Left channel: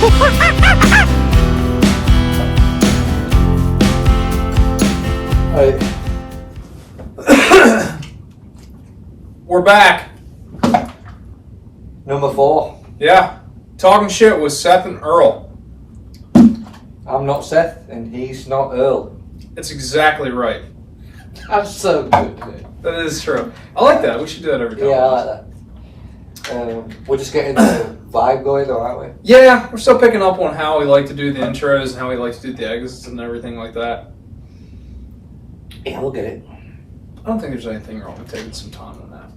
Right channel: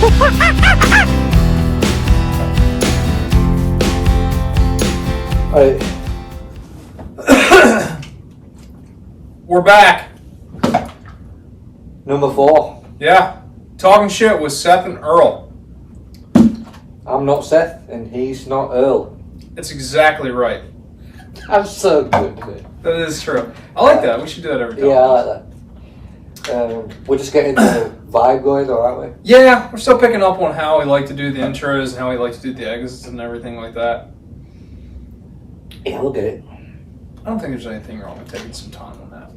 Alright. We're back. Number 4. Yeah. Talking shit with Seth and Earl. I'm not Seth, and he's not Earl. That's exactly right. That's so good. That is true. I like that. We should do that every time. Yeah, I like that. We're just getting the vibe going, though, aren't we? Yeah, we're still picking up on how we like to do the intros and how we like to do the exits and everything like that. Yeah, we'll get it. I don't think there's anything wrong with taking some time on that.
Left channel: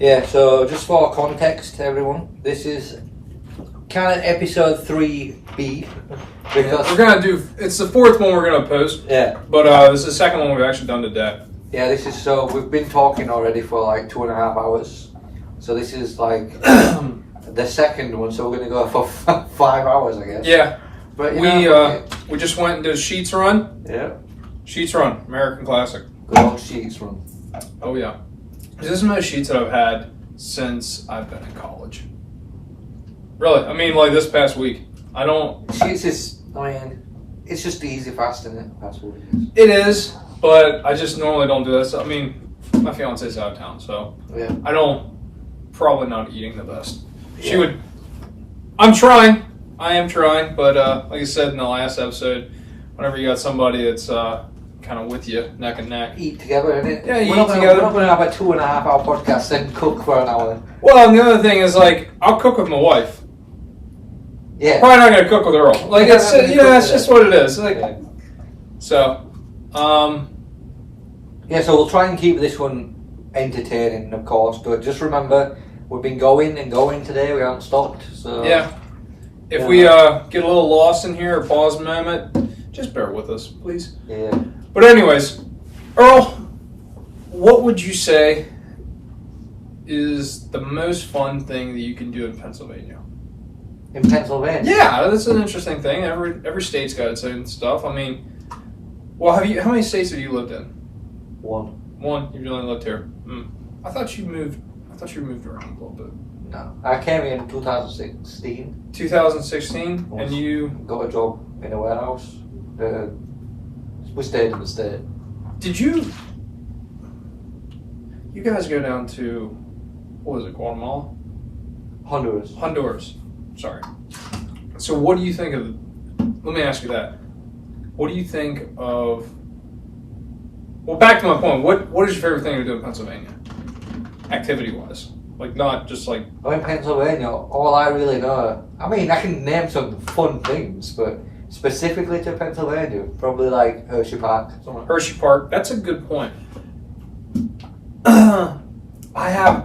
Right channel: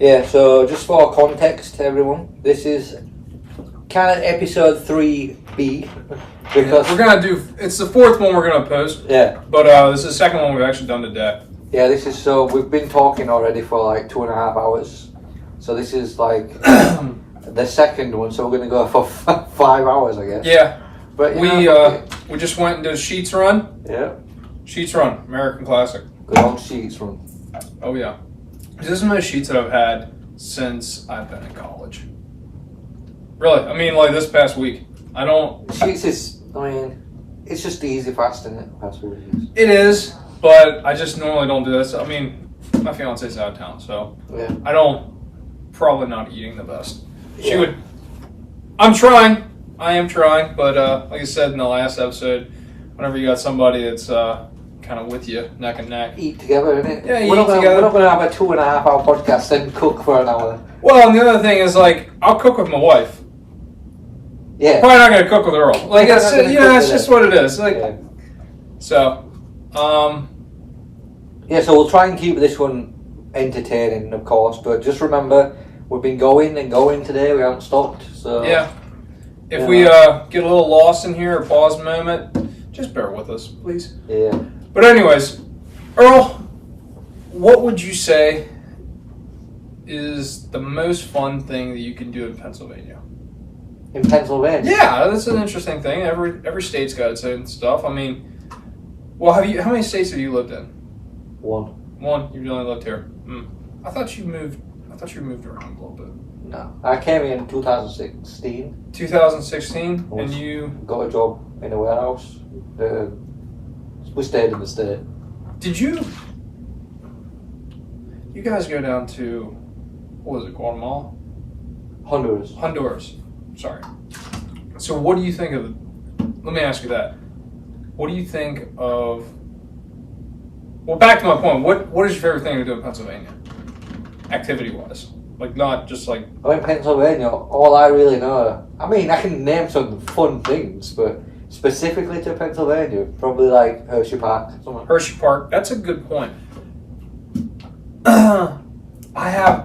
Yeah, so just for context, everyone, this is kind of episode 3B. Because we're going to do, it's the 4th one we're going to post. Yeah. But this is the 2nd one we've actually done today. Yeah, this is we've been talking already for like 2.5 hours. So this is like the 2nd one, so we're going to go for 5 hours, I guess. Yeah. But we just went and did Sheets Run. Yeah. Sheets Run, American classic. Good old Sheets Run. Oh, yeah. This is the most sheets that I've had since I've been in college. Really. I mean, like this past week. I don't... Sheets is, I mean, it's just easy, fast, isn't it? That's what it is. It is, but I just normally don't do this. I mean, my fiance's out of town, so yeah. I don't... Probably not eating the best. She would... I'm trying. I am trying, but like I said in the last episode, whenever you got somebody that's... kind of with you, neck and neck. Eat together, innit? Yeah, we're not going to have a 2.5 hour podcast and cook for an hour. Well, and the other thing is, like, I'll cook with my wife. Yeah. Probably not going to cook with Earl. Like, it's, it's just what it is. Like, yeah. So, yeah, so we'll try and keep this one entertaining, of course, but just remember, we've been going and going today, we haven't stopped, so... Yeah. If we get a little lost in here or pause a moment, just bear with us, please. Yeah. But anyways, Earl, what would you say is the most fun thing that you can do in Pennsylvania? In Pennsylvania? Yeah, that's an interesting thing. Every state's got its own stuff. I mean, well, how many states have you lived in? One. You've only lived here. I thought you moved around a little bit. No. I came here in 2016. 2016? And you... Got a job in a warehouse. We stayed in the state. Did you... You guys go down to... What was it, Guatemala? Honduras. Sorry. So what do you think of... Let me ask you that. What do you think of... Well, back to my point. What is your favorite thing to do in Pennsylvania? Activity-wise. Like, not just like... Oh, in Pennsylvania, all I really know... I mean, I can name some fun things, but specifically to Pennsylvania, probably like Hershey Park. Hershey Park. That's a good point.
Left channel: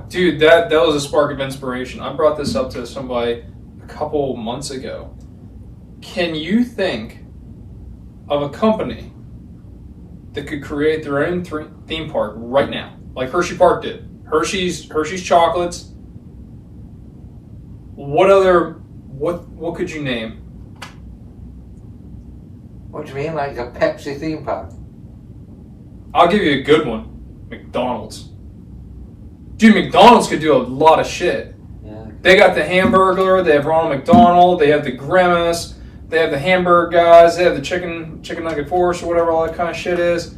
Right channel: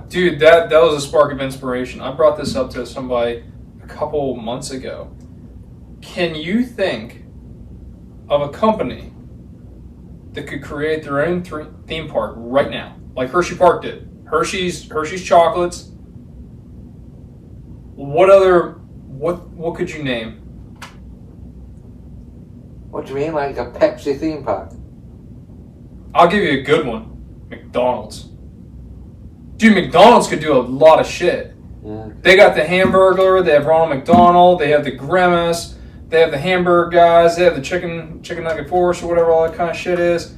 Dude, that was a spark of inspiration. I brought this up to somebody a couple months ago. Can you think of a company that could create their own theme park right now, like Hershey Park did? Hershey's chocolates. What could you name? What do you mean, like a Pepsi theme park? I'll give you a good one. McDonald's. Dude, McDonald's could do a lot of shit. Yeah. They got the Hamburglar, they have Ronald McDonald, they have the Grimace, they have the Hamburger guys, they have the chicken nugget force or whatever all that kind of shit is,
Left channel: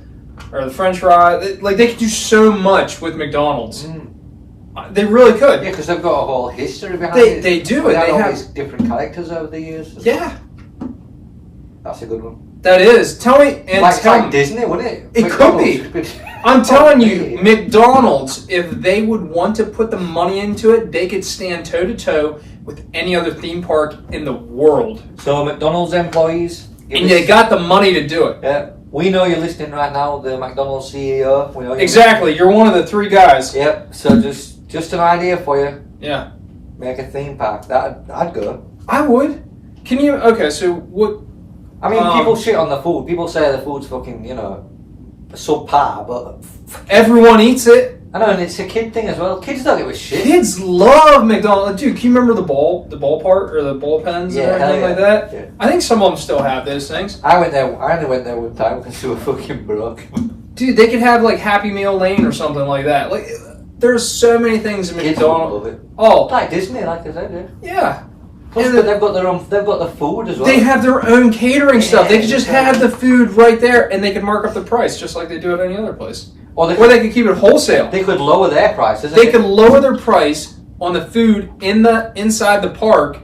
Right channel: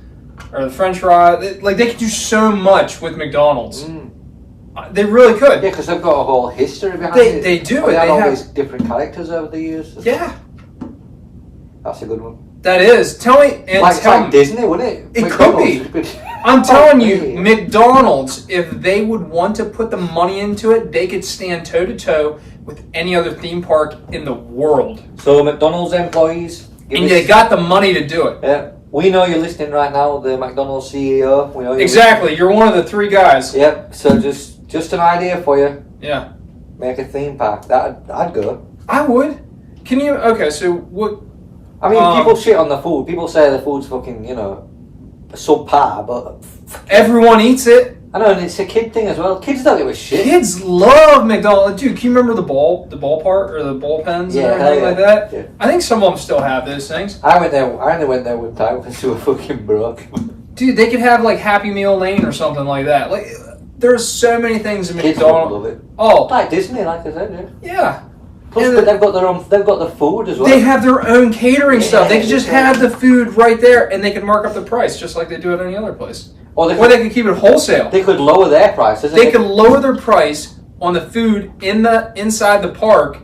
or the French fry. They could do so much with McDonald's. They really could. Yeah, because they've got a whole history behind it. They do. They have all these different characters over the years. Yeah. That's a good one. That is. Tell me. And like Disney, wouldn't it? It could be. I'm telling you, McDonald's, if they would want to put the money into it, they could stand toe-to-toe with any other theme park in the world. So McDonald's employees... And they got the money to do it. Yeah. We know you're listening right now, the McDonald's CEO. We know exactly. You're one of the 3 guys. Yep. So just an idea for you. Yeah. Make a theme park. I'd go. I would. Can you... Okay, so what... I mean, people shit on the food. People say the food's fucking, subpar, but... Everyone eats it. I know, and it's a kid thing as well. Kids don't give a shit. Kids love McDonald's. Dude, can you remember the ball part, or the ball pens and everything like that? Yeah. I think some of them still have those things. I only went there one time because they were fucking broke. Dude, they could have, like, Happy Meal Lane or something like that. Like, there's so many things in Kids McDonald's. love it. Oh. Like Disney, like I said, Yeah. Plus, but they've got the food as well. They have their own catering stuff. They could just exactly. have the food right there, and they could mark up the price just like they do at any other place. Or they could keep it wholesale. They could lower their prices. They could lower their price on the food inside the park,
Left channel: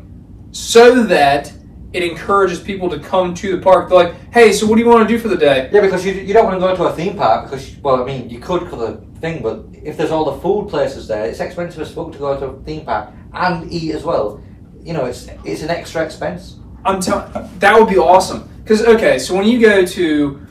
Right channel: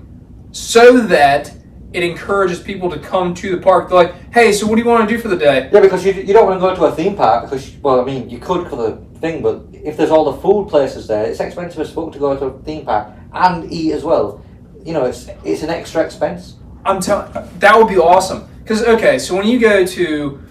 so that it encourages people to come to the park. They're like, hey, so what do you want to do for the day? Yeah, because you don't want to go to a theme park because, well, I mean, you could for the thing, but if there's all the food places there, it's expensive as fuck to go to a theme park and eat as well. You know, it's an extra expense. I'm telling, that would be awesome. Because okay, so when you go to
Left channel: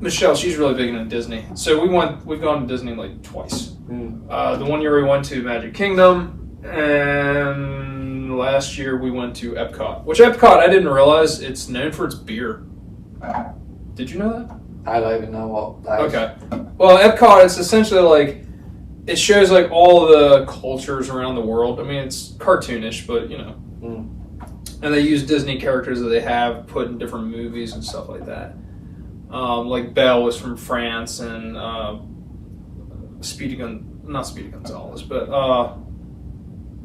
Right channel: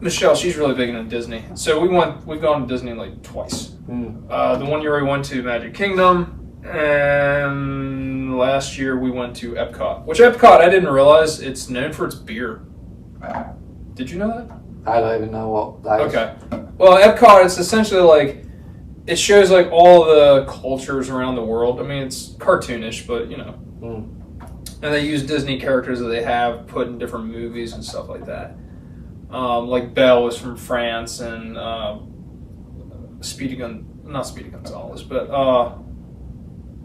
Michelle, she's really big into Disney. So we've gone to Disney like twice. The 1 year we went to Magic Kingdom, and last year we went to Epcot. Which Epcot, I didn't realize it's known for its beer. Did you know that? I don't even know what that is. Okay. Well, Epcot, it's essentially like, it shows like all the cultures around the world. I mean, it's cartoonish, but you know. And they use Disney characters that they have put in different movies and stuff like that. Like Belle was from France, and not Speedy Gonzales, but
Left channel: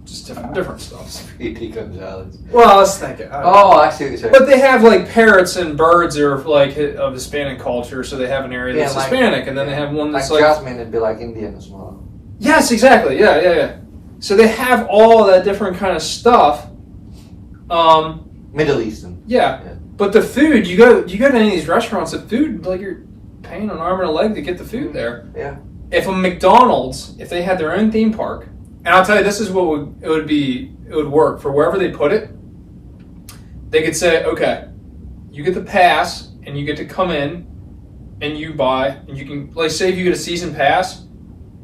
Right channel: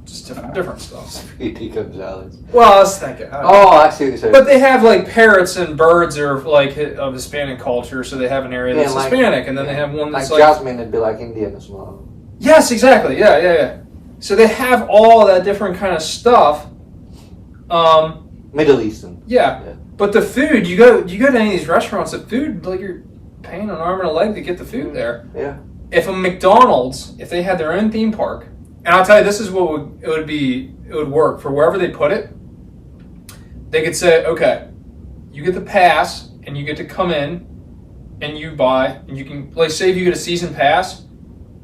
just different stuff. Speedy Gonzales. Well, I was thinking. I see what you're saying. But they have like parrots and birds are like of Hispanic culture, so they have an area that's Hispanic, and then they have one that's like Jasmine would be like Indian as well. Yes, exactly. Yeah. So they have all that different kind of stuff. Middle Eastern. Yeah. But the food, you go to any of these restaurants, the food, like you're paying an arm and a leg to get the food there. Yeah. If a McDonald's, if they had their own theme park, and I'll tell you, this is what it would work for wherever they put it. They could say, okay, you get the pass, and you get to come in, and you buy, and you can, like, say if you get a season pass,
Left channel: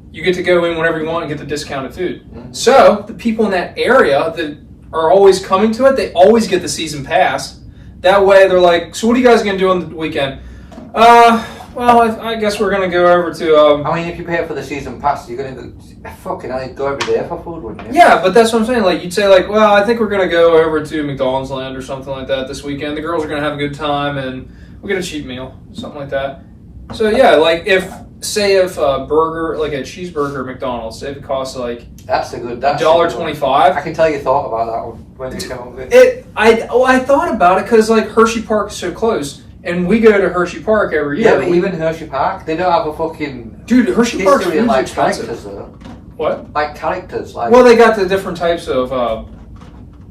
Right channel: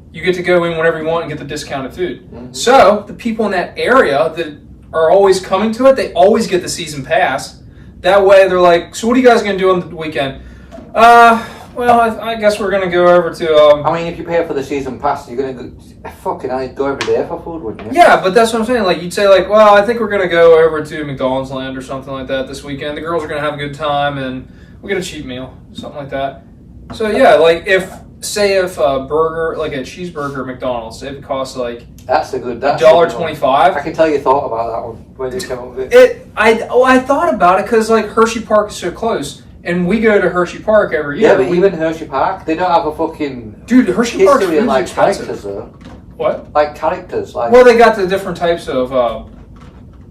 you get to go in whenever you want and get the discounted food. So the people in that area that are always coming to it, they always get the season pass. That way, they're like, so what are you guys going to do on the weekend? Well, I guess we're going to go over to... I mean, if you pay for the season pass, you're going to go every day for food, wouldn't you? Yeah, but that's what I'm saying. Like, you'd say, like, well, I think we're going to go over to McDonald's Land or something like that this weekend. The girls are going to have a good time, and we'll get a cheap meal, something like that. So, yeah, like, if a burger, like a cheeseburger at McDonald's, say if it costs, like... That's $1.25. I can tell you thought about that one when you came up with it. I thought about it because like Hershey Park is so close, and we go to Hershey Park every year. Yeah, but even Hershey Park, they don't have a fucking Hershey Park's history of like expensive. characters though. What? Like characters, like well, they got the different types of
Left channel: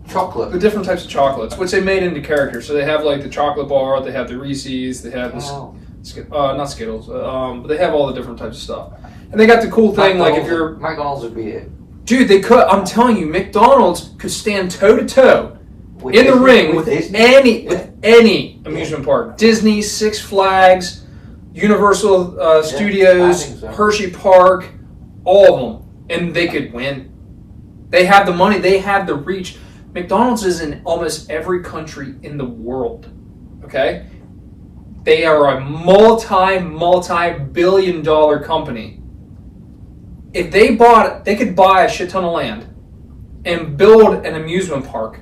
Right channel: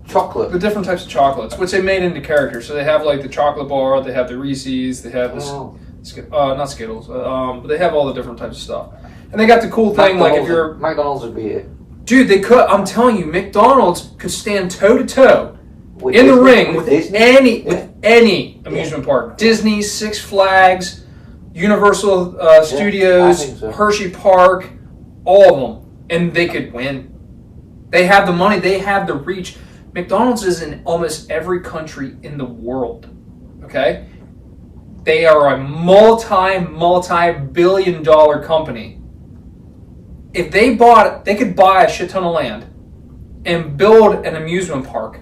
chocolate. The different types of chocolates, which they made into characters. So they have like the chocolate bar, they have the Reese's, they have not Skittles, but they have all the different types of stuff. And they got the cool thing, like if you're McDonald's would be it. Dude, they could. I'm telling you, McDonald's could stand toe to toe in the ring with any amusement park. Disney, Six Flags, Universal Studios, Hershey Park, all of them, and they could win. They have the money. They have the reach. McDonald's is in almost every country in the world. Okay, they are a multi-billion-dollar company. If they bought it, they could buy a shit ton of land and build an amusement park.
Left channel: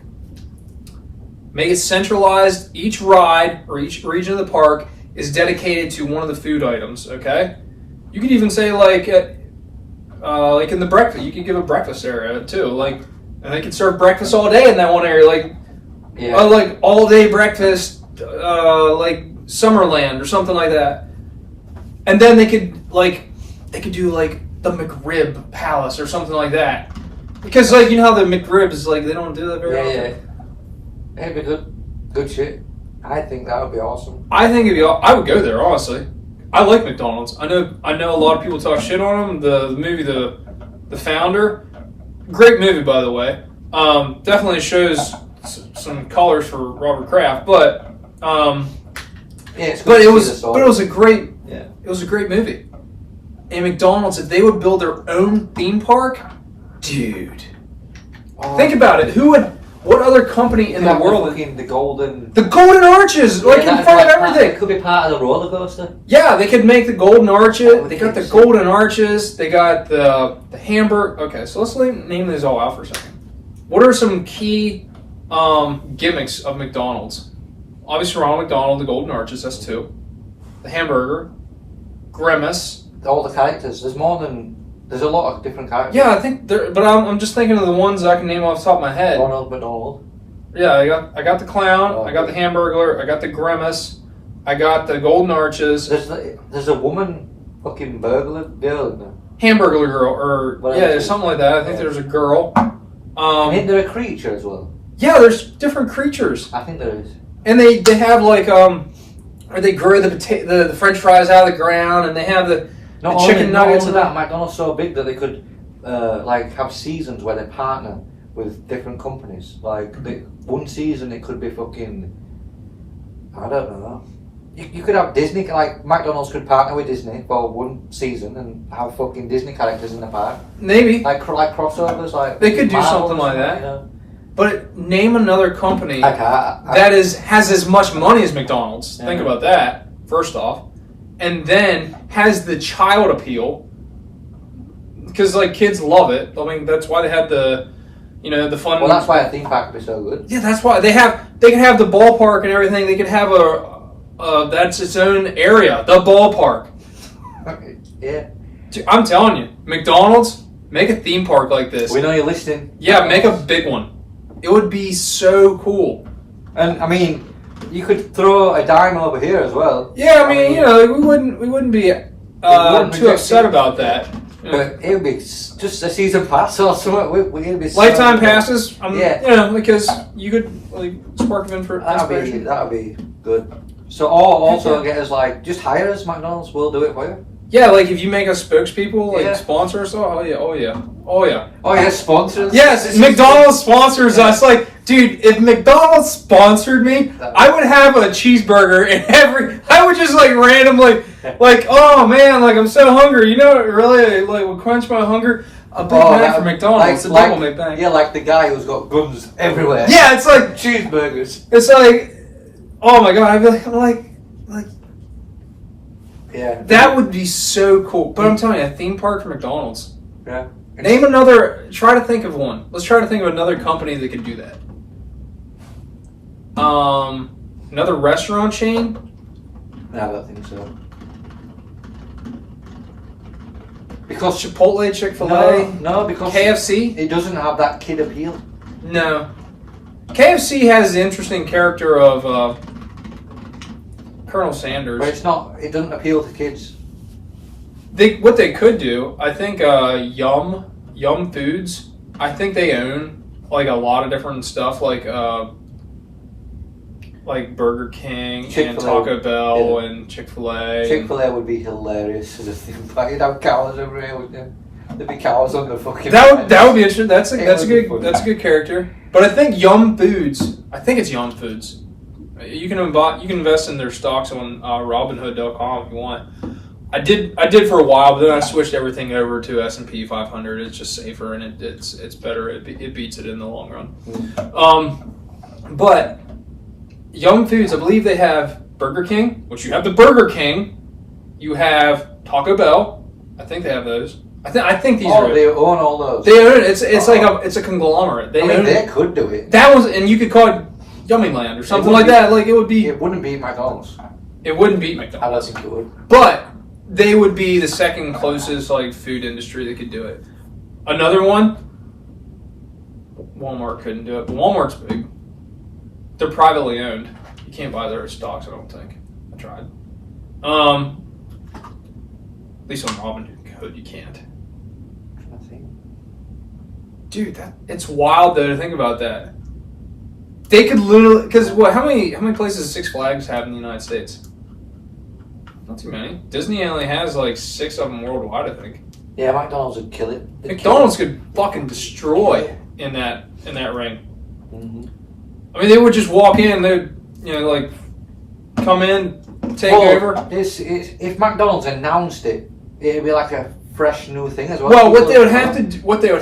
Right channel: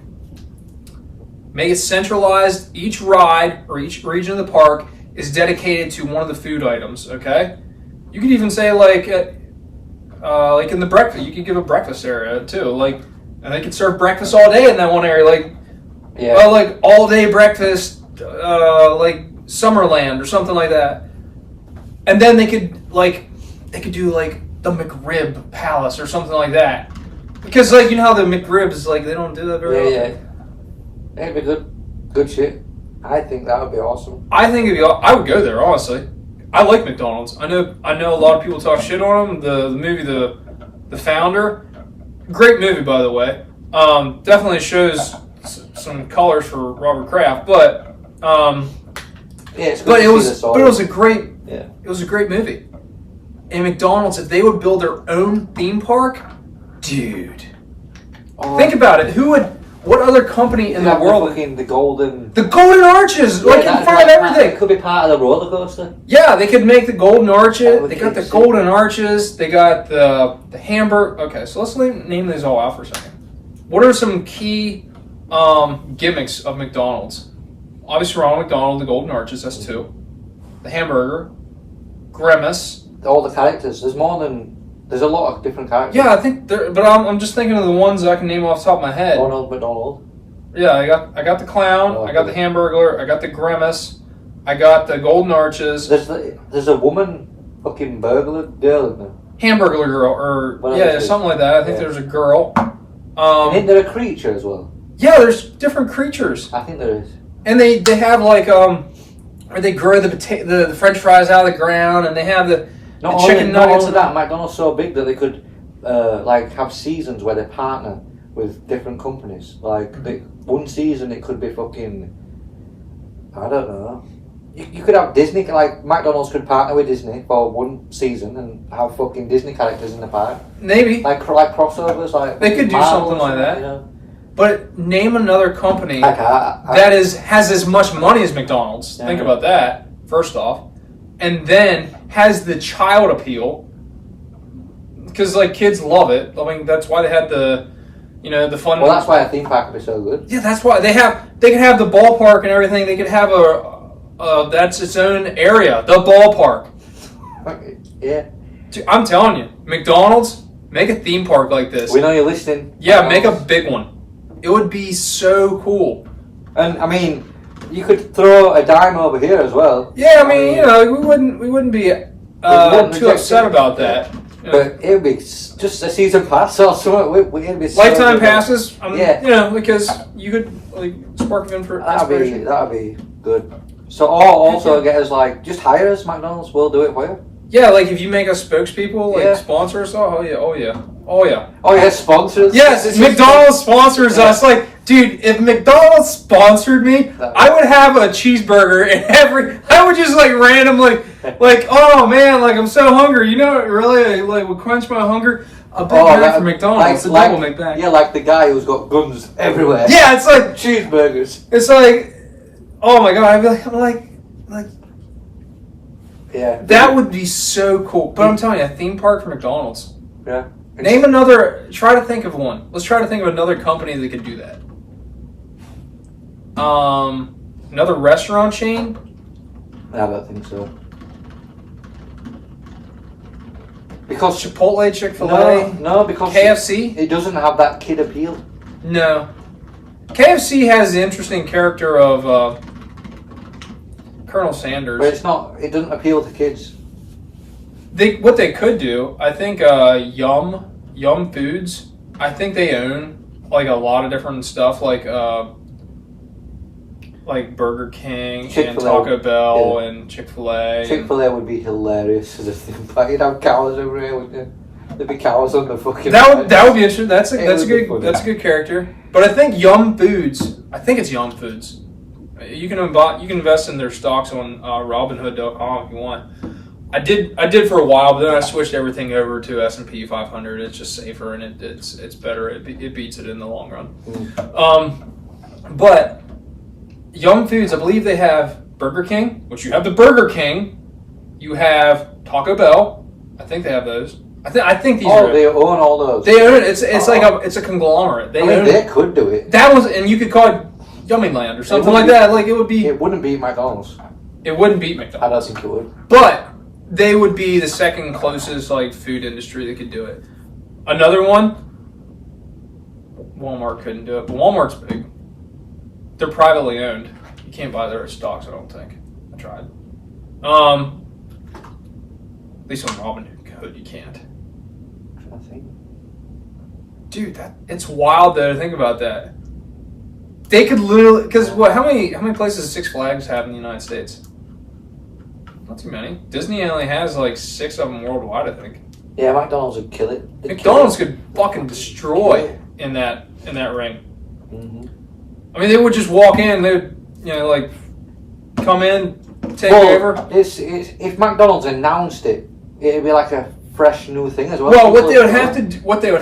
Make it centralized. Each ride or each region of the park is dedicated to one of the food items. Okay, you could even say like in the breakfast, you could give a breakfast area too. Like, and they could serve breakfast all day in that one area. Like, like all day breakfast, like Summerland or something like that. And then they could do like the McRib Palace or something like that, because like you know how the McRibs like they don't do that very often. It'd be good shit. I think that would be awesome. I think I would go there honestly. I like McDonald's. I know a lot of people talk shit on them. The movie The Founder, great movie by the way. Definitely shows some colors for Robert Kraft, but it was a great movie. And McDonald's, if they would build their own theme park, dude, think about it. What other company in the world? The Golden Arches, like in front of everything. It could be part of the roller coaster. Yeah, they could make the Golden Arches. They got the Golden Arches. They got the hamburger. Okay, so let's name these all out for a second. What are some key gimmicks of McDonald's? Obviously, Ronald McDonald, the Golden Arches. That's 2. The hamburger, Grimace. All the characters. There's more than There's a lot of different characters. Yeah, I think there, but I'm just thinking of the ones I can name off the top of my head. Ronald McDonald. Yeah, I got the clown, I got the Hamburglar, I got the grimace, I got the golden arches. There's a woman fucking burglar girl in there. Hamburglar girl, or Whatever yeah, there's something like that. I think there's a girl. And isn't there a creature as well? Yeah, there's different creatures. I think there is. And they have like where they grow the French fries out of the ground, and they have the chicken nuggets. Not only that, McDonald's so big that they could like have seasons where they partner with different companies. Like one season it could be fucking, I don't know. You could have Disney, like McDonald's could partner with Disney for one season and have fucking Disney characters in the park. Maybe like crossovers, like they could do Marvel something like that. You know? But name another company that has as much money as McDonald's. Yeah. Think about that, first off. And then has the child appeal. Because, like, kids love it. I mean, that's why they had the fun... Well, that's why a theme park would be so good. Yeah, that's why. They can have the ballpark and everything. They could have that's its own area. The ballpark. Yeah. Dude, I'm telling you, McDonald's, make a theme park like this. We know you're listening. Yeah, make a big one. It would be so cool. And I mean, you could throw a dime over here as well. Yeah, I mean, we wouldn't be too upset about that. But it would be just a season pass or something. It'd be lifetime passes. Yeah. Because you could like spark them in for inspiration. That'd be good. So, or also get us like just hire us. McDonald's will do it for you. Yeah, like if you make us spokespeople, like sponsors. Oh yeah. Oh yeah, sponsors. Yes, McDonald's sponsors us. Like, dude, if McDonald's sponsored me, I would have a cheeseburger in I would just like randomly, like, oh man, like I'm so hungry. You know what really like would quench my hunger? A Big Mac from McDonald's. A double McBack. Yeah, like the guy who's got guns everywhere. Yeah, it's like cheeseburgers. It's like, oh my god, I'm like. Yeah. That would be so cool. But I'm telling you, a theme park for McDonald's. Yeah. Name another. Try to think of one. Let's try to think of another company that could do that. Another restaurant chain? I don't think so. Because Chipotle, Chick-fil-A? No, because KFC? It doesn't have that kid appeal. No. KFC has the interesting character of Colonel Sanders. But it doesn't appeal to kids. What they could do, I think Yum Foods, I think they own like a lot of different stuff like Burger King and Taco Bell and Chick-fil-A. Chick-fil-A would be hilarious as a theme park. You'd have cows everywhere, wouldn't you? There'd be cows on the fucking That would be interesting. That's a good character. But I think Yum Foods, I think it's Yum Foods. You can invest in their stocks on Robinhood.com if you want. I did for a while, but then I switched everything over to S&P 500. It's just safer and it's better. It beats it in the long run. But Yum Foods, I believe they have Burger King, which you have the Burger King. You have Taco Bell. I think they have those. I think these are. They own all those. They own it. It's like it's a conglomerate. They could do it. That was, and you could call it Yummy Land or something like that. Like it would be. It wouldn't beat McDonald's. It wouldn't beat McDonald's. I don't think it would. But they would be the second closest like food industry that could do it. Another one, Walmart couldn't do it, but Walmart's big. They're privately owned. You can't buy their stocks, I don't think. I tried. At least on Robinhood you can't. I think. Dude, it's wild though to think about that. They could literally, because how many places does Six Flags have in the United States? Not too many. Disney only has like 6 of them worldwide, I think. Yeah, McDonald's would kill it. McDonald's could fucking destroy in that ring. Mm-hmm. I mean, they would just walk in. They would, like come in, take over. If McDonald's announced it, it'd be like a fresh new thing as well. Well, what they would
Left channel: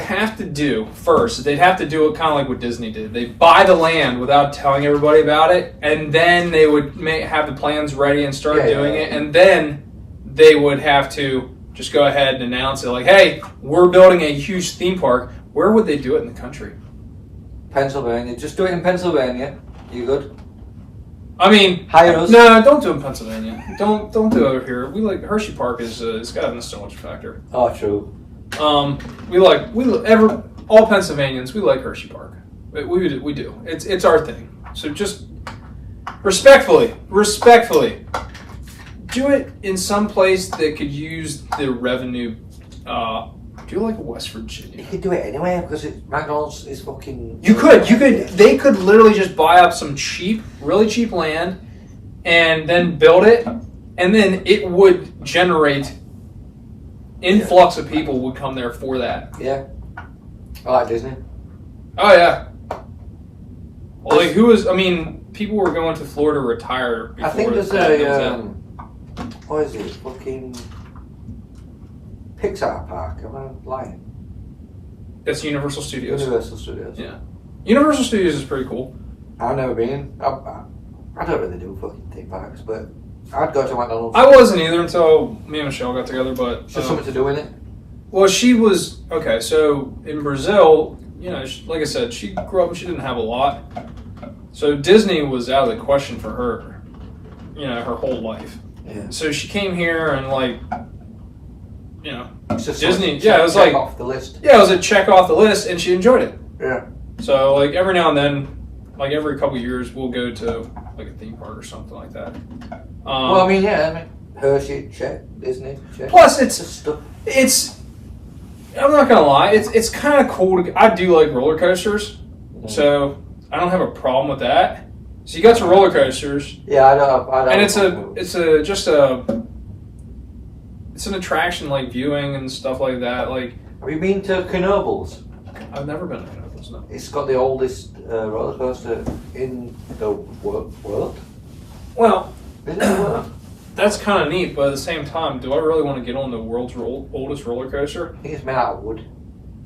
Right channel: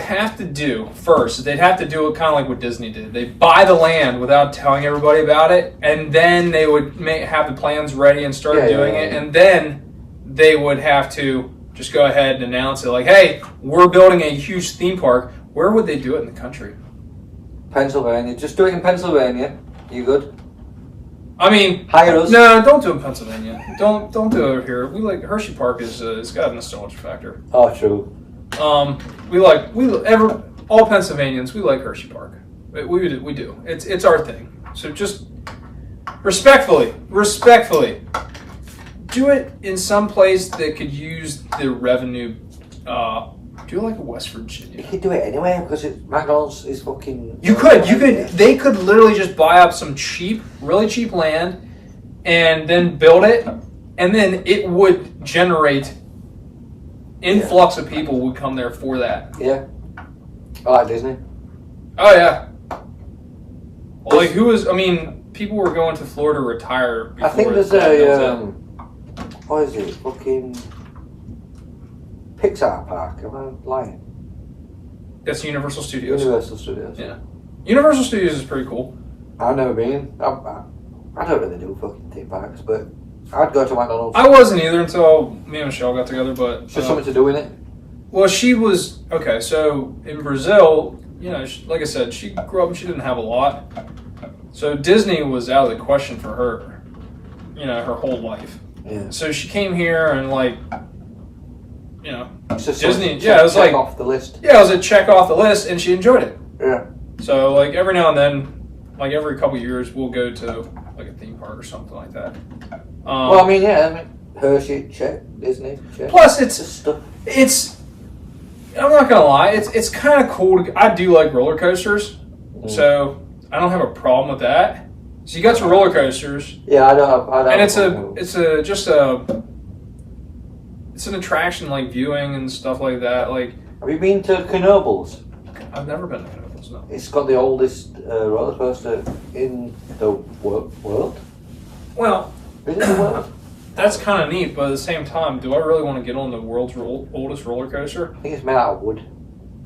have to do first is they'd have to do it kind of like what Disney did. They buy the land without telling everybody about it, and then they would have the plans ready and start doing it, and then they would have to just go ahead and announce it, like, "Hey, we're building a huge theme park." Where would they do it in the country? Pennsylvania. Just do it in Pennsylvania. You good? I mean, hire us. No, don't do it in Pennsylvania. Don't do it over here. We like Hershey Park is it's got a nostalgia factor. Oh, true. All Pennsylvanians, we like Hershey Park. We do. It's our thing. So just respectfully, do it in some place that could use the revenue. Do like West Virginia. You could do it anywhere because McDonald's is fucking. You could. They could literally just buy up some really cheap land, and then build it, and then it would generate influx of people would come there for that. Yeah. I like Disney. Oh yeah. Well, like people were going to Florida to retire. Before I think there's what is it? Fucking Pixar Park. Am I lying? That's Universal Studios. Universal Studios. Yeah. Universal Studios is pretty cool. I've never been. I don't really do fucking theme parks, but I'd go to McDonald's. I wasn't either until me and Michelle got together, but It's just something to do in it. Well, she was okay. So in Brazil, like I said, she grew up and she didn't have a lot. So Disney was out of the question for her, her whole life. Yeah. So she came here and It's just Disney. Check It was like off the list. Yeah, it was a check off the list, and she enjoyed it. Yeah. So like every now and then, like every couple of years, we'll go to like a theme park or something like that. Hershey, check. Disney, check. Plus, it's I'm not gonna lie, it's kind of cool. I do like roller coasters, so I don't have a problem with that. So you got your roller coasters. Yeah, I don't. And it's an attraction like viewing and stuff like that. Like, have you been to Knoebels? I've never been to Knoebels. No. It's got the oldest roller coaster in the world. Well, Isn't it the world? that's kind of neat, but at the same time, do I really want to get on the world's oldest roller coaster? I think it's made out of wood.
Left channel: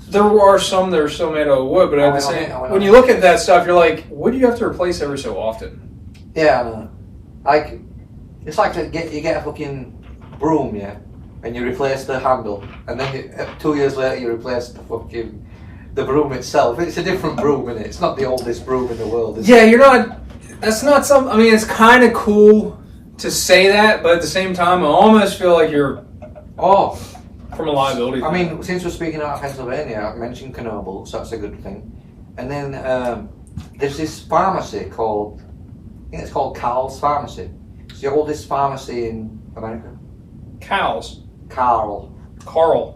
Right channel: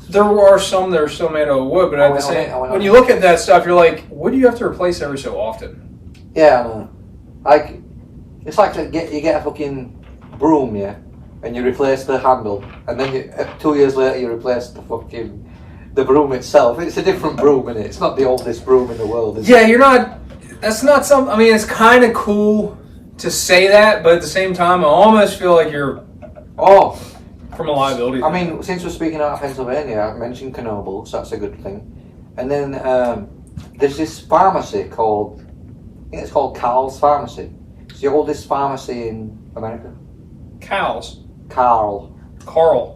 There are some that are still made out of wood, but when you look at that stuff, you're like, what do you have to replace every so often? Yeah, I know. Like, it's like you get a fucking broom, yeah, and you replace the handle, and then 2 years later you replace the broom itself. It's a different broom, isn't it? It's not the oldest broom in the world. Yeah, you're not. That's not something. I mean, it's kind of cool to say that, but at the same time, I almost feel like you're from a liability. I mean, since we're speaking about Pennsylvania, I mentioned Knoebels, so that's a good thing. And then there's this pharmacy called, I think it's called Carl's Pharmacy. It's the oldest pharmacy in America. Cows. Carl.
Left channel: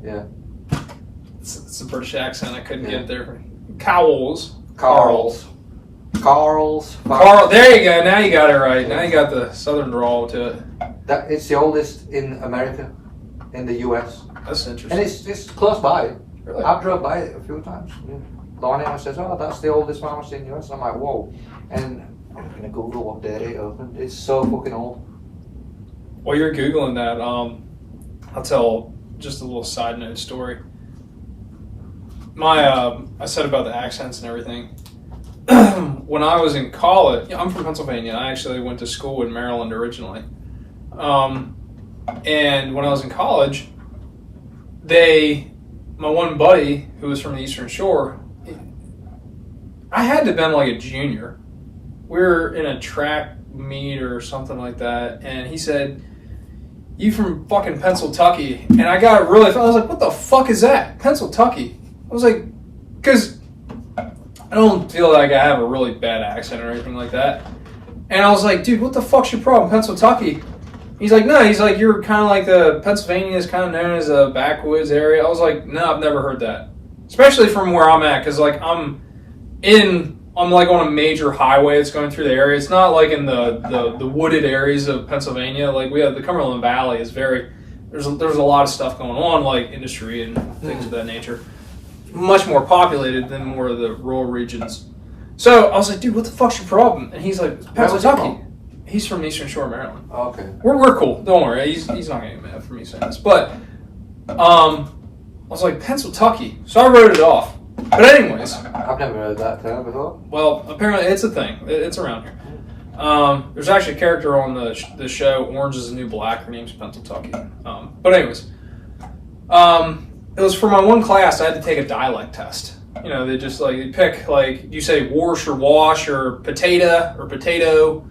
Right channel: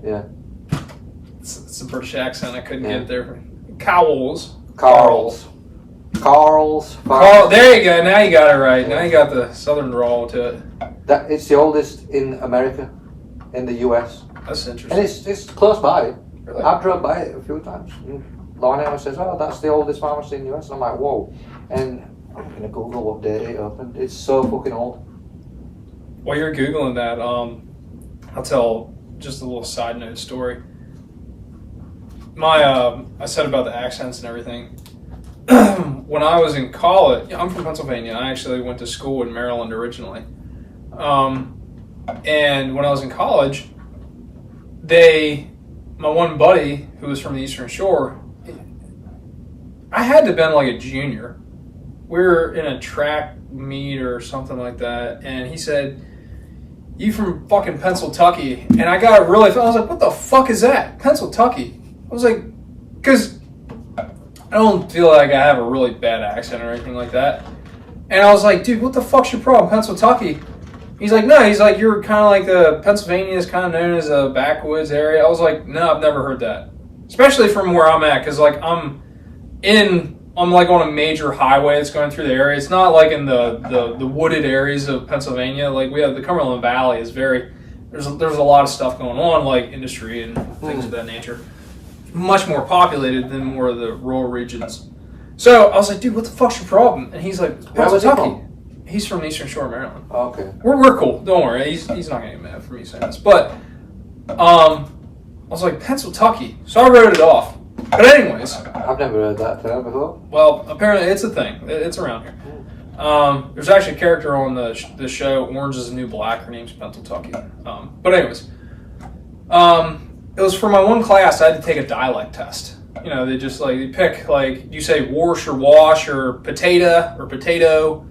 Yeah. It's a British accent. I couldn't get it there. Carl's. There you go. Now you got it right. Now you got the southern drawl to it. It's the oldest in America, in the US. That's interesting. And it's close by. Really? I've drove by it a few times. Lorna always says, "Oh, that's the oldest pharmacy in the US." And I'm like, "Whoa!" And I'm gonna Google what day it opened. It's so fucking old. While you're googling that, I'll tell just a little side note story. I said about the accents and everything. When I was in college, I'm from Pennsylvania. I actually went to school in Maryland originally. And when I was in college, my one buddy who was from the Eastern Shore, I had to have been like a junior. We were in a track meet or something like that, and he said, "You from fucking Pennsylvania?" And I got really, I was like, "What the fuck is that? Pennsylvania?" I was like, because I don't feel like I have a really bad accent or anything like that. And I was like, "Dude, what the fuck's your problem, Pennsylvania?" He's like, "No," he's like, "You're kind of like Pennsylvania is kind of known as a backwoods area." I was like, "No, I've never heard that." Especially from where I'm at, because like I'm like on a major highway that's going through the area. It's not like in the wooded areas of Pennsylvania. Like we have the Cumberland Valley is there's a lot of stuff going on, like industry and things of that nature. Much more populated than more of the rural regions. So I was like, "Dude, what the fuck's your problem?" And he's like, "Pennsylvania." He's from the Eastern Shore of Maryland. Oh, okay. We're cool. Don't worry. He's not gonna get mad for me saying this. But I was like, Pennsylvania. So I wrote it off. But anyways. I've never heard that term before. Well, apparently it's a thing. It's around here. There's actually a character on the show, Orange is the New Black. Her name's Pennsylvania. But anyways. It was for my one class, I had to take a dialect test. They just they pick you say wash or potato,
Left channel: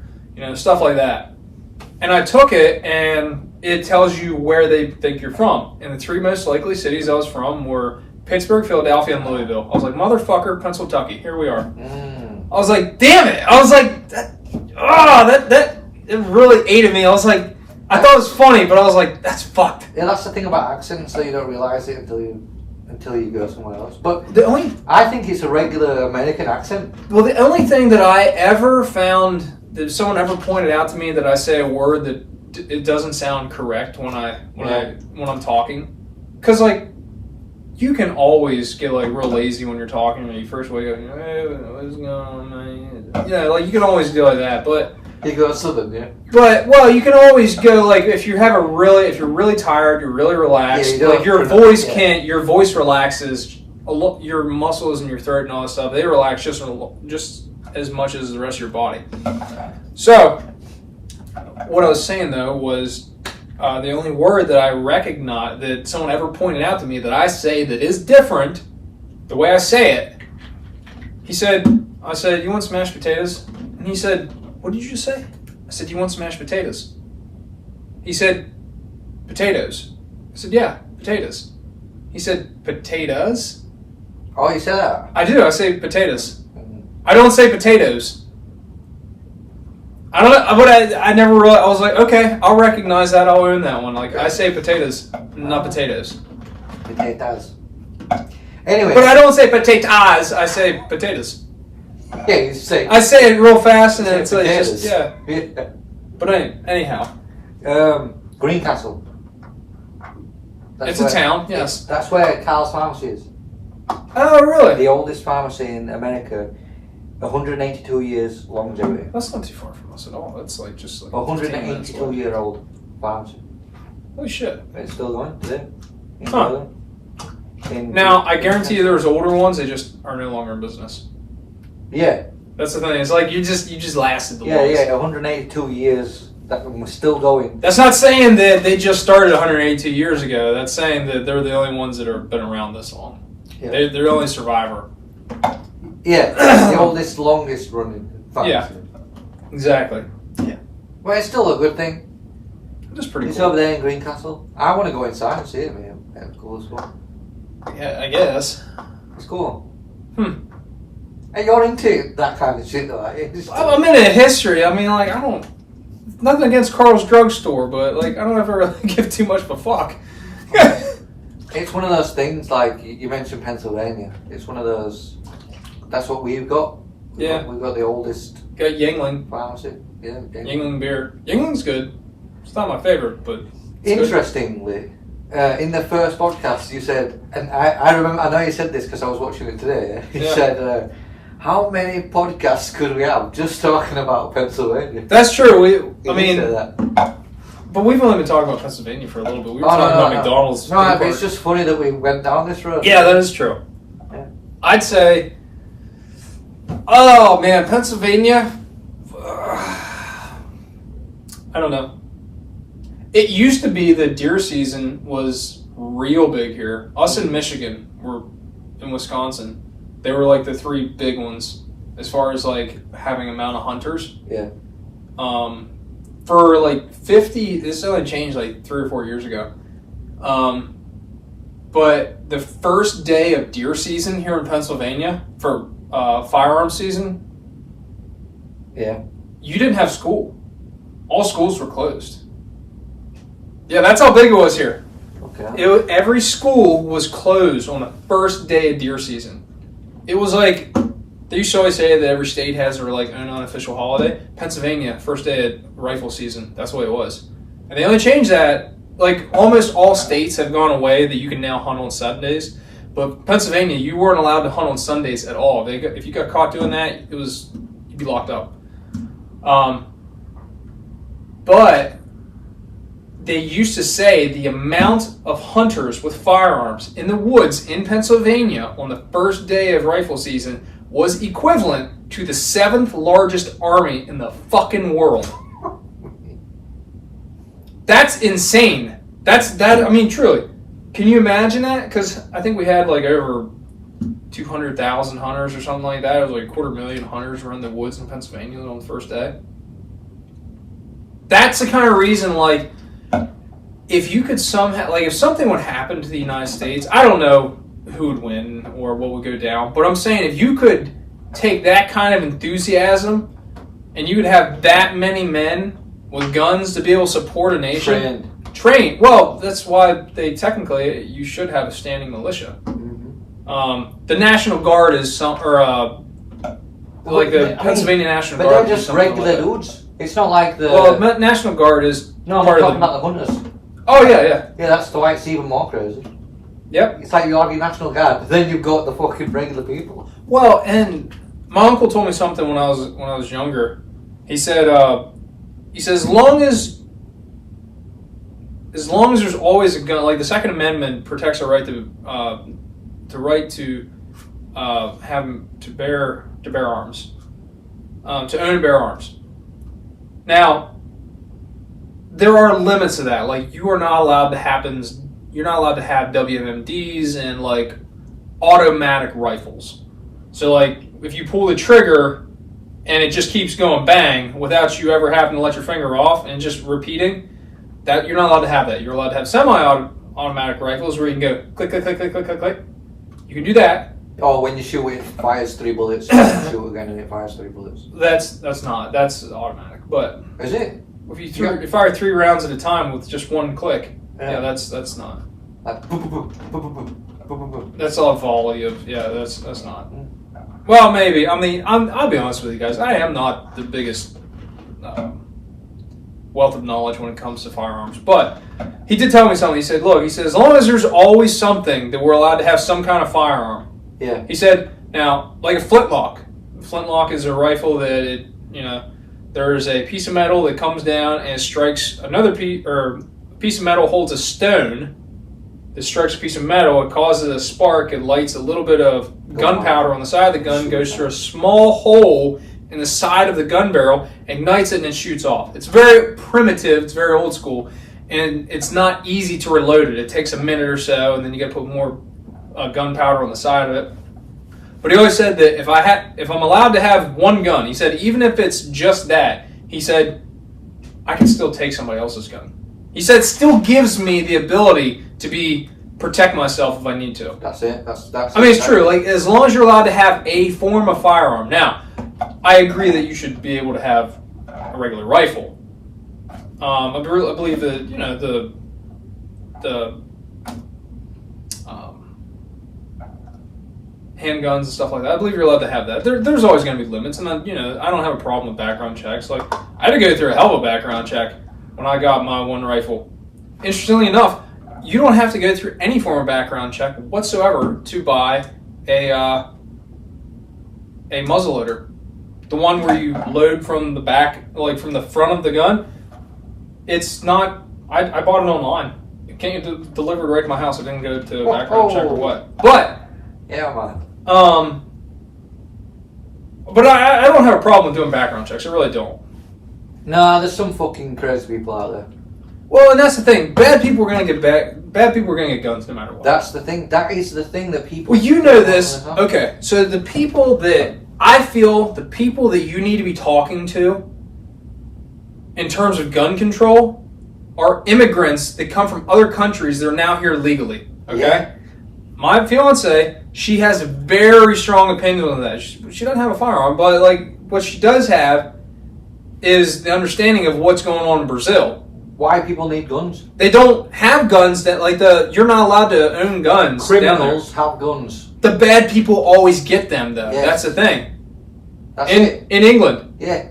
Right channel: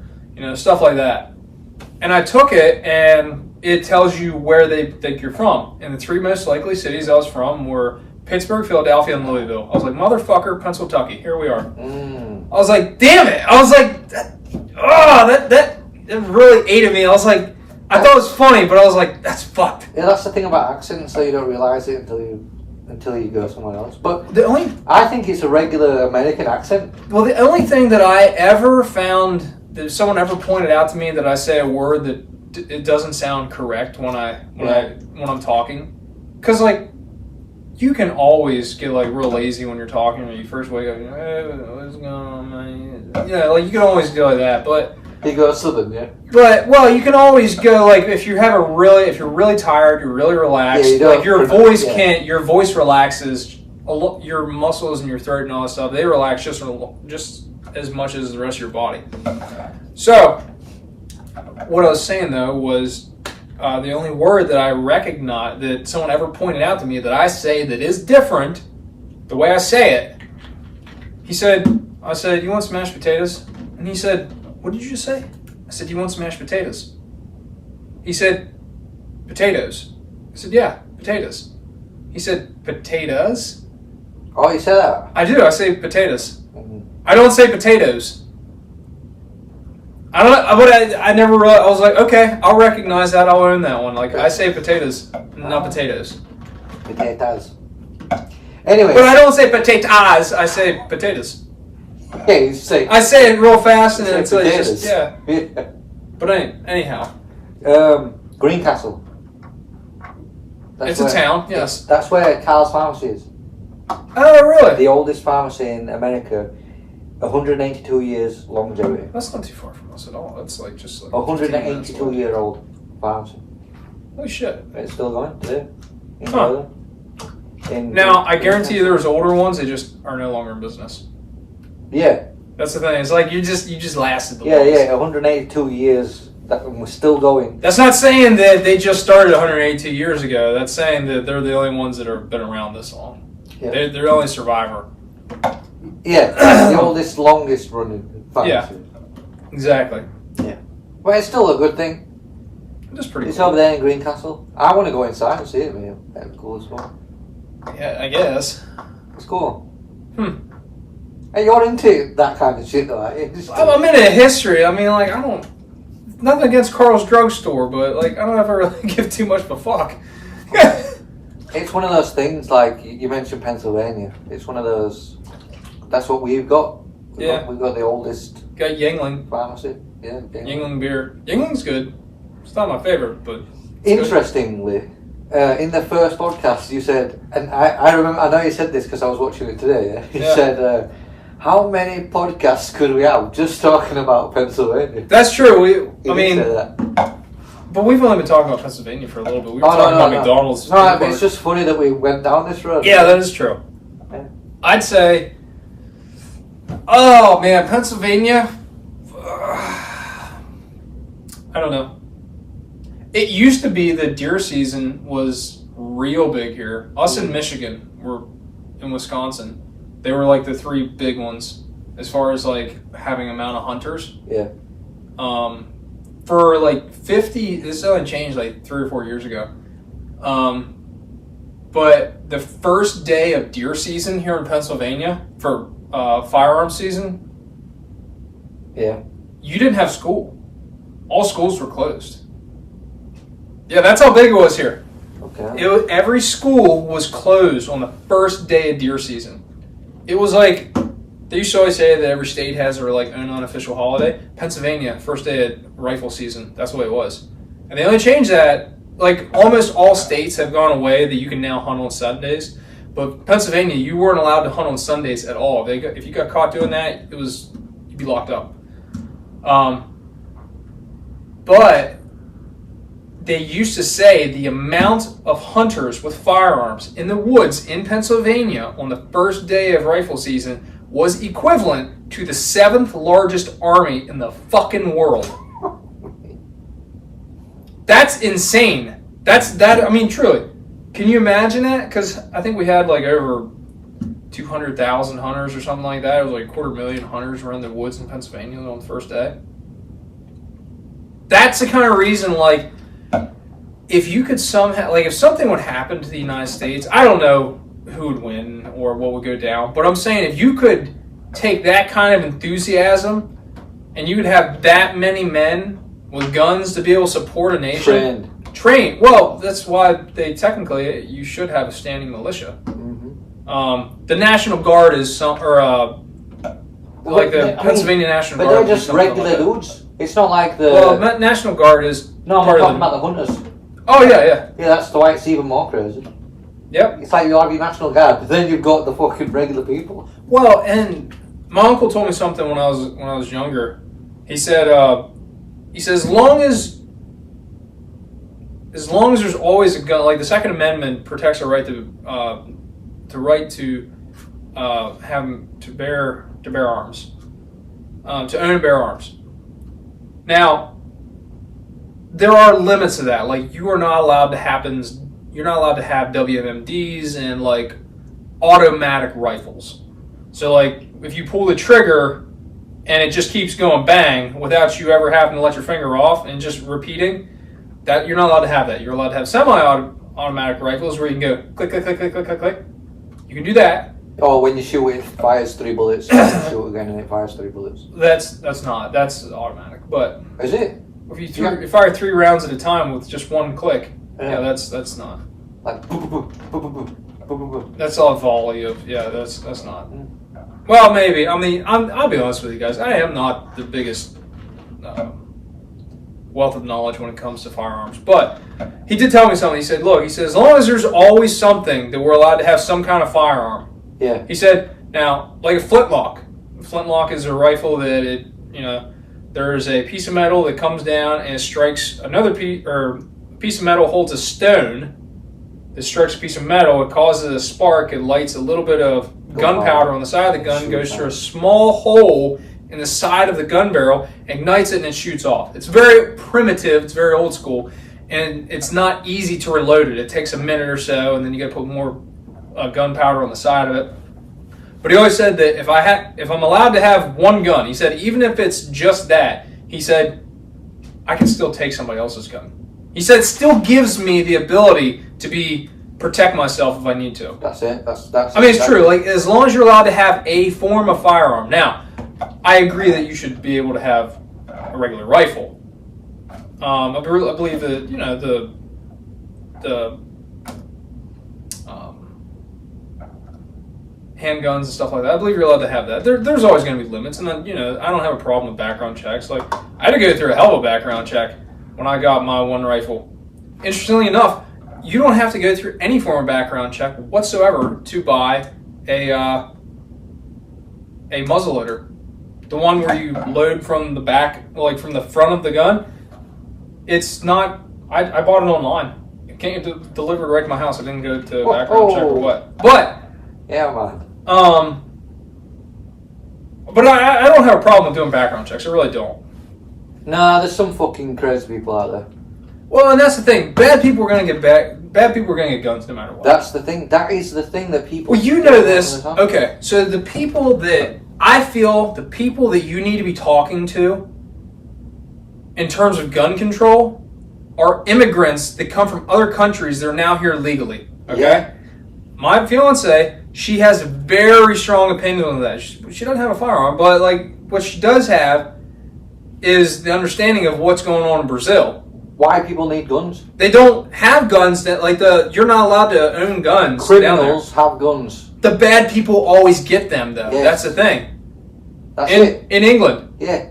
stuff like that. And I took it, and it tells you where they think you're from. And the 3 most likely cities I was from were Pittsburgh, Philadelphia, and Louisville. I was like, motherfucker, Pennsylvania. Here we are. I was like, damn it. I was like, that really ate at me. I was like, I thought it was funny, but I was like, that's fucked. Yeah, that's the thing about accents, so you don't realise it until you go somewhere else. But I think it's a regular American accent. Well, the only thing that I ever found that someone ever pointed out to me that I say a word that it doesn't sound correct when I'm talking, because like you can always get like real lazy when you're talking when you first wake up. What's going on, man? Yeah, like you can always go like that, but you go southern, yeah. But you can always go like if you're really tired, you're really relaxed. Yeah, like your voice your voice relaxes. Your muscles in your throat and all that stuff, they relax just as much as the rest of your body. So, what I was saying though was the only word that I recognize that someone ever pointed out to me that I say that is different, the way I say it. I said, you want some mashed potatoes? And he said, what did you just say? I said, you want some mashed potatoes? He said, potatoes. I said, yeah, potatoes. He said, potatoes? Oh, you said that? I do. I say potatoes. I don't say potatoes. I don't know. But I never realized. I was like, okay, I'll recognize that. I'll own that one. Like, I say potatoes, not potatoes. Potatoes. Anyway. But I don't say potatoes. I say potatoes. Yeah, you say. I say it real fast and then it's potatoes. just, yeah. But anyhow. Greencastle. It's a town, yes. That's where Carl's Pharmacy is. Oh, really? The oldest pharmacy in America, 182 years longevity. That's not too far from us at all. That's like just like 182-year-old pharmacy. Holy shit! It's still going today. Huh. Now I guarantee you, there's older ones. They just are no longer in business. Yeah. That's the thing. It's like you just lasted the longest. Yeah, 182 years. That was still going. That's not saying that they just started 182 years ago. That's saying that they're the only ones that have been around this long. Yeah. They're the only survivor. Yeah, the oldest, longest running pharmacy. Yeah, exactly. Yeah. Well, it's still a good thing. It's pretty It's cool. over there in Greencastle. I want to go inside and see it, man. That's cool as well. Yeah, I guess. It's cool. Hey, you're into that kind of shit, though. I'm into history. I mean, like, I don't... Nothing against Carl's Drugstore, but, like, I don't ever really give too much of a fuck. It's one of those things, like, you mentioned Pennsylvania. It's one of those... That's what we've got. We've got the oldest... Got Yuengling. Pharmacy. Yeah, Yuengling beer. Yuengling's good. It's not my favorite, but... Interestingly, in the first podcast, you said... And I remember... I know you said this because I was watching it today. You said... how many podcasts could we have just talking about Pennsylvania? That's true. But we've only been talking about Pennsylvania for a little bit. We were talking about McDonald's. No, but it's just funny that we went down this road. Yeah, that is true. Yeah. I'd say, oh man, Pennsylvania. I don't know. It used to be that deer season was real big here. Us in Michigan, we're in Wisconsin. They were like the 3 big ones as far as like having amount of hunters. Yeah. For like 50, this only changed like 3 or 4 years ago. But the first day of deer season here in Pennsylvania for firearms season, you didn't have school. All schools were closed. Yeah, that's how big it was here. Okay. Every school was closed on the first day of deer season. It was like, they used to always say that every state has their like own unofficial holiday. Pennsylvania, first day of rifle season, that's the way it was. And they only changed that, like almost all states have gone away that you can now hunt on Sundays. But Pennsylvania, you weren't allowed to hunt on Sundays at all. If you got caught doing that, you'd be locked up. But they used to say the amount of hunters with firearms in the woods in Pennsylvania on the first day of rifle season was equivalent to the 7th largest army in the fucking world. That's insane. I mean, truly. Can you imagine that? Because I think we had like over 200,000 hunters or something like that. It was like 250,000 hunters around the woods in Pennsylvania on the first day. That's the kind of reason, like, if you could somehow, like, if something would happen to the United States, I don't know who would win or what would go down, but I'm saying if you could take that kind of enthusiasm and you could have that many men with guns to be able to support a nation. Trained. Well, that's why they technically, you should have a standing militia. Mm-hmm. The National Guard is like the Pennsylvania National Guard. But they're just regular dudes. It's not like the... Well, National Guard is... No, I'm talking about the hunters. Oh, yeah. Yeah, that's the why it's even more crazy. Yep. It's like you have your National Guard, but then you've got the fucking regular people. Well, and my uncle told me something when I was younger. He said, as long as there's always a gun, like the Second Amendment protects our right to bear arms, to own and bear arms. Now, there are limits to that. Like, you are not allowed to have WMDs and like automatic rifles. So like, if you pull the trigger and it just keeps going bang without you ever having to let your finger off and just repeating, that you're not allowed to have that. You're allowed to have semi-automatic rifles where you can go click, click, click, click, click, click, click. You can do that. Oh, when you shoot it fires 3 bullets. You shoot again and it fires 3 bullets. That's automatic. But is it? If you fire 3 rounds at a time with just one click, yeah, that's not. Like boom, boom, boom, boom, boom, boom, boom, boom. That's a volley of that's not. Well, maybe. I mean, I'll be honest with you guys. I am not the biggest wealth of knowledge when it comes to firearms, but he did tell me something. He said, "Look," he said, "as long as there's always something that we're allowed to have some kind of firearm." Yeah. He said, "Now, like a flintlock. A flintlock is a rifle that there's a piece of metal that comes down and strikes another piece, or a piece of metal holds a stone that strikes a piece of metal. It causes a spark. It lights a little bit of gunpowder on the side of the gun, goes through a small hole in the side of the gun barrel, ignites it, and it shoots off. It's very primitive. It's very old school, and it's not easy to reload it. It takes a minute or so, and then you got to put more gunpowder on the side of it." But he always said that if I'm allowed to have one gun, he said, even if it's just that, he said, I can still take somebody else's gun. He said, it still gives me the ability to protect myself if I need to. That's it. That's. I mean, it's true. Like, as long as you're allowed to have a form of firearm. Now, I agree that you should be able to have a regular rifle. I believe that the handguns and stuff like that. I believe you're allowed to have that. There's always going to be limits, and I don't have a problem with background checks. Like, I had to go through a hell of a background check when I got my one rifle. Interestingly enough, you don't have to go through any form of background check whatsoever to buy a muzzleloader. The one where you load from the back, like from the front of the gun. It's not. I bought it online. It came delivered right to my house. I didn't go to background check or what. But yeah, man. But I don't have a problem with doing background checks. I really don't. Nah, there's some fucking crazy people out there. Well, and that's the thing. Bad people are going to get bad people are going to get guns no matter what. That's the thing. That is the thing that people... Well, you know this. Okay, so the people that... I feel the people that you need to be talking to in terms of gun control are immigrants that come from other countries that are now here legally. Okay? Yeah. My fiance, she has a very strong opinion on that. She doesn't have a firearm, but like what she does have is the understanding of what's going on in Brazil. Why people need guns? They don't have guns that you're not allowed to own guns. Criminals have guns. The bad people always get them though. Yeah. That's the thing. That's it. In England. Yeah.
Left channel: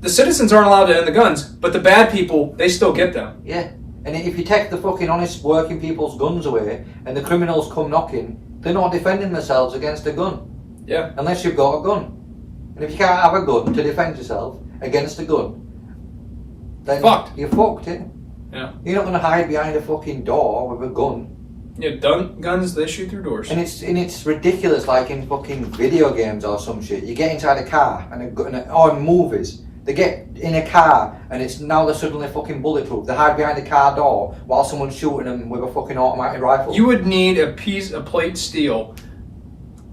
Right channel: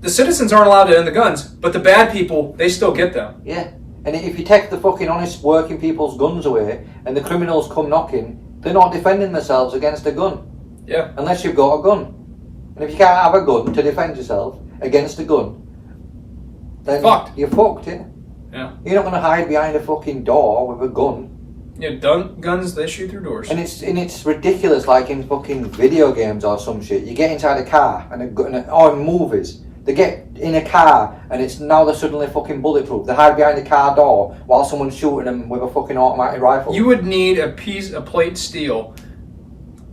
The citizens aren't allowed to own the guns, but the bad people, they still get them. Yeah. And if you take the fucking honest working people's guns away and the criminals come knocking, they're not defending themselves against a gun. Yeah. Unless you've got a gun. And if you can't have a gun to defend yourself against a gun, then you're fucked, yeah? Yeah. You're not going to hide behind a fucking door with a gun. Yeah, guns, they shoot through doors. And it's ridiculous, like in fucking video games or some shit. You get inside a car or in movies. They get in a car and they're suddenly fucking bulletproof. They hide behind the car door while someone's shooting them with a fucking automatic rifle. You would need a plate steel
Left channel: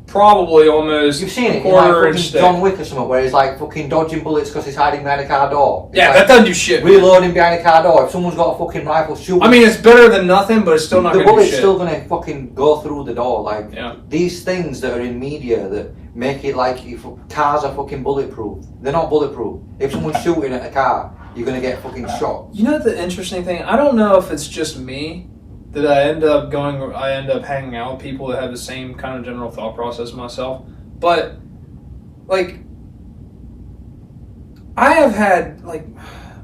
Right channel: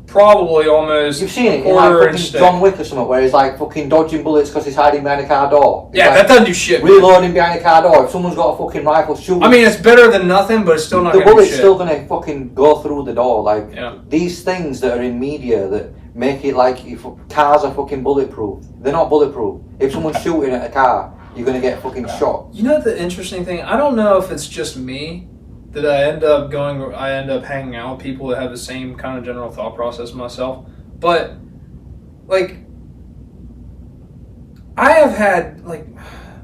probably almost You've seen it in quarter like inch fucking thick. John Wick or something, where he's like fucking dodging bullets because he's hiding behind a car door. Yeah, like, that doesn't do shit. reloading behind a car door. If someone's got a fucking rifle, shoot. I mean, it's better than nothing, but it's still not the going to do bullet's shit. still going to fucking go through the door. Like, Yeah. these things that are in media that make it like if cars are fucking bulletproof. They're not bulletproof. If someone's shooting at a car, you're going to get fucking shot. You know the interesting thing? I don't know if it's just me that I end up hanging out with people that have the same kind of general thought process myself. But, like, I have had, like,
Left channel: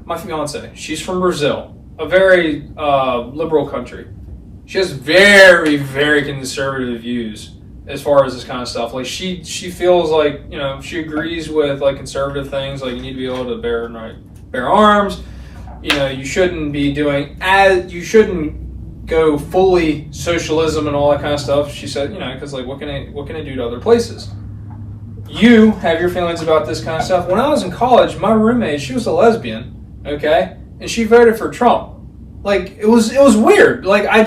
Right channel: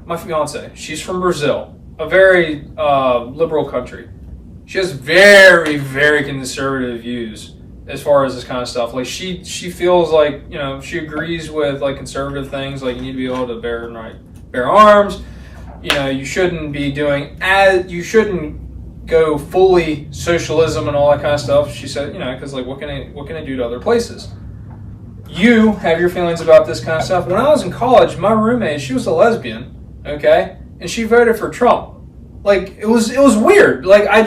my fiance, she's from Brazil, a very liberal country. She has very, very conservative views as far as this kind of stuff. Like, she feels like, you know, she agrees with, like, conservative things, like you need to be able to bear arms. You know, you shouldn't go fully socialism and all that kind of stuff. She said, you know, because like, what can I do to other places? You have your feelings about this kind of stuff. When I was in college, my roommate, she was a lesbian, okay, and she voted for Trump. Like, it was weird. Like, I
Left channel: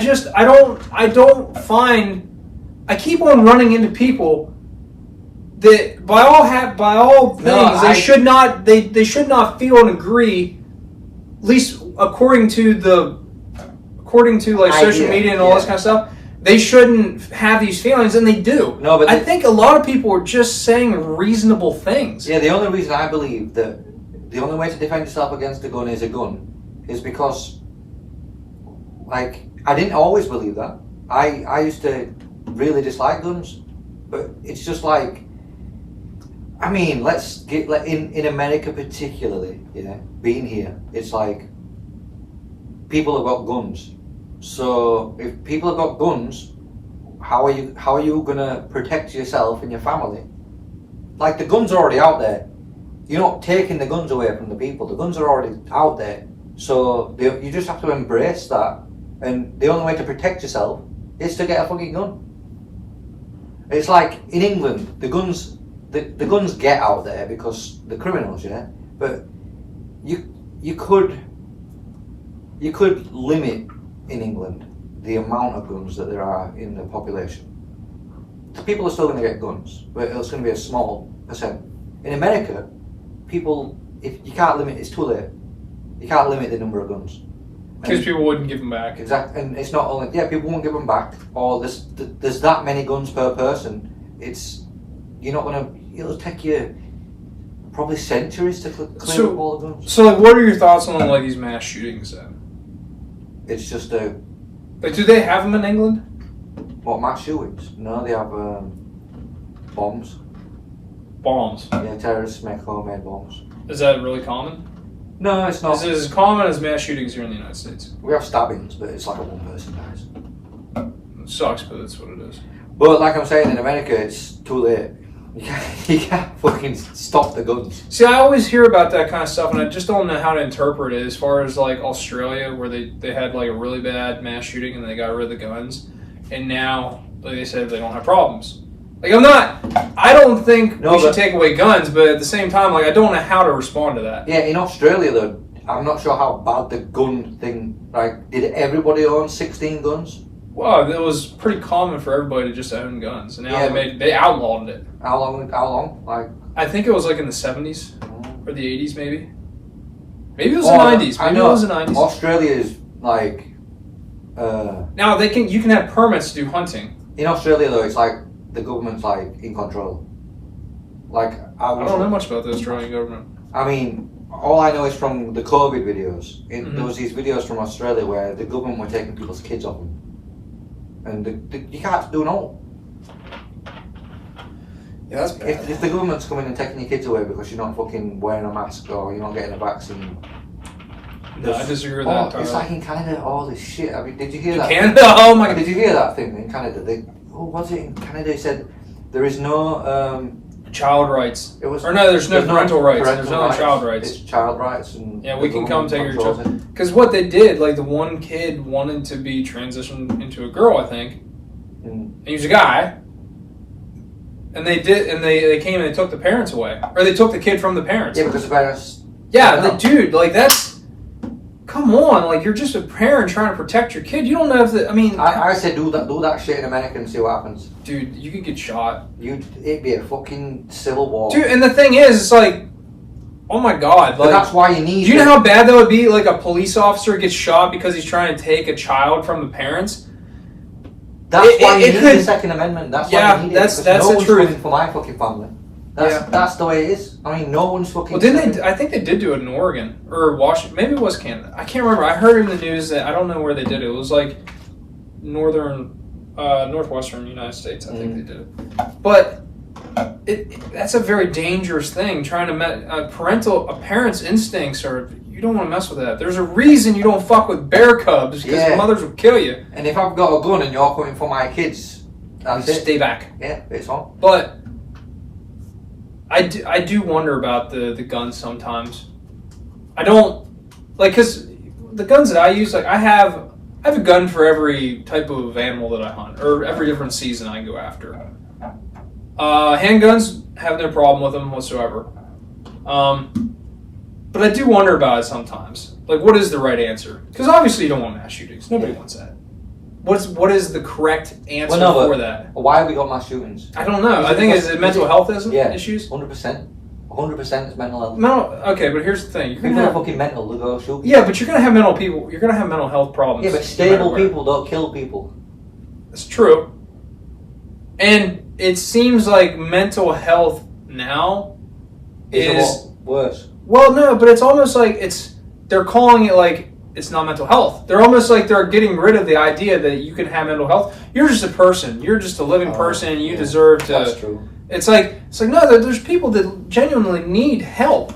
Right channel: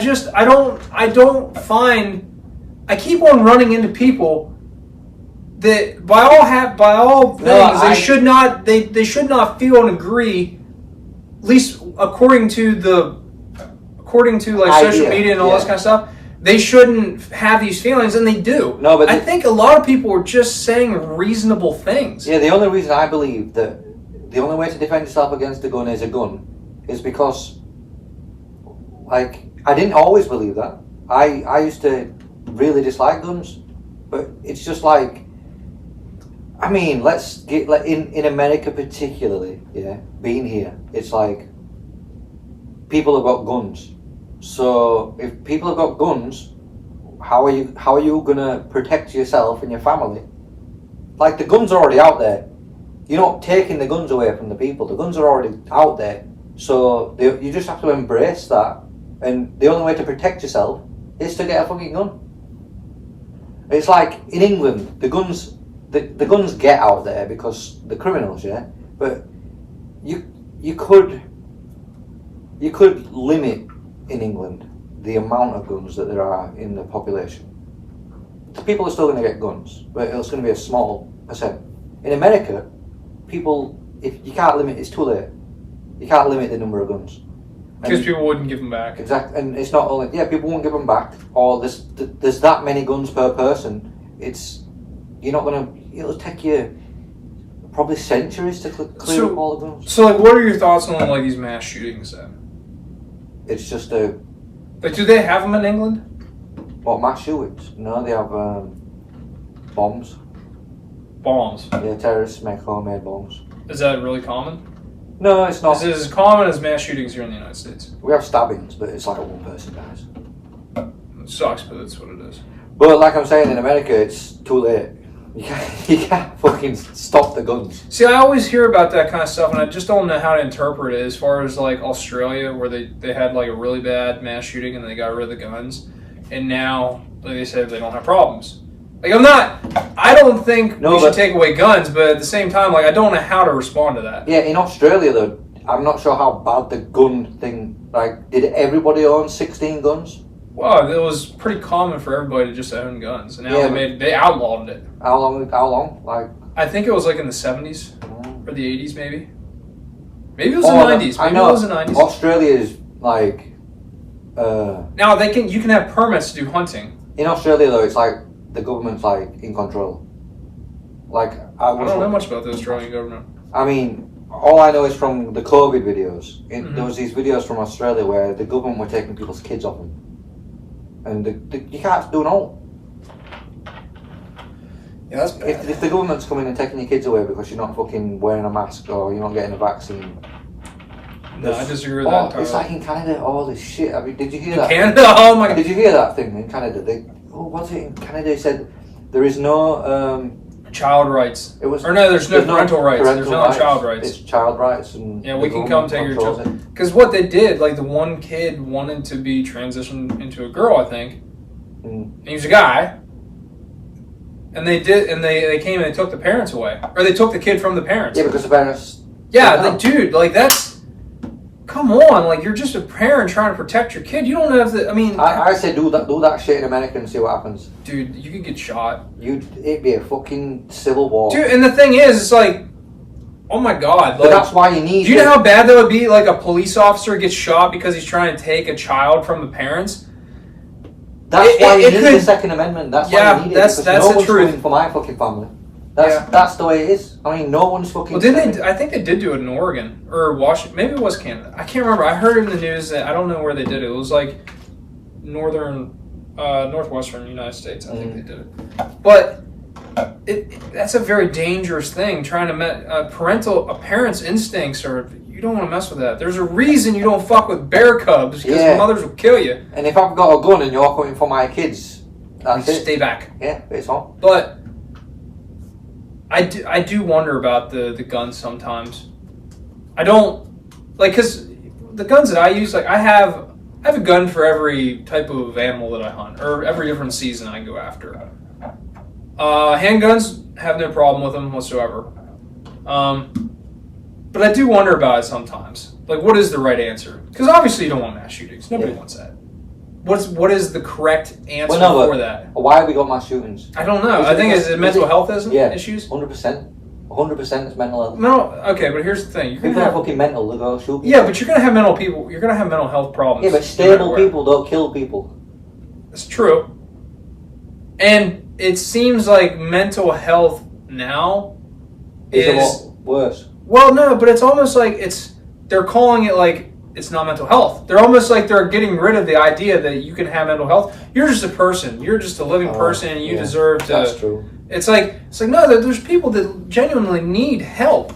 keep on running into people that by all things they should not feel and agree, at least according to like social media and all this kind of stuff. They shouldn't have these feelings, and they do. No, but I think a lot of people are just saying reasonable things. Yeah, the only reason I believe that the only way to defend yourself against a gun is a gun is because, like, I didn't always believe that. I used to really dislike guns, but it's just like, I mean, let's get like in America particularly, yeah, being here, it's like people have got guns. So if people have got guns, how are you gonna protect yourself and your family? Like, the guns are already out there. You're not taking the guns away from the people. The guns are already out there. So you just have to embrace that. And the only way to protect yourself is to get a fucking gun. It's like in England, the guns get out there because the criminals, yeah. But you could limit in England the amount of guns that there are in the population. The people are still going to get guns, but it's going to be a small percent. In America, people, if you can't limit, it's too late. You can't limit the number of guns. Because people wouldn't give them back. Exactly, and it's not only, people won't give them back, or there's that many guns per person. It'll take you probably centuries to clear up all the guns. So, like, what are your thoughts on, like, these mass shootings then? It's just Like, do they have them in England? What, mass shootings? No, they have bombs. Bombs? Yeah, terrorists make homemade bombs. Is that really common? No, it's not. Is it as common as mass shootings here in the United States? We have stabbings, but it's like one person dies. It sucks, but that's what it is. But like I'm saying, in America, it's too late. You can't fucking stop the guns. See, I always hear about that kind of stuff, and I just don't know how to interpret it. As far as like Australia, where they had like a really bad mass shooting and they got rid of the guns, and now, like they said, they don't have problems. Like, I don't think we should take away guns, but at the same time, like, I don't know how to respond to that. Yeah, in Australia though, I'm not sure how bad the gun thing. Like, did everybody own 16 guns? Well, it was pretty common for everybody to just own guns, and now they outlawed it. How long? Like, I think it was like in the 70s or the 80s, maybe. Maybe it was the 90s. Maybe it was the 90s. Australia is like. Now you can have permits to do hunting. In Australia though, it's like the government's like in control. Like I don't know much about the Australian government. I mean, all I know is from the COVID videos. There was these videos from Australia where the government were taking people's kids off them. And you can't do no. Yeah, that's bad. If the government's coming and taking your kids away because you're not fucking wearing a mask or you're not getting a vaccine. No, I disagree with that entirely. It's like in Canada, all this shit. I mean, did you hear that? Canada? Oh my god. Did you hear that thing in Canada? Was it in Canada? They said there is no child rights. There's no parental rights. There's no child rights. It's child rights, and we can come take your children. Because what they did, like the one kid wanted to be transitioned into a girl, I think, and he was a guy, and they came and they took the parents away, or they took the kid from the parents. Yeah, because the parents. Yeah, dude, like that's. Come come on, like, you're just a parent trying to protect your kid. You don't know if I mean... I say do that shit in America and see what happens. Dude, you could get shot. It'd be a fucking civil war. Dude, and the thing is, it's like, oh my God. But that's why you need... Do you know how bad that would be? Like, a police officer gets shot because he's trying to take a child from the parents? That's why you need the Second Amendment. That's why you need it. That's no the one's truth. coming for my fucking family. That's the way it is. I mean, no one's fucking... Well, I think they did do it in Oregon. Or Washington. Maybe it was Canada. I can't remember. I heard in the news that... I don't know where they did it. It was like northwestern United States. I think they did it. But that's a very dangerous thing. Trying to... a parent's instincts are... You don't want to mess with that. There's a reason you don't fuck with bear cubs, because mothers will kill you. And if I've got a gun and you're coming for my kids, that's it. Stay back. Yeah, it's on. But I do wonder about the guns sometimes. I don't like, because the guns that I use, like I have a gun for every type of animal that I hunt, or every different season I go after. Handguns, have no problem with them whatsoever. But I do wonder about it sometimes. Like, what is the right answer? Because obviously you don't want mass shootings. Nobody wants that. What is the correct answer for that? Why have we got mass shootings? I don't know. I think it's mental health issues. 100%. 100% is mental health. Okay, but here's the thing. People are fucking mental. They go shoot people. Yeah, but you're gonna have mental people. You're gonna have mental health problems. Yeah, but stable people don't kill people. That's true. And it seems like mental health now is a lot worse. Well, no, but it's almost like they're calling it like it's not mental health. They're almost like they're getting rid of the idea that you can have mental health. You're just a person. You're just a living person, and you deserve to. That's true. It's like no. There's people that genuinely need help,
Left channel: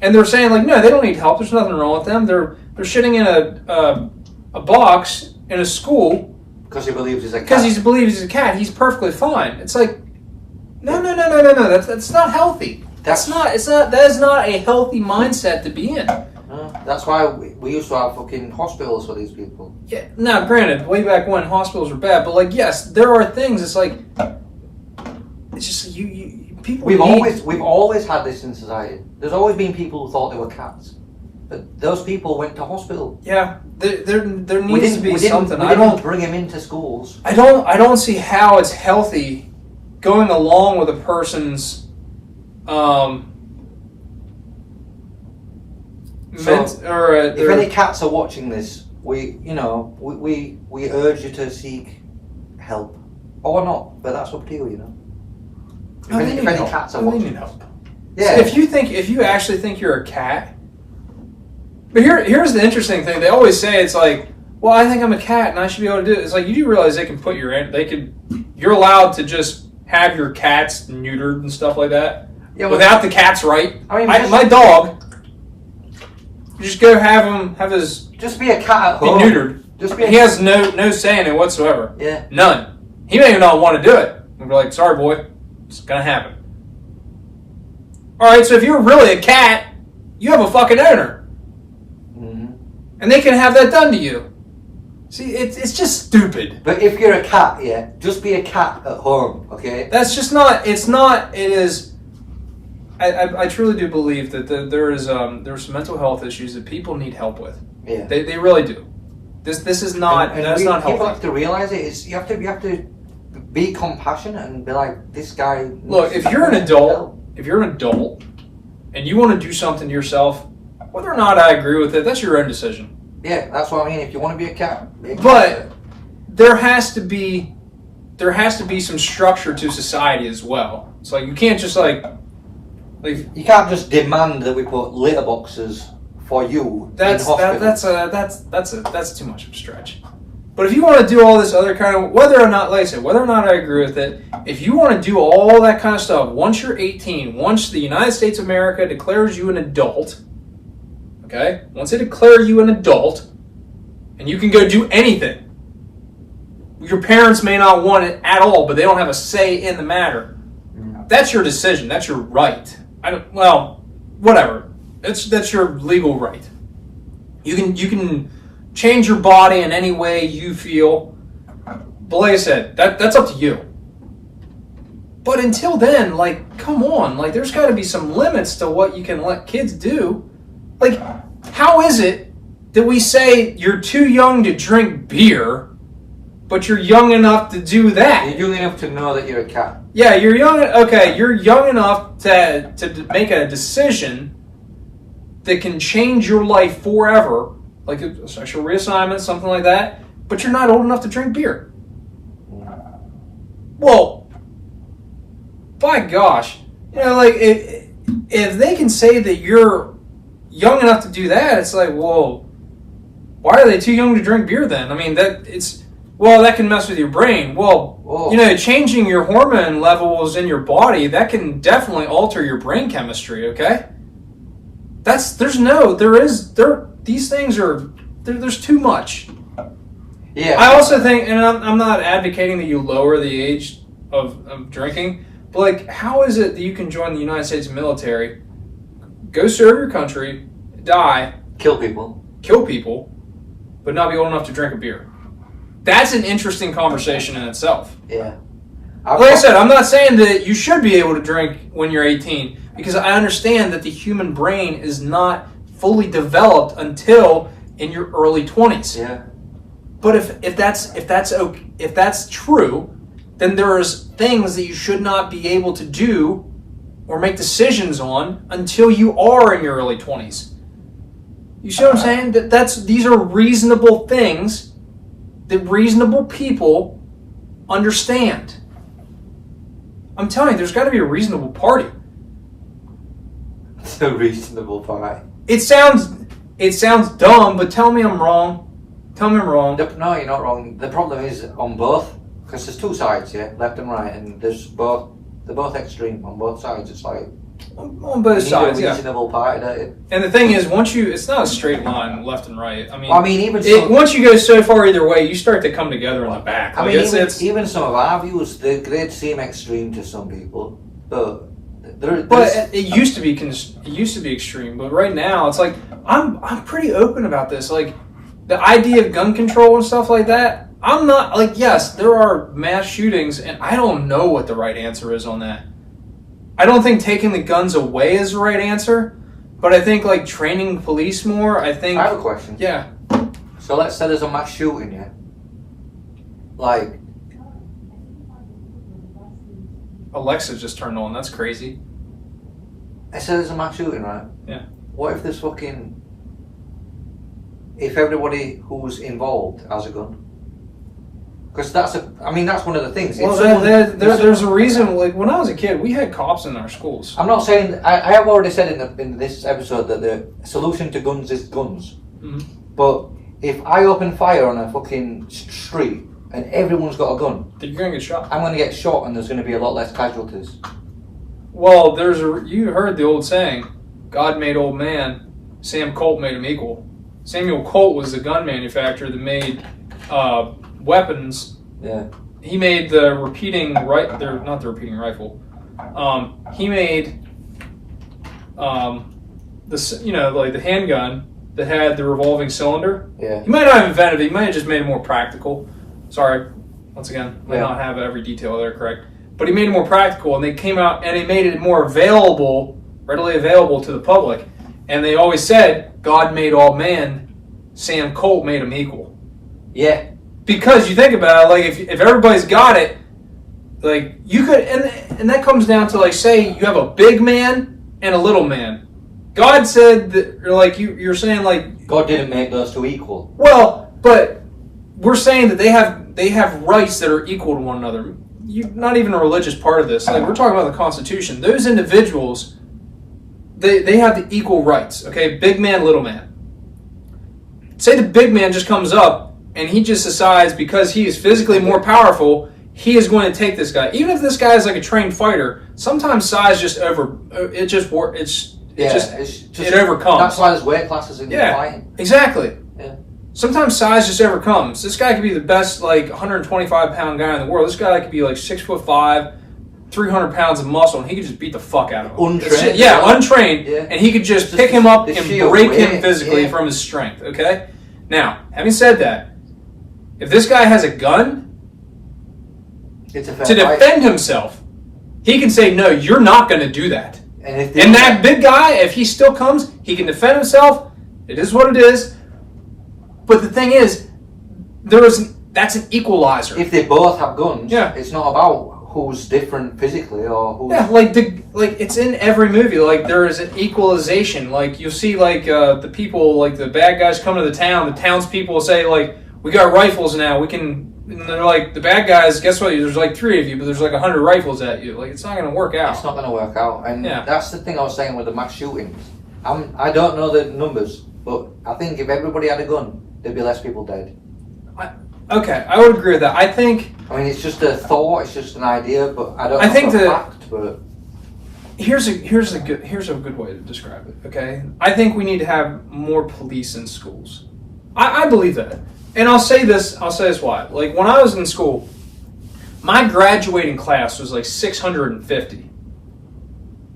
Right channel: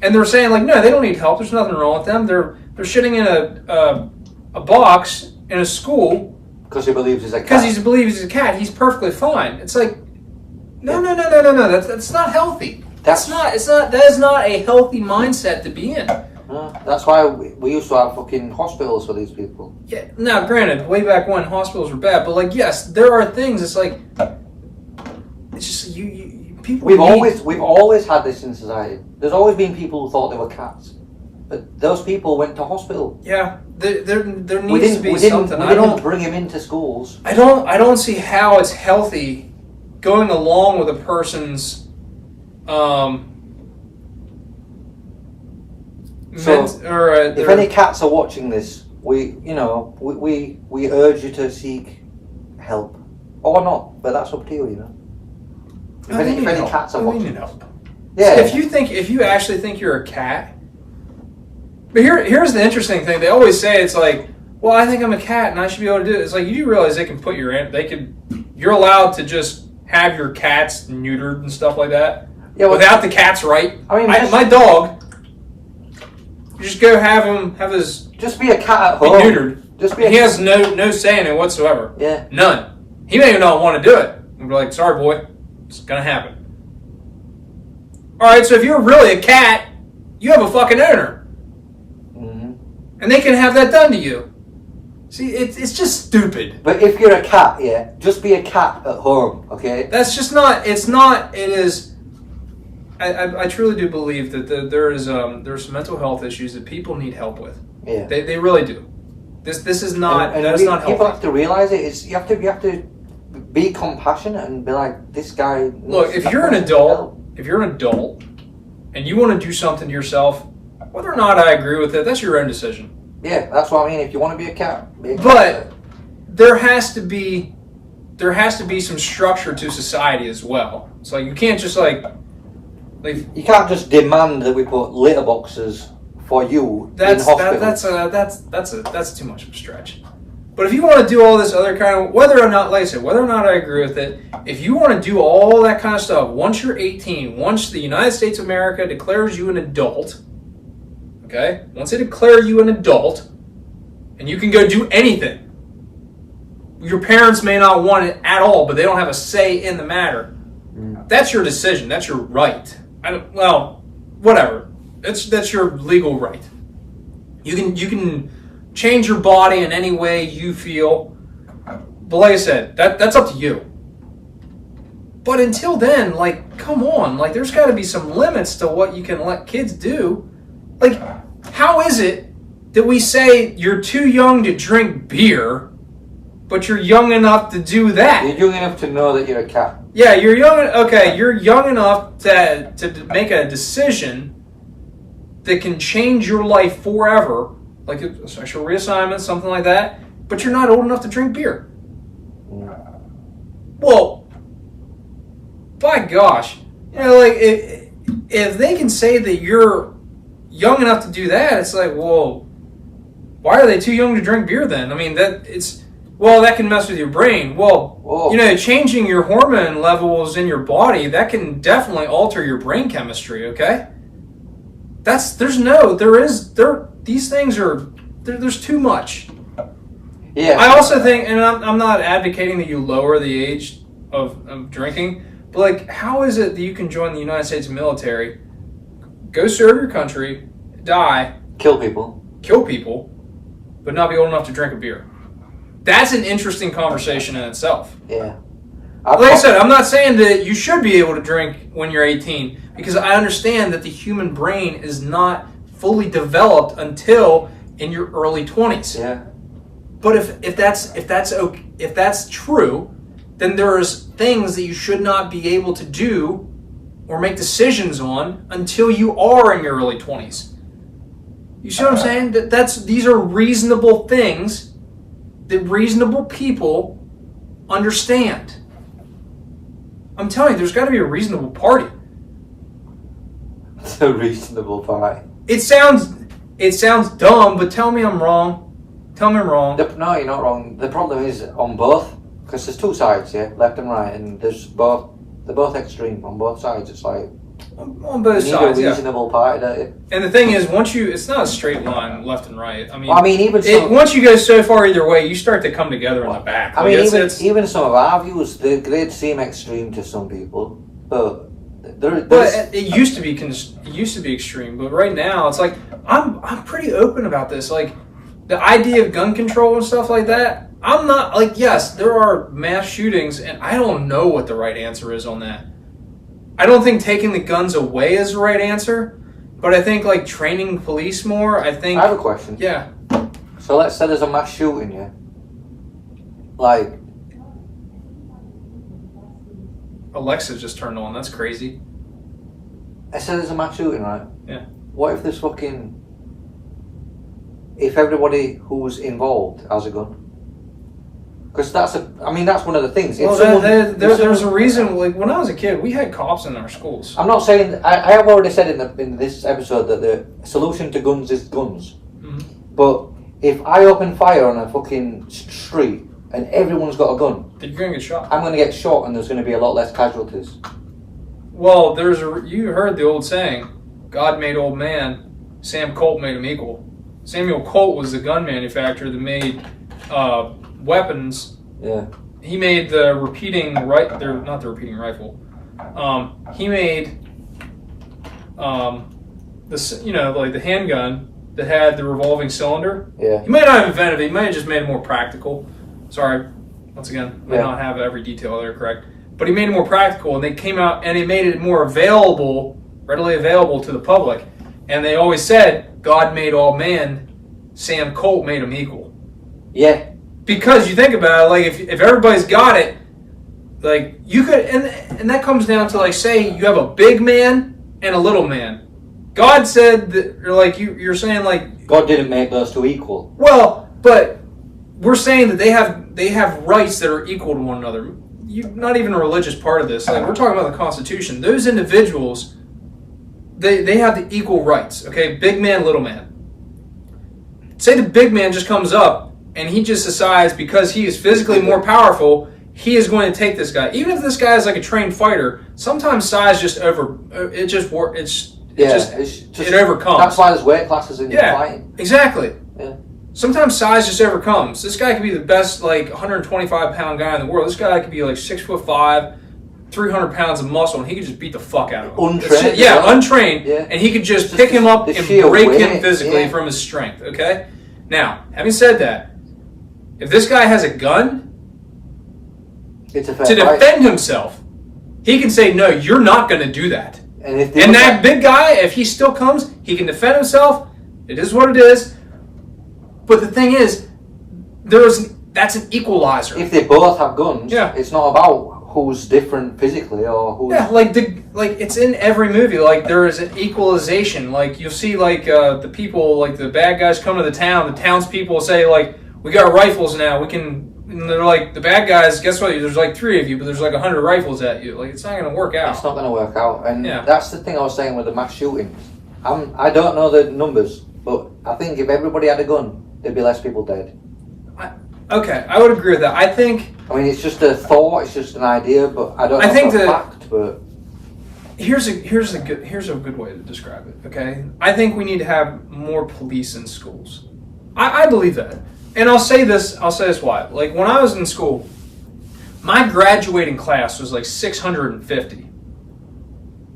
and they're saying like no, they don't need help. There's nothing wrong with them. They're shitting in a box in a school because he believes he's a cat. Because he believes he's a cat. He's perfectly fine. It's like no. That's not healthy. That is not a healthy mindset to be in. That's why we used to have fucking hospitals for these people. Yeah. Now, granted, way back when hospitals were bad, but like, yes, there are things. It's like it's just people. We've always had this in society. There's always been people who thought they were cats, but those people went to hospital. Yeah, there needs to be something. We didn't bring them into schools. I don't see how it's healthy going along with a person's. If any cats are watching this, we urge you to seek help, or not. But that's up to you, If any cats are watching, help. Yeah. So if you actually think you're a cat, but here's the interesting thing. They always say it's like, well, I think I'm a cat and I should be able to do it. It's like you do realize they can put you're allowed to just have your cats neutered and stuff like that. Yeah, without the cat's right. I mean, my dog. You just go have his. Just be a cat at home. Neutered. He has no say in it whatsoever. Yeah. None. He may even not want to do it. And be like, sorry, boy, it's gonna happen. All right. So if you're really a cat, you have a fucking owner, and they can have that done to you. See, it's just stupid. But if you're a cat, just be a cat at home, okay? That's just not. It's not. It is. I truly do believe that there's some mental health issues that people need help with. Yeah, they really do. This is not. That's not healthy. People have to realize it. You have to be compassionate and be like, this guy. Look, if you're an adult, and you want to do something to yourself, whether or not I agree with it, that's your own decision. Yeah, that's what I mean. If you want to be a cat, be a cat. But there has to be some structure to society as well. It's like you can't just you can't just demand that we put litter boxes for you in hospitals. That's too much of a stretch. But if you want to do all this other kind of, whether or not I agree with it, if you want to do all that kind of stuff, once you're 18, once the United States of America declares you an adult, okay? Once they declare you an adult, and you can go do anything, your parents may not want it at all, but they don't have a say in the matter. That's your decision. That's your right. Whatever. That's your legal right. You can change your body in any way you feel. But like I said, that's up to you. But until then, come on. There's got to be some limits to what you can let kids do. How is it that we say you're too young to drink beer, but you're young enough to do that. You're young enough to know that you're a cat. Yeah, you're young. Okay, you're young enough to make a decision that can change your life forever, like a sexual reassignment, something like that. But you're not old enough to drink beer. Well, by gosh, like if they can say that you're young enough to do that, it's like, well, why are they too young to drink beer then? I mean, that can mess with your brain. Well, whoa. Changing your hormone levels in your body, that can definitely alter your brain chemistry, okay? These things are, there's too much. Yeah. I also think, and I'm not advocating that you lower the age of drinking, but like, how is it that you can join the United States military, go serve your country, die, kill people, but not be old enough to drink a beer? That's an interesting conversation in itself. Yeah. Like I said, I'm not saying that you should be able to drink when you're 18, because I understand that the human brain is not fully developed until in your early 20s. Yeah. But if that's true, then there's things that you should not be able to do or make decisions on until you are in your early 20s. You see what I'm saying? These are reasonable things that reasonable people understand. I'm telling you, there's got to be a reasonable party. It's a reasonable party. It sounds dumb, but tell me I'm wrong. Tell me I'm wrong. No, you're not wrong. The problem is on both, because there's two sides, yeah, left and right, and they're both extreme on both sides. It's like on both sides, a reasonable party, don't you? And the thing is, it's not a straight line, left and right. Once you go so far either way, you start to come together in the back. Even some of our views, they'd seem extreme to some people, but it used to be extreme, but right now it's like I'm pretty open about this. Like the idea of gun control and stuff like that. I'm not like, yes, there are mass shootings, and I don't know what the right answer is on that. I don't think taking the guns away is the right answer, but I think like training police more. I have a question. Yeah. So let's say there's a mass shooting, yeah. Like Alexa just turned on. That's crazy. I said there's a mass shooting, right? Yeah. What if if everybody who's involved has a gun? Because that's one of the things. Well, there's a reason. Like when I was a kid, we had cops in our schools. I'm not saying. I have already said in this episode that the solution to guns is guns. Mm-hmm. But if I open fire on a fucking street and everyone's got a gun, then you're gonna get shot. I'm gonna get shot, and there's gonna be a lot less casualties. Well, you heard the old saying, "God made old man, Sam Colt made him equal." Samuel Colt was the gun manufacturer that made weapons. Yeah. He made the repeating not the repeating rifle. He made the handgun that had the revolving cylinder. Yeah. He might not have invented it. He might have just made it more practical. Sorry, once again, I may not have every detail there correct. But he made it more practical, and they came out and they made it more readily available to the public. And they always said, God made all man, Sam Colt made him equal. Yeah. Because you think about it, like if everybody's got it, like you could, and that comes down to like, say you have a big man and a little man. God said that, or like you're saying like God didn't make those two equal. Well, but we're saying that they have rights that are equal to one another. Not even a religious part of this. Like we're talking about the Constitution. Those individuals, they have the equal rights. Okay, big man, little man. Say the big man just comes up and he just decides because he is physically more powerful, he is going to take this guy. Even if this guy is like a trained fighter, sometimes size just it overcomes. That's why there's weight classes in fighting. Exactly. Yeah. Sometimes size just overcomes. This guy could be the best, like 125 pound guy in the world. This guy could be like 6'5", 300 pounds of muscle, and he could just beat the fuck out of him. Untrained. Untrained, and he could just pick him up and break him physically from his strength. Okay. Now, having said that, if this guy has a gun to defend himself, he can say, "No, you're not going to do that." And that big guy, if he still comes, he can defend himself. It is what it is. But the thing is, that's an equalizer. If they both have guns, Yeah. it's not about who's different physically or who's... Yeah, like it's in every movie. Like there is an equalization. Like you'll see, like the people, like the bad guys come to the town. The townspeople say, like, we got rifles now. We can. And they're like, the bad guys. Guess what? There's like 3 of you, but there's like 100 rifles at you. Like it's not going to work out. It's not going to work out, and Yeah. that's the thing I was saying with the mass shootings. I don't know the numbers, but I think if everybody had a gun, there'd be less people dead. Okay, I would agree with that. I think. I mean, it's just a thought. It's just an idea, but I don't know think for a that- fact. But Here's a good way to describe it. Okay, I think we need to have more police in schools. I believe that, and I'll say this why. Like when I was in school, my graduating class was like 650.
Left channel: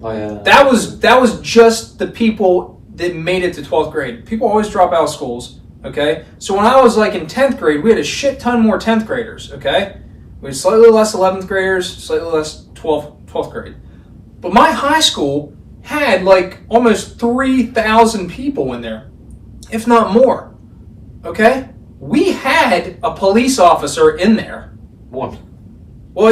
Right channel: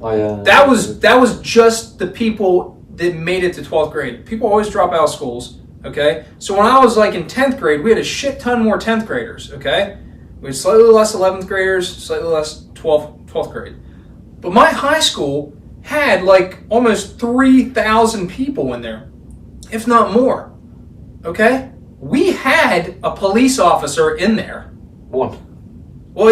That was just the people that made it to 12th grade. People always drop out of schools. Okay, so when I was like in 10th grade, we had a shit ton more 10th graders. Okay, we had slightly less 11th graders, slightly less 12th grade. But my high school had like almost 3,000 people in there, if not more. Okay? We had a police officer in there. one. Well,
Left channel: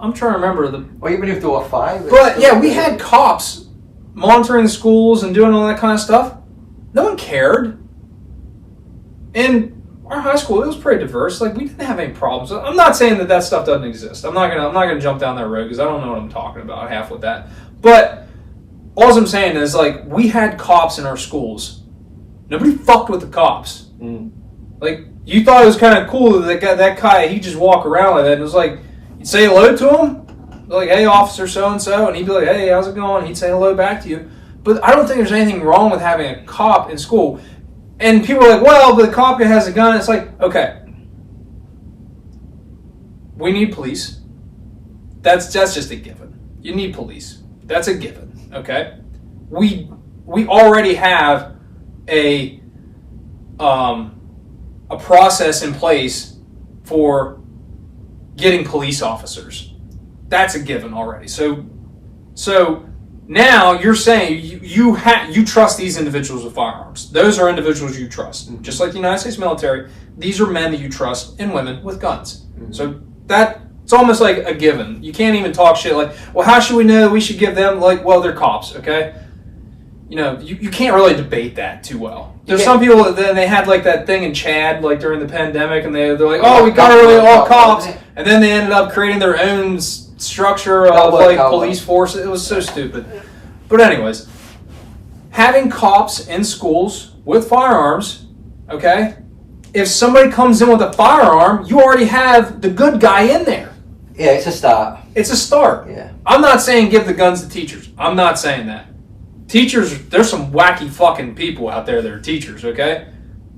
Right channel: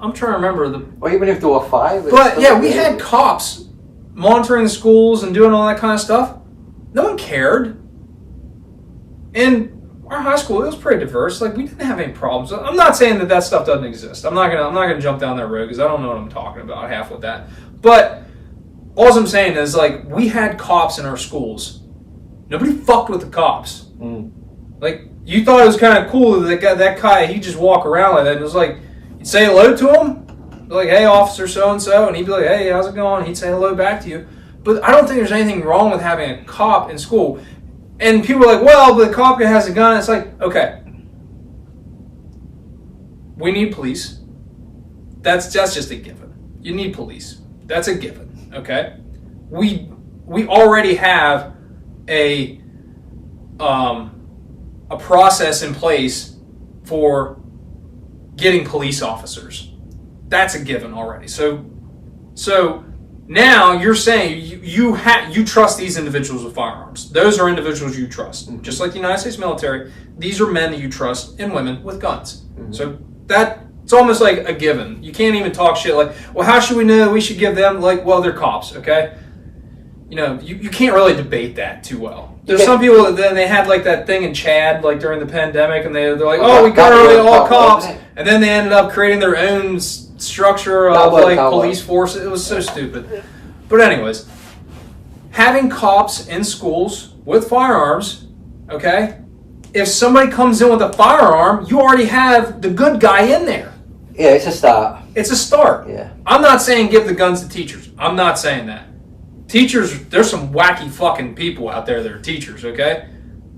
I'm trying to remember Or even if there were 5. But yeah, we had cops monitoring the schools and doing all that kind of stuff. No one cared. And our high school, it was pretty diverse. Like we didn't have any problems. I'm not saying that stuff doesn't exist. I'm not gonna jump down that road because I don't know what I'm talking about half with that. But all I'm saying is like we had cops in our schools. Nobody fucked with the cops. Like you thought it was kind of cool that guy he just walk around like that. And it was like you'd say hello to him, like hey officer so and so, and he'd be like hey how's it going? He'd say hello back to you. But I don't think there's anything wrong with having a cop in school. And people are like, well, but the cop guy has a gun. It's like, okay, we need police. That's just a given. You need police. That's a given. Okay, we already have a process in place for getting police officers. That's a given already. So now you're saying you trust these individuals with firearms. Those are individuals you trust. Just like the United States military, these are men that you trust and women with guns. So it's almost like a given. You can't even talk shit like, well, how should we know we should give them, like, well, they're cops, okay? You know, you can't really debate that too well. There's some people that then they had like that thing in Chad, like during the pandemic, and they're like, oh, we got rid of all cops, and then they ended up creating their own structure of like police forces. It was so stupid. But anyways, having cops in schools with firearms, okay? If somebody comes in with a firearm, you already have the good guy in there. Yeah, it's a start. It's a start. Yeah. I'm not saying give the guns to teachers. I'm not saying that. Teachers, there's some wacky fucking people out there that are teachers, okay?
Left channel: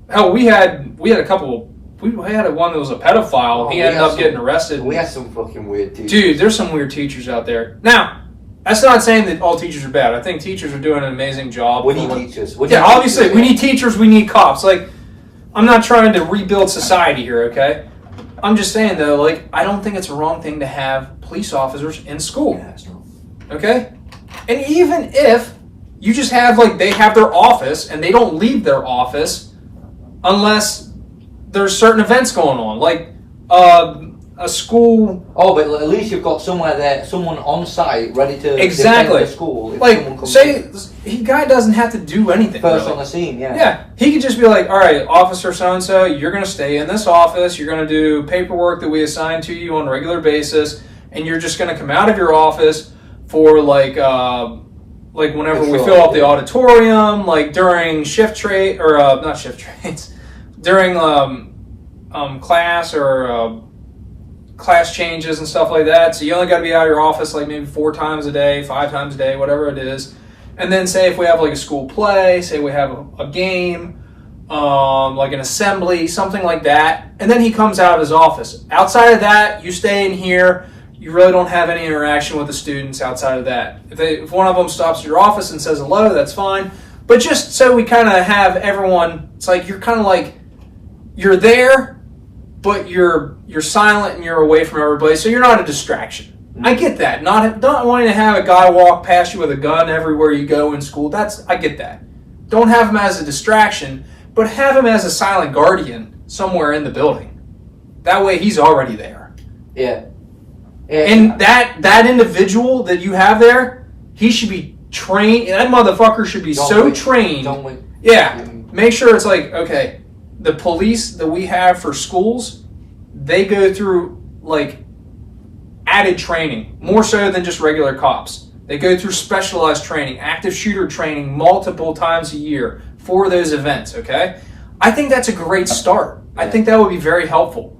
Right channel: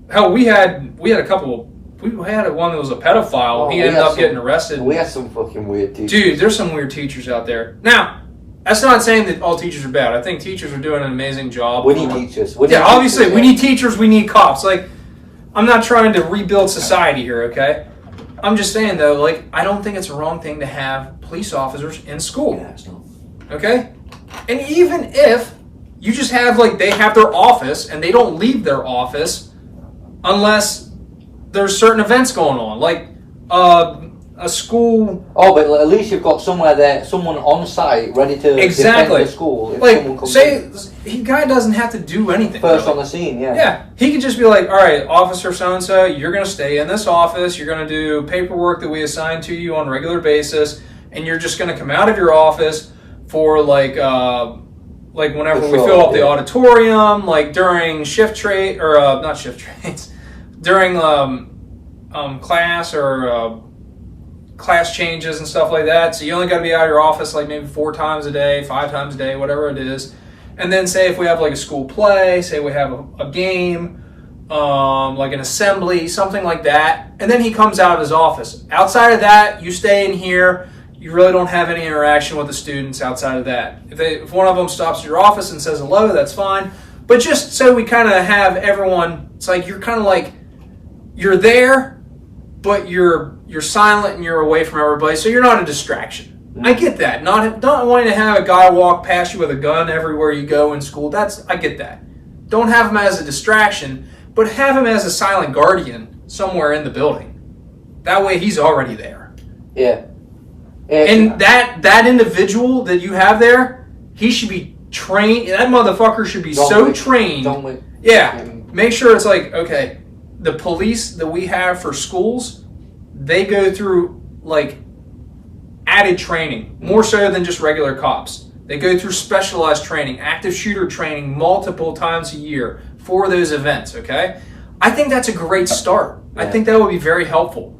Hell, we had a couple. We had one that was a pedophile. He ended up getting arrested. We had some fucking weird teachers. Dude, there's some weird teachers out there. Now, that's not saying that all teachers are bad. I think teachers are doing an amazing job. We need teachers. Obviously, we need teachers. We need cops. Like, I'm not trying to rebuild society here, okay? I'm just saying, though, like, I don't think it's a wrong thing to have police officers in school. Yeah, it's not. Okay? And even if you just have, like, they have their office and they don't leave their office unless there's certain events going on, like a school. Oh, but at least you've got somewhere there, someone on site ready to exactly defend the school. If like, say, the guy doesn't have to do anything. First really. On the scene, yeah. Yeah, he could just be like, all right, officer so-and-so, you're going to stay in this office, you're going to do paperwork that we assign to you on a regular basis, and you're just going to come out of your office for, like whenever we fill up the auditorium, like during shift trade, or not shift trades, during class or class changes and stuff like that. So you only got to be out of your office like maybe 4 times a day, 5 times a day, whatever it is. And then say if we have like a school play, say we have a game, like an assembly, something like that. And then he comes out of his office. Outside of that, you stay in here. You really don't have any interaction with the students outside of that. If one of them stops at your office and says hello, that's fine. But just so we kind of have everyone, it's like you're kind of like, you're there, but you're silent and you're away from everybody, so you're not a distraction. I get that. Not wanting to have a guy walk past you with a gun everywhere you go in school. I get that. Don't have him as a distraction, but have him as a silent guardian somewhere in the building. That way he's already there. Yeah. And that individual that you have there, he should be trained. That motherfucker should be trained. Yeah. Make sure it's like, okay, the police that we have for schools, they go through like added training, more so than just regular cops. They go through specialized training, active shooter training multiple times a year for those events, okay? I think that's a great start. Yeah. I think that would be very helpful.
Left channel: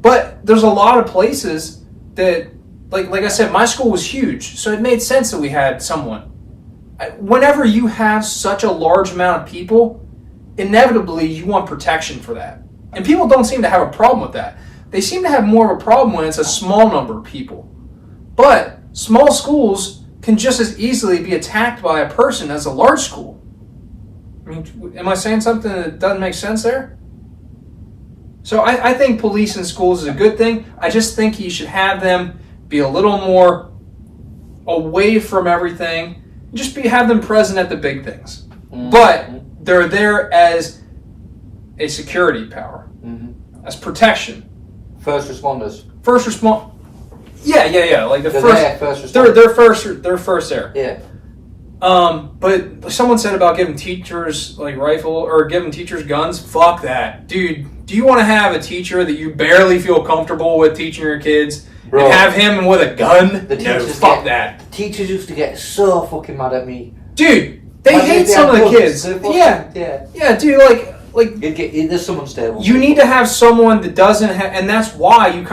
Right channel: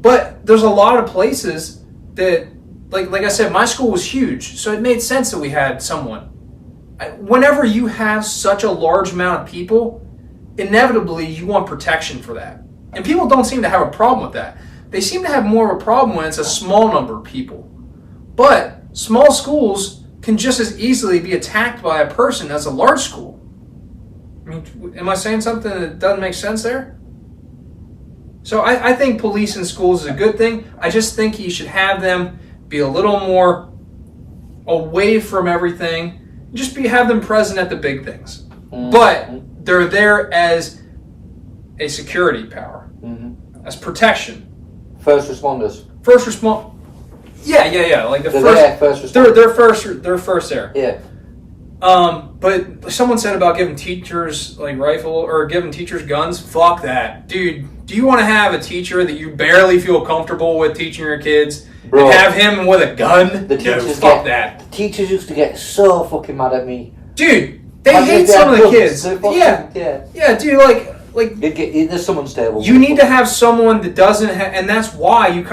But there's a lot of places that, like I said, my school was huge, so it made sense that we had someone. Whenever you have such a large amount of people, inevitably you want protection for that. And people don't seem to have a problem with that. They seem to have more of a problem when it's a small number of people. But small schools can just as easily be attacked by a person as a large school. I mean, am I saying something that doesn't make sense there? So I think police in schools is a good thing. I just think you should have them be a little more away from everything. Just have them present at the big things. Mm-hmm. But they're there as a security power, as protection. First responders. Yeah. Like they're first responders. They're first there. Yeah. But someone said about giving teachers like giving teachers guns. Fuck that, dude. Do you want to have a teacher that you barely feel comfortable with teaching your kids, bro, and have him with a gun? Fuck that. The teachers used to get so fucking mad at me, dude. They hate some of the kids. Yeah, dude. Like there's someone stable. You need to have someone that doesn't and that's why you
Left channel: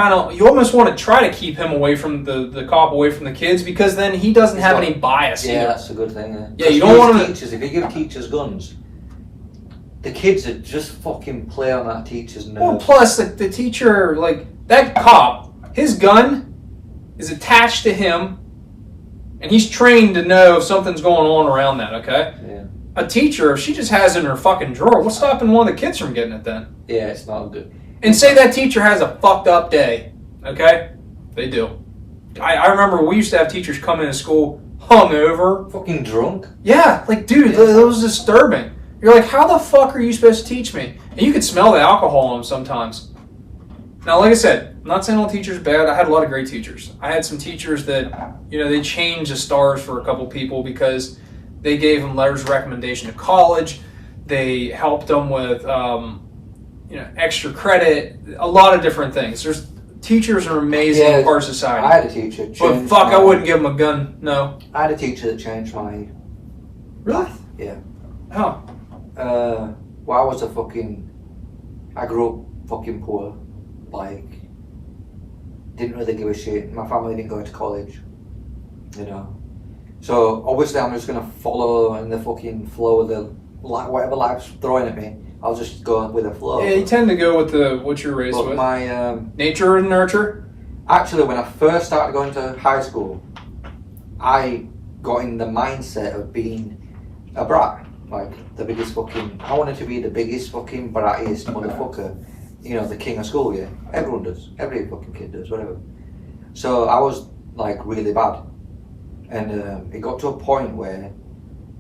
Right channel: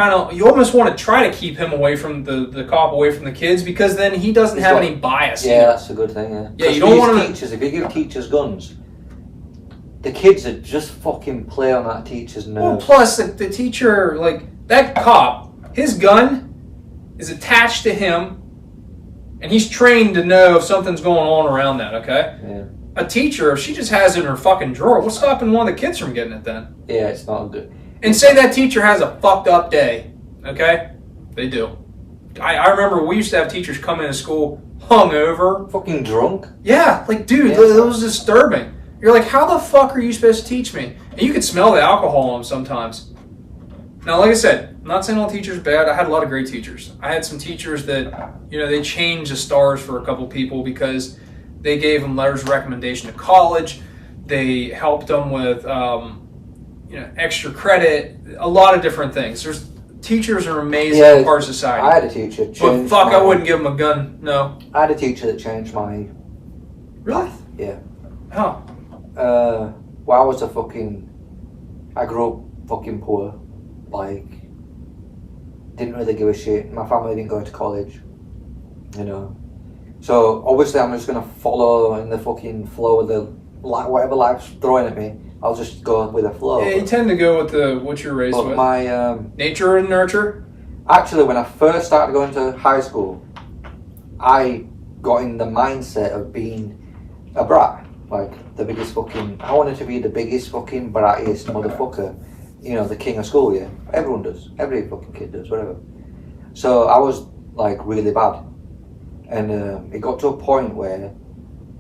almost want to try to keep him away from the cop, away from the kids, because then he doesn't have any bias. Yeah, that's a good thing. Yeah, you don't want teachers. If you give teachers guns, the kids would just fucking play on that teacher's nerves. Well, plus the teacher, like that cop, his gun is attached to him, and he's trained to know if something's going on around that. Okay. Yeah. A teacher, if she just has it in her fucking drawer, what's stopping one of the kids from getting it then? Yeah, it's not good. And say that teacher has a fucked up day, okay? They do. I remember we used to have teachers come into school hungover. Fucking drunk? Yeah, like, dude, that was disturbing. You're like, how the fuck are you supposed to teach me? And you could smell the alcohol in them sometimes. Now, like I said, I'm not saying all teachers are bad. I had a lot of great teachers. I had some teachers that, they changed the stars for a couple people because they gave them letters of recommendation to college. They helped them with, extra credit. A lot of different things. Teachers are amazing in our society. I had a teacher. But fuck, I wouldn't give them a gun. No. I had a teacher that changed my. Really? Yeah. How? I grew up fucking poor. Like, didn't really give a shit. My family didn't go to college. So obviously I'm just gonna follow in the fucking flow of whatever life's throwing at me. I'll just go with the flow. Yeah, you tend to go with what you're raised with. My nature and nurture. Actually, when I first started going to high school, I got in the mindset of being a brat, like the biggest fucking. I wanted to be the biggest fucking brattiest motherfucker. The king of school. Yeah, everyone does. Every fucking kid does. Whatever. So I was like really bad. And it got to a point where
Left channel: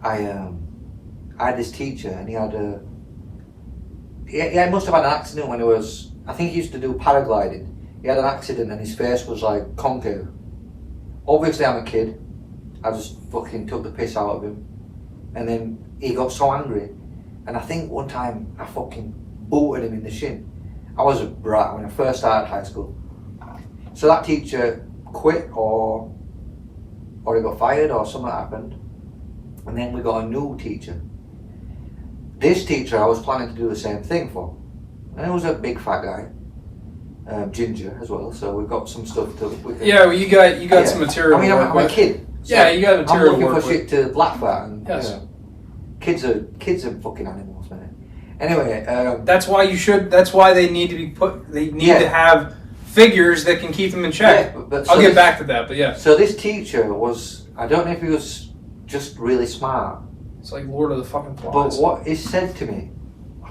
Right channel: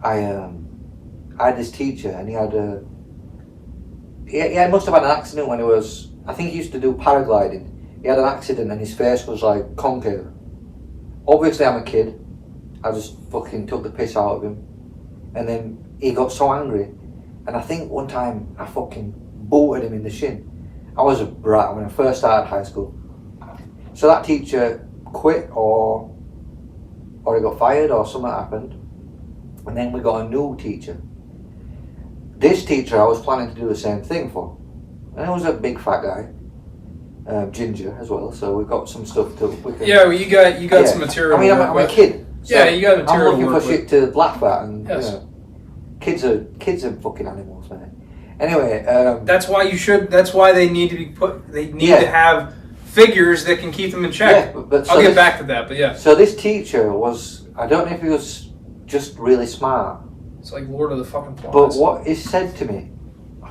I had this teacher, and he must have had an accident when he was, I think he used to do paragliding. He had an accident and his face was like concave. Obviously I'm a kid, I just fucking took the piss out of him. And then he got so angry, and I think one time I fucking booted him in the shin. I was a brat when I first started high school. So that teacher quit or he got fired or something happened, and then we got a new teacher. This teacher I was planning to do the same thing for, and he was a big fat guy, ginger as well, so we got some stuff to you got some material. I mean, I'm a kid, so you got material. I'm looking for shit to laugh at, and kids are fucking animals, man. Anyway, that's why they need to be they need to have figures that can keep them in check. Yeah, but I'll get back to that, but yeah. So this teacher was, I don't know if he was just really smart. It's like Lord of the fucking Flies. But what he said to me,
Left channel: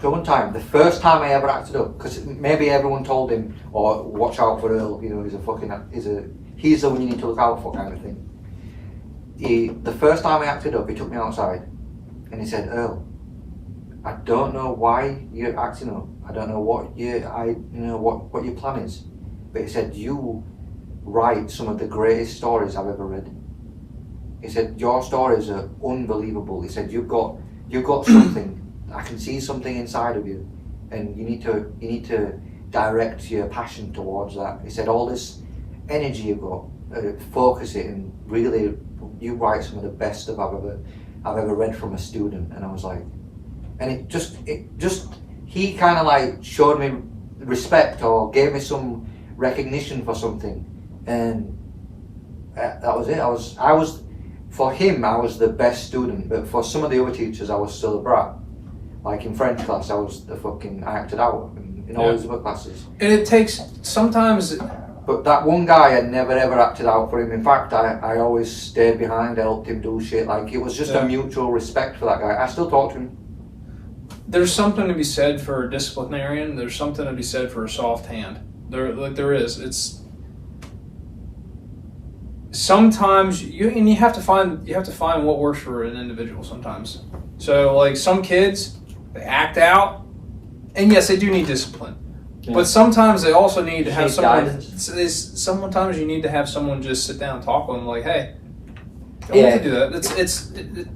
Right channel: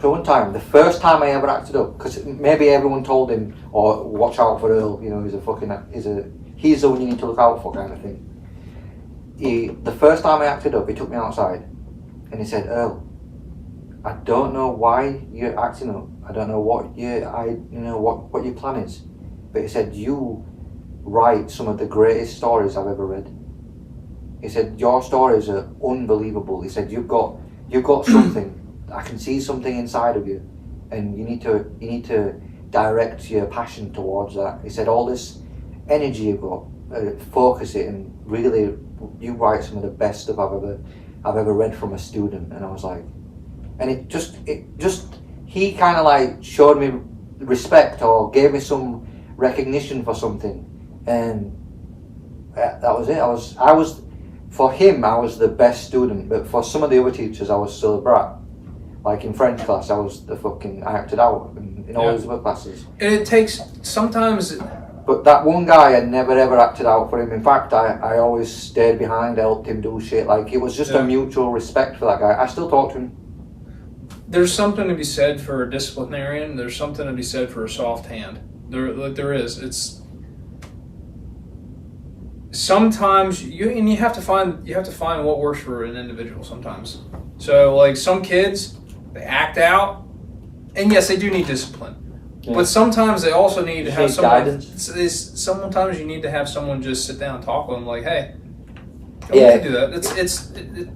the one time, the first time I ever acted up, because maybe everyone told him, or watch out for Earl, he's the one you need to look out for kind of thing. The first time I acted up, he took me outside, and he said, Earl, I don't know why you're acting up. I don't know what what your plan is. But he said, you write some of the greatest stories I've ever read. He said, your stories are unbelievable. He said, you've got something. I can see something inside of you, and you need to direct your passion towards that. He said, all this energy you've got, focus it, and really, you write some of the best stuff I've ever read from a student. And I was like, and it just he kind of like showed me respect or gave me some recognition for something, and that was it. I was for him, I was the best student, but for some of the other teachers, I was still a brat. Like in French class, I acted out in all these other classes. And it takes sometimes. But that one guy, I never ever acted out for him. In fact, I always stayed behind, helped him do shit. Like, it was just a mutual respect for that guy. I still talk to him. There's something to be said for a disciplinarian. There's something to be said for a soft hand. There is. It's sometimes you have to find what works for an individual sometimes. So like some kids, they act out, and yes, they do need discipline. Yeah. But sometimes they also need to have someone. Sometimes you need to have someone just sit down and talk with them, like, "Hey, don't have to do that.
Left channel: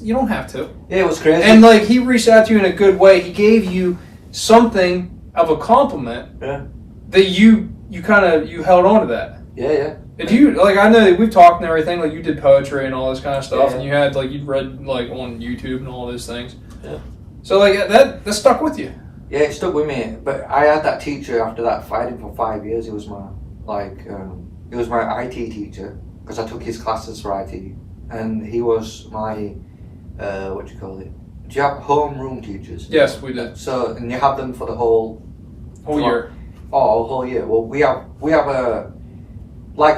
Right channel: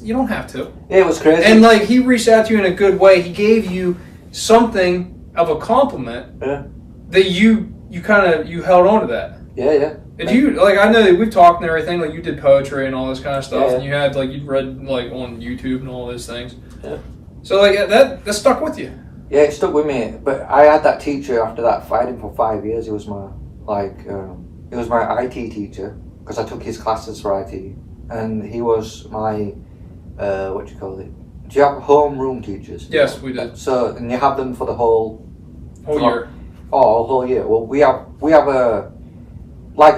You don't have to." Yeah, it was crazy. And like he reached out to you in a good way. He gave you something of a compliment that you held on to that. Yeah. And you, like, I know that we've talked and everything, like you did poetry and all this kind of stuff, and you had, like, you'd read, like, on YouTube and all those things. Yeah. So, like, that stuck with you. Yeah, it stuck with me. But I had that teacher after that. I had him for 5 years. He was my, he was my IT teacher, because I took his classes for IT. And he was my, what do you call it? Do you have homeroom teachers? Yes, we did. So, and you have them for the whole year. Oh, whole year. Well, we have a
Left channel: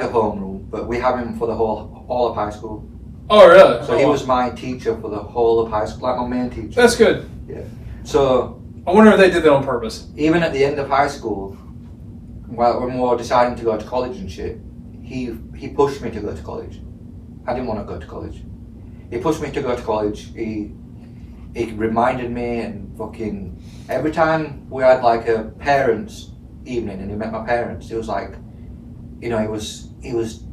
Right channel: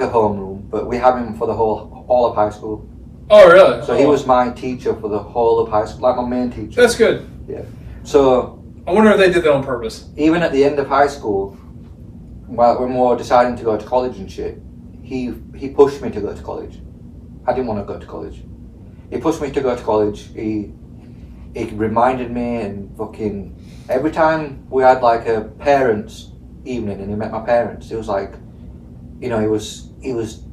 homeroom, but we have him for the all of high school. Oh, really? So he was my teacher for the whole of high school, like my main teacher. That's good. Yeah. So I wonder if they did that on purpose. Even at the end of high school, when we were deciding to go to college and shit, he pushed me to go to college. I didn't want to go to college. He pushed me to go to college. He reminded me, and fucking every time we had like a parents' evening and he met my parents, he was like, he was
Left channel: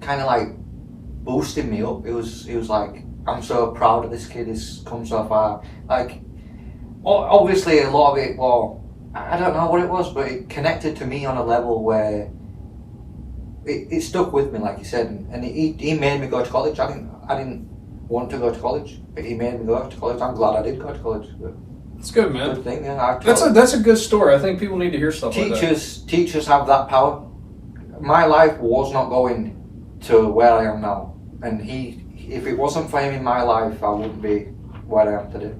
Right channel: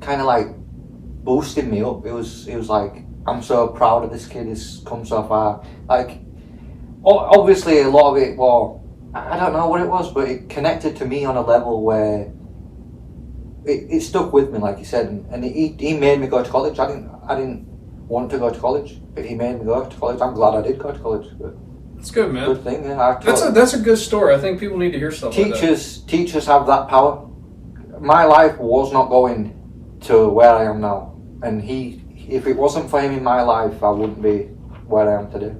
kind of like boosting me up. It was like, I'm so proud of this kid. He's come so far. Like, obviously a lot of it, well, I don't know what it was, but it connected to me on a level where it stuck with me, like you said, and he made me go to college. I didn't want to go to college, but he made me go to college. I'm glad I did go to college. That's good, man. Good thing, yeah. That's a good story. I think people need to hear stuff like that. Teachers have that power. My life was not going to where I am now, and if it wasn't for him in my life, I wouldn't be where I am today.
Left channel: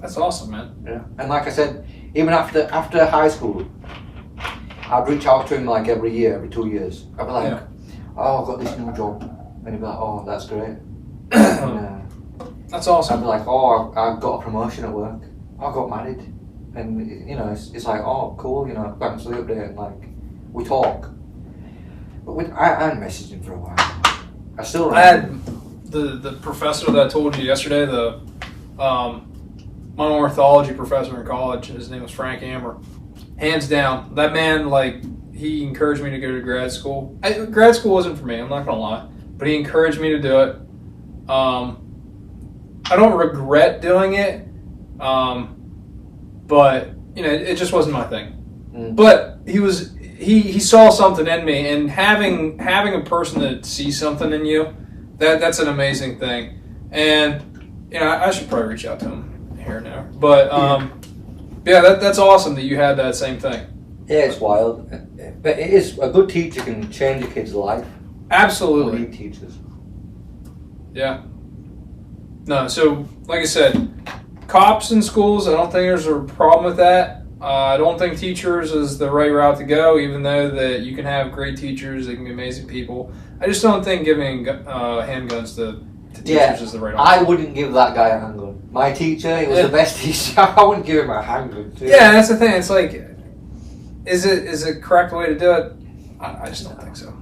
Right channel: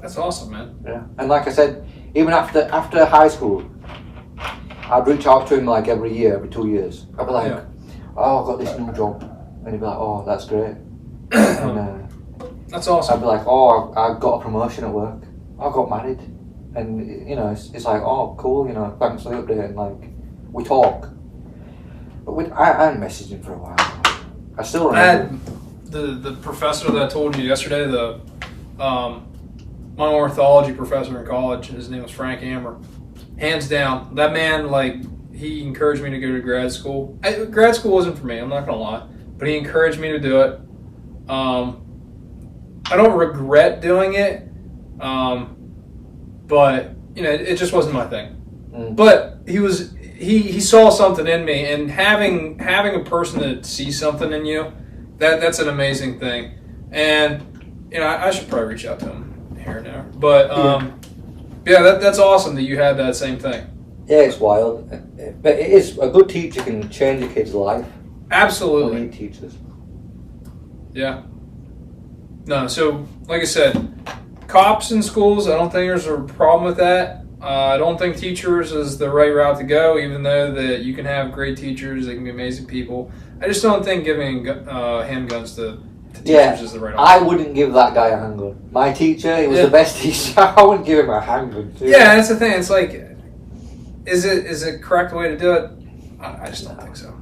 That's awesome, man. Yeah, and like I said, even after high school, I'd reach out to him like every year, every 2 years. I'd be like, "Oh, I've got this new job," and he'd be like, "Oh, that's great." And, that's awesome. I'd be like, "Oh, I got a promotion at work. I got married," and it's like, "Oh, cool. Thanks for the update." And like, we talk. But I hadn't messaged him for a while. I still remember. I had the professor that I told you yesterday, my ornithology professor in college, his name was Frank Amber. Hands down, that man, like, he encouraged me to go to grad school. Grad school wasn't for me, I'm not going to lie. But he encouraged me to do it. I don't regret doing it. But, it just wasn't my thing. But he saw something in me, and having a person that sees something in you, that's an amazing thing. And I should probably reach out to him here and there. But that's awesome that you had that same thing. Yeah, it's wild, but it is a good teacher can change a kid's life. Absolutely, we need teachers. Yeah. No, so like I said, cops in schools, I don't think there's a problem with that. I don't think teachers is the right route to go, even though that you can have great teachers, they can be amazing people. I just don't think giving handguns to teachers is the right option. I wouldn't give that guy a handgun. My teacher, he was the best teacher. I wouldn't give him a handgun. Yeah, that's the thing. It's like, is it correct way to do it? I just don't think so.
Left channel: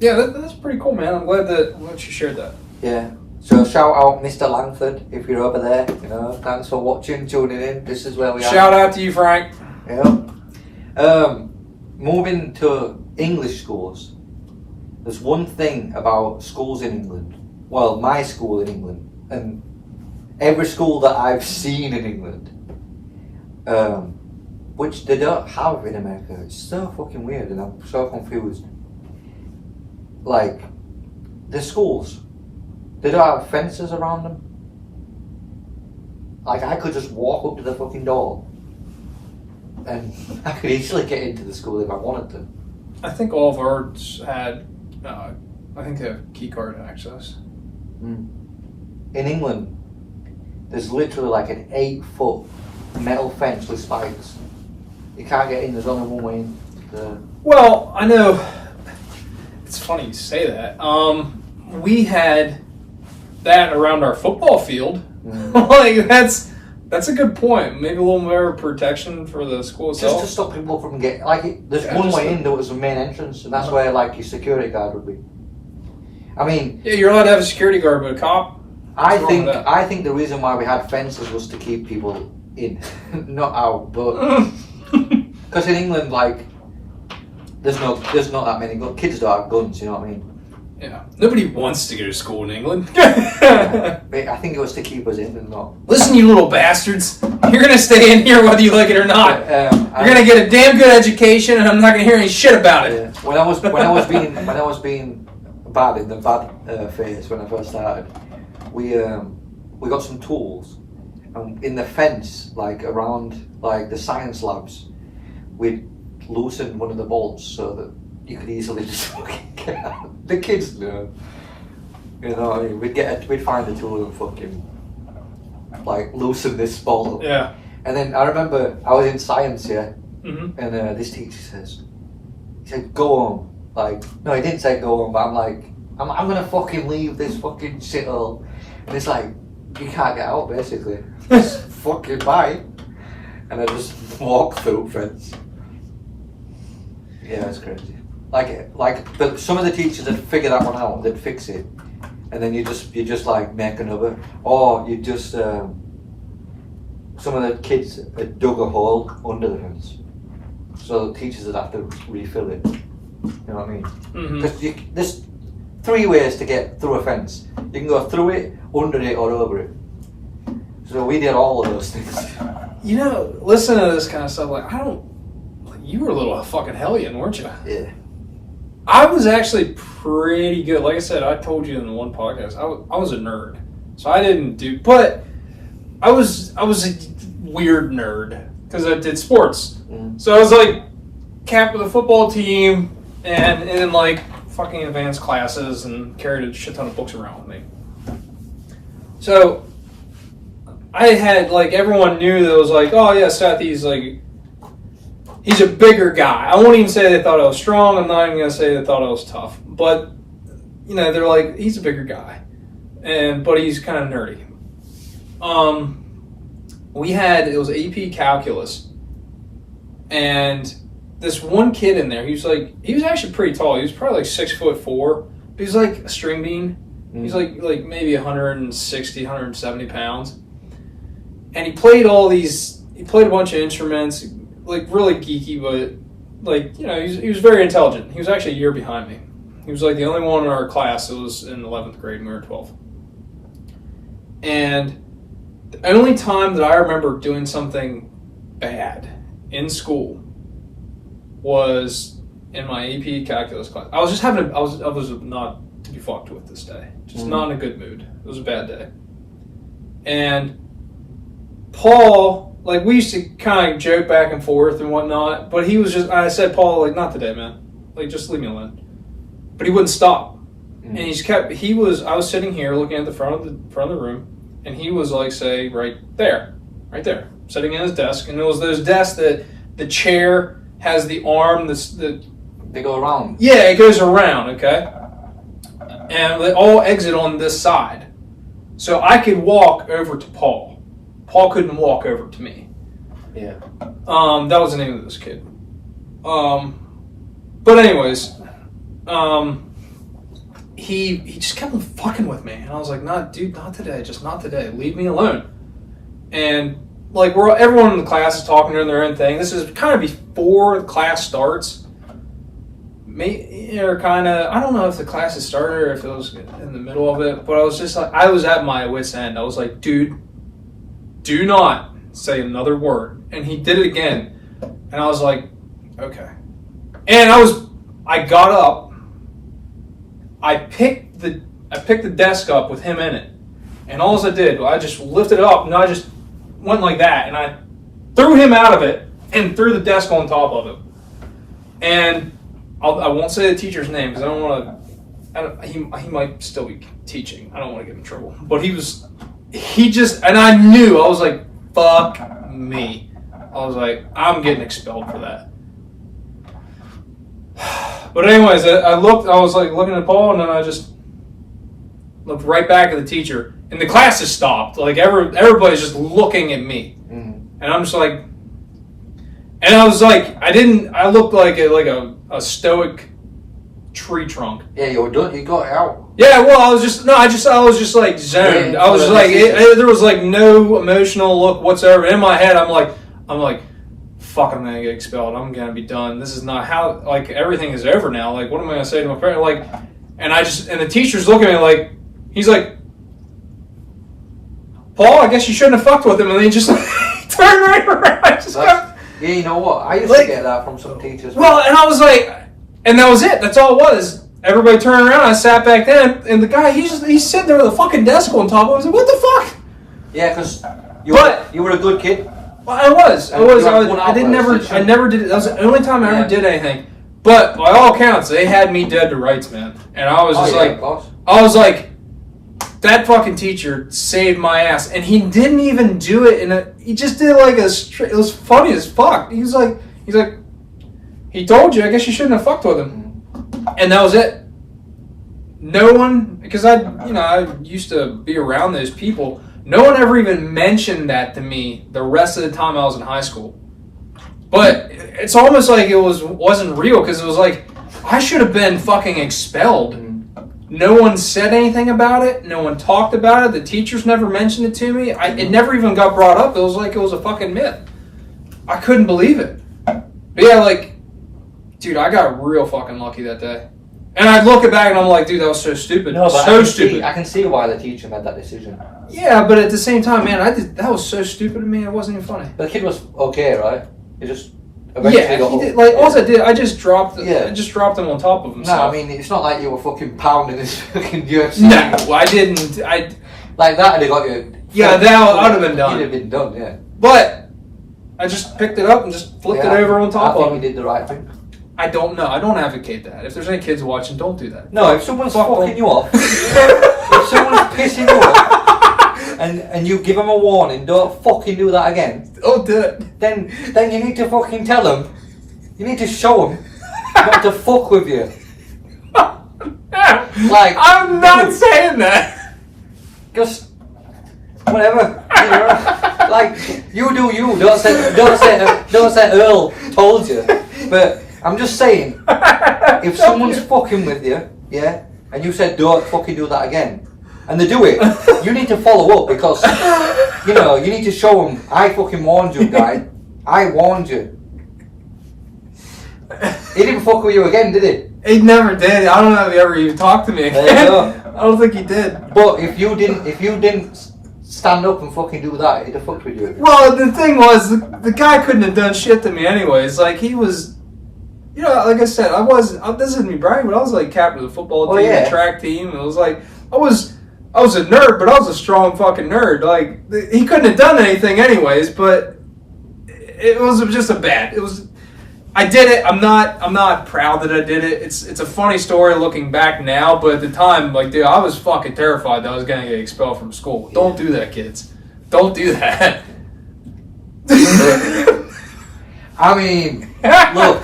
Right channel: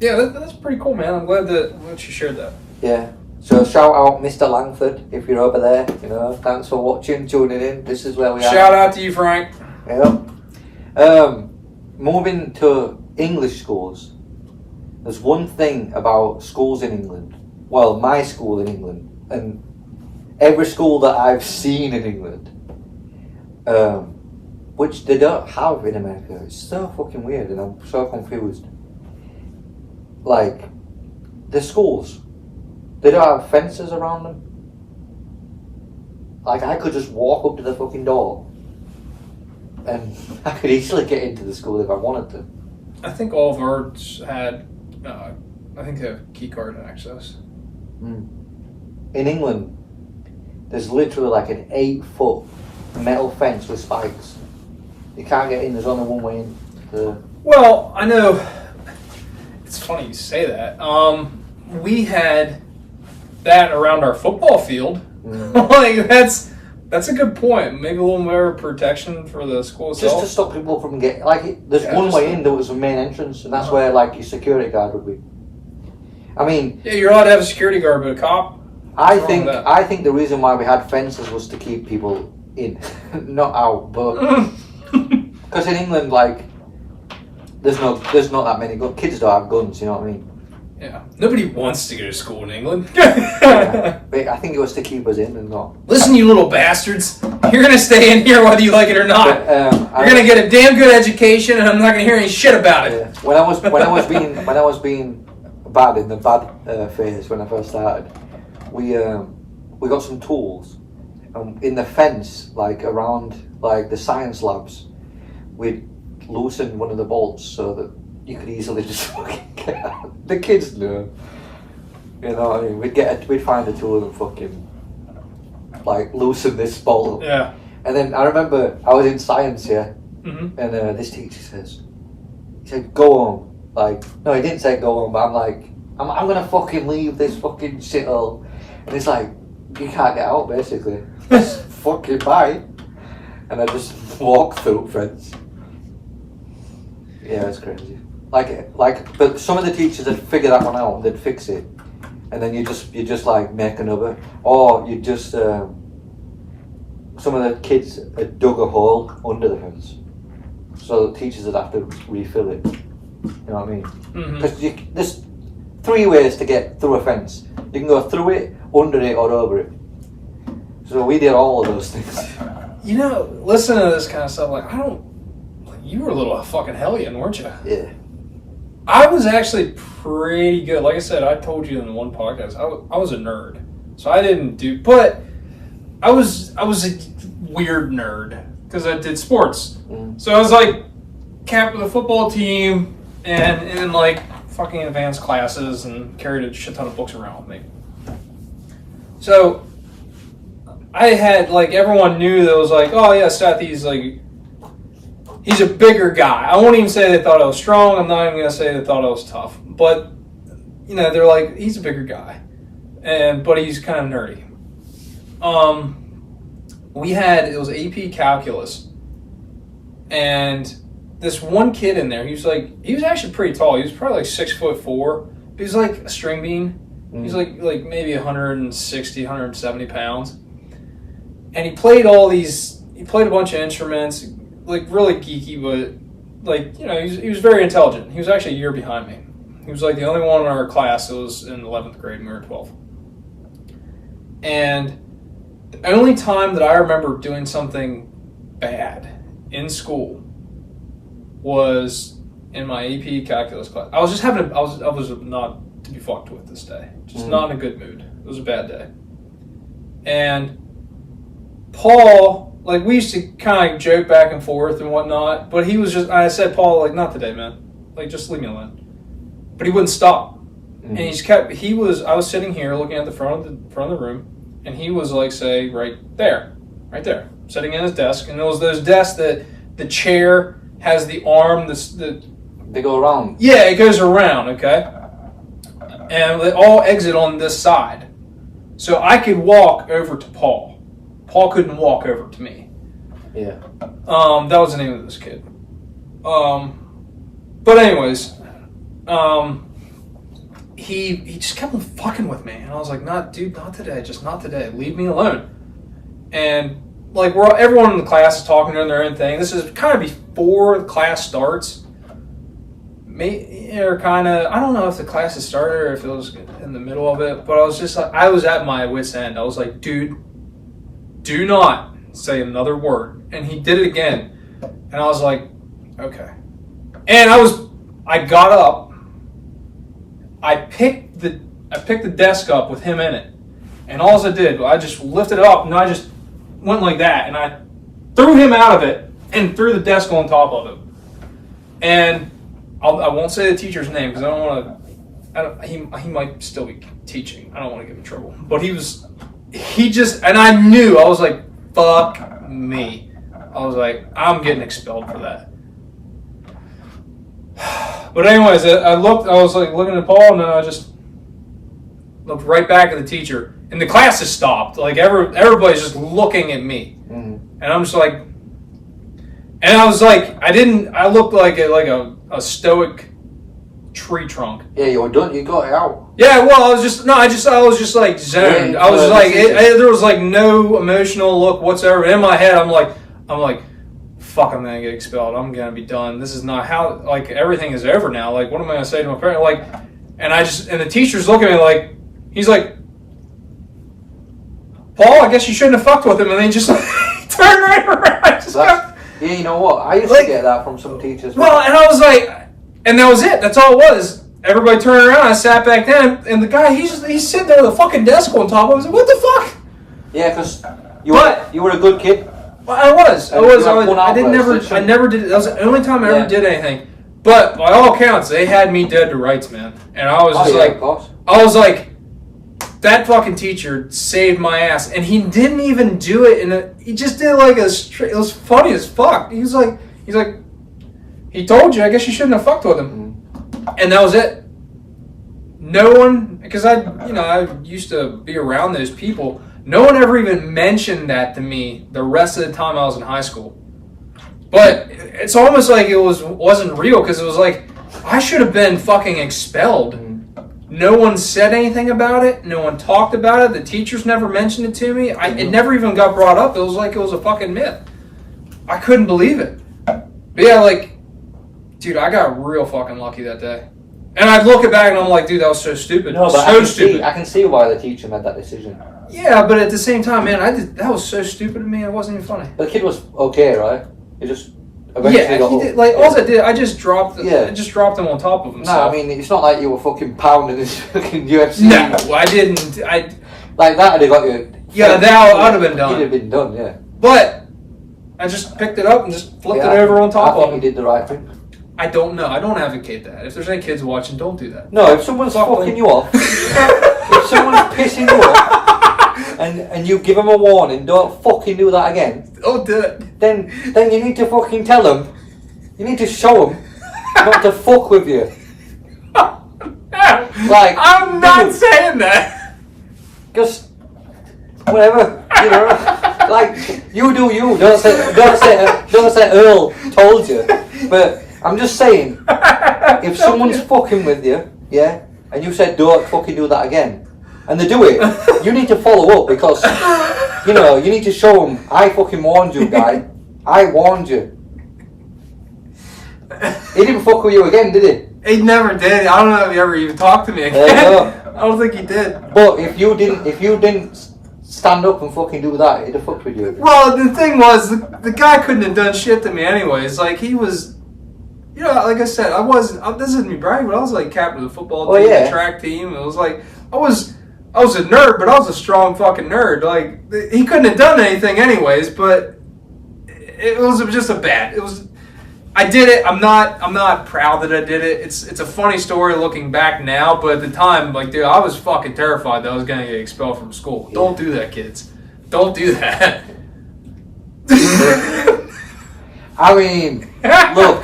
Yeah, that's pretty cool, man. I'm glad that you shared that. Yeah. So shout out Mr. Langford if you're over there. You know, thanks for watching, tuning in. This is where we are. Shout out to you, Frank. Yep. Moving to English schools. There's one thing about schools in England. Well, my school in England, and every school that I've seen in England, which they don't have in America. It's so fucking weird, and I'm so confused. Like, the schools, they don't have fences around them. Like, I could just walk up to the fucking door, and I could easily get into the school if I wanted to. I think all of ours had, I think they have key card access. In England, there's literally like an 8-foot metal fence with spikes. You can't get in, there's only one way in. Well, I know, it's funny you say that. We had that around our football field. Like, that's a good point. Maybe a little more protection for the school itself. Just to stop people from getting, like, there's one way in, there was a main entrance, and that's where, like, your security guard would be. I mean... Yeah, you're allowed to have a security guard, but a cop... I think the reason why we had fences was to keep people in, not out, but... Because in England, like, there's not that many guns. Kids don't have guns, you know what I mean? Yeah. Nobody wants to go to school in England. Yeah. I think it was to keep us in and not... Listen, you little bastards. You're going to stay in here whether you like it or not. You're going to get a damn good education, and I'm not going to hear any shit about it. Yeah. When I was being bad in the bad phase when I first started, we got some tools, and in the fence, like around like the science labs, we'd loosen one of the bolts so that you could easily just fucking get out. The kids know. You know what I mean? We'd find a tool and fucking like loosen this bolt. Yeah. And then I remember I was in science, yeah, mm-hmm. and this teacher he said, go home. Like, no, he didn't say go home, but I'm like, I'm gonna fucking leave this fucking shithole. And it's like, you can't get out, basically. Just fucking bye. And I just walk through fence. Yeah, it's crazy. But some of the teachers would figure that one out, they'd fix it. And then you just like make another. Or you just, some of the kids had dug a hole under the fence. So the teachers would have to refill it. You know what I mean? Mm-hmm. There's 3 ways to get through a fence. You can go through it, under it, or over it. So we did all of those things. You know, listen to this kind of stuff. Like, you were a little fucking hellion, weren't you? Yeah. I was actually pretty good. Like I said, I told you in one podcast, I was a nerd. So I didn't do, but I was a weird nerd because I did sports. So I was like captain of the football team and in like fucking advanced classes and carried a shit ton of books around with me. So I had like, everyone knew that was like, oh yeah, Seth, he's a bigger guy. I won't even say they thought I was strong. I'm not even going to say they thought I was tough. But, you know, they're like, he's a bigger guy. But he's kind of nerdy. It was AP Calculus. And this one kid in there, he was actually pretty tall. He was probably like 6'4". He was like a string bean. He's like maybe 160, 170 pounds. And he played a bunch of instruments, like really geeky, but like, you know, he was very intelligent. He was actually a year behind me. He was like the only one in our class that was in 11th grade and we were 12th. And the only time that I remember doing something bad in school was in my AP calculus class. I was not to be fucked with this day. Just not in a good mood. It was a bad day. And Paul, like, we used to kind of joke back and forth and whatnot, but he was I said, Paul, like, not today, man. Like, just leave me alone. But he wouldn't stop. And I was sitting here looking at the front of the room, and he was like, say, right there, sitting at his desk. And it was those desks that the chair has the arm they go around. Yeah, it goes around, okay? And they all exit on this side. So I could walk over to Paul. Paul couldn't walk over to me. Yeah. That was the name of this kid. But anyways, he just kept on fucking with me, and I was like, not today, just not today. Leave me alone. And like everyone in the class is talking during their own thing. This is kind of before the class starts. Or kind of, I don't know if the class had started or if it was in the middle of it, but I was just like, I was at my wit's end. I was like, dude, do not say another word. And he did it again, and I was like, okay. And I got up. I picked the desk up with him in it, and all I did, I just lifted it up, and I just went like that, and I threw him out of it and threw the desk on top of it. And I won't say the teacher's name because I don't want to. He might still be teaching. I don't want to get in trouble. But and I knew, I was like, fuck me. I was like, I'm getting expelled for that. But anyways, I was like looking at Paul, and then I just looked right back at the teacher, and the class has stopped. Like everybody's just looking at me, and I'm just like, and I was like, I looked like a stoic tree trunk. Yeah, you were done. You got it out. Yeah, well, I was just like zoned. I was like, there was like no emotional look whatsoever. In my head, I'm like, fuck, I'm gonna get expelled. I'm gonna be done. This is not how, like, everything is over now. Like, what am I gonna say to my parent? Like, and the teacher's looking at me like, he's like, Paul, I guess you shouldn't have fucked with him. And then he just turned right around. Yeah, you know what? I used to get that from some teachers. Well, and I was like, and that was it. That's all it was. Everybody turned around. I sat back down, and the guy, he's sitting there with a fucking desk on top. I was like, what the fuck? Yeah, because you were a good kid. Well, I never did it. That was the only time I ever did anything. But by all accounts, they had me dead to rights, man. And I was just I was like, that fucking teacher saved my ass. And he didn't even do it he just did like it was funny as fuck. He's like, he told you, I guess you shouldn't have fucked with him. And that was it. No one, because I used to be around those people. No one ever even mentioned that to me the rest of the time I was in high school. But it's almost like it wasn't real, because it was like, I should have been fucking expelled. No one said anything about it. No one talked about it. The teachers never mentioned it to me. It never even got brought up. It was like it was a fucking myth. I couldn't believe it. But yeah, like, dude, I got real fucking lucky that day. And I look back and I'm like, dude, that was so stupid. No, but stupid. I can see why the teacher made that decision. Yeah, but at the same time, man, that was so stupid to me. It wasn't even funny. But the kid was okay, right? He just eventually got he did. Like, all I did, I just dropped him on top of himself. No, I mean, it's not like you were fucking pounding his fucking UFC. No, I didn't. Like that, I'd have got you. Yeah, that would have been done. You'd have been done, yeah. But I just picked it up and just flipped it over on top of him. I think you did the right thing. I don't know. I don't advocate that. If there's any kids watching, don't do that. No, if someone's fucking you off, if someone's pissing you off, and you give them a warning, don't fucking do that again. Don't do it. Then you need to fucking tell them. You need to show them not to fuck with you. Like, I'm not saying that. Just whatever, you know. Like, you do you. Don't say Earl told you. But I'm just saying, if someone's fucking with you, yeah, and you said don't fucking do that again, and they do it, you need to follow up, because, you know, you need to show them, I fucking warned you, guy. I warned you. He didn't fuck with you again, did he? He never did. I don't know if he ever even talked to me again. There you go. I don't think he did. But if you didn't stand up and fucking do that, he'd have fucked with you again. Well, the thing was, the guy couldn't have done shit to me anyways. Like, he was, you know, like I said, this isn't me bragging, but I was like captain of the football team, the track team. It was like, I was a nerd, but I was a strong fucking nerd. Like, he couldn't have done anything anyways, but it was just I did it. I'm not proud that I did it. It's a funny story looking back now, but at the time, like, dude, I was fucking terrified that I was gonna get expelled from school. Yeah. Don't do that, kids. Don't do that. I mean, look,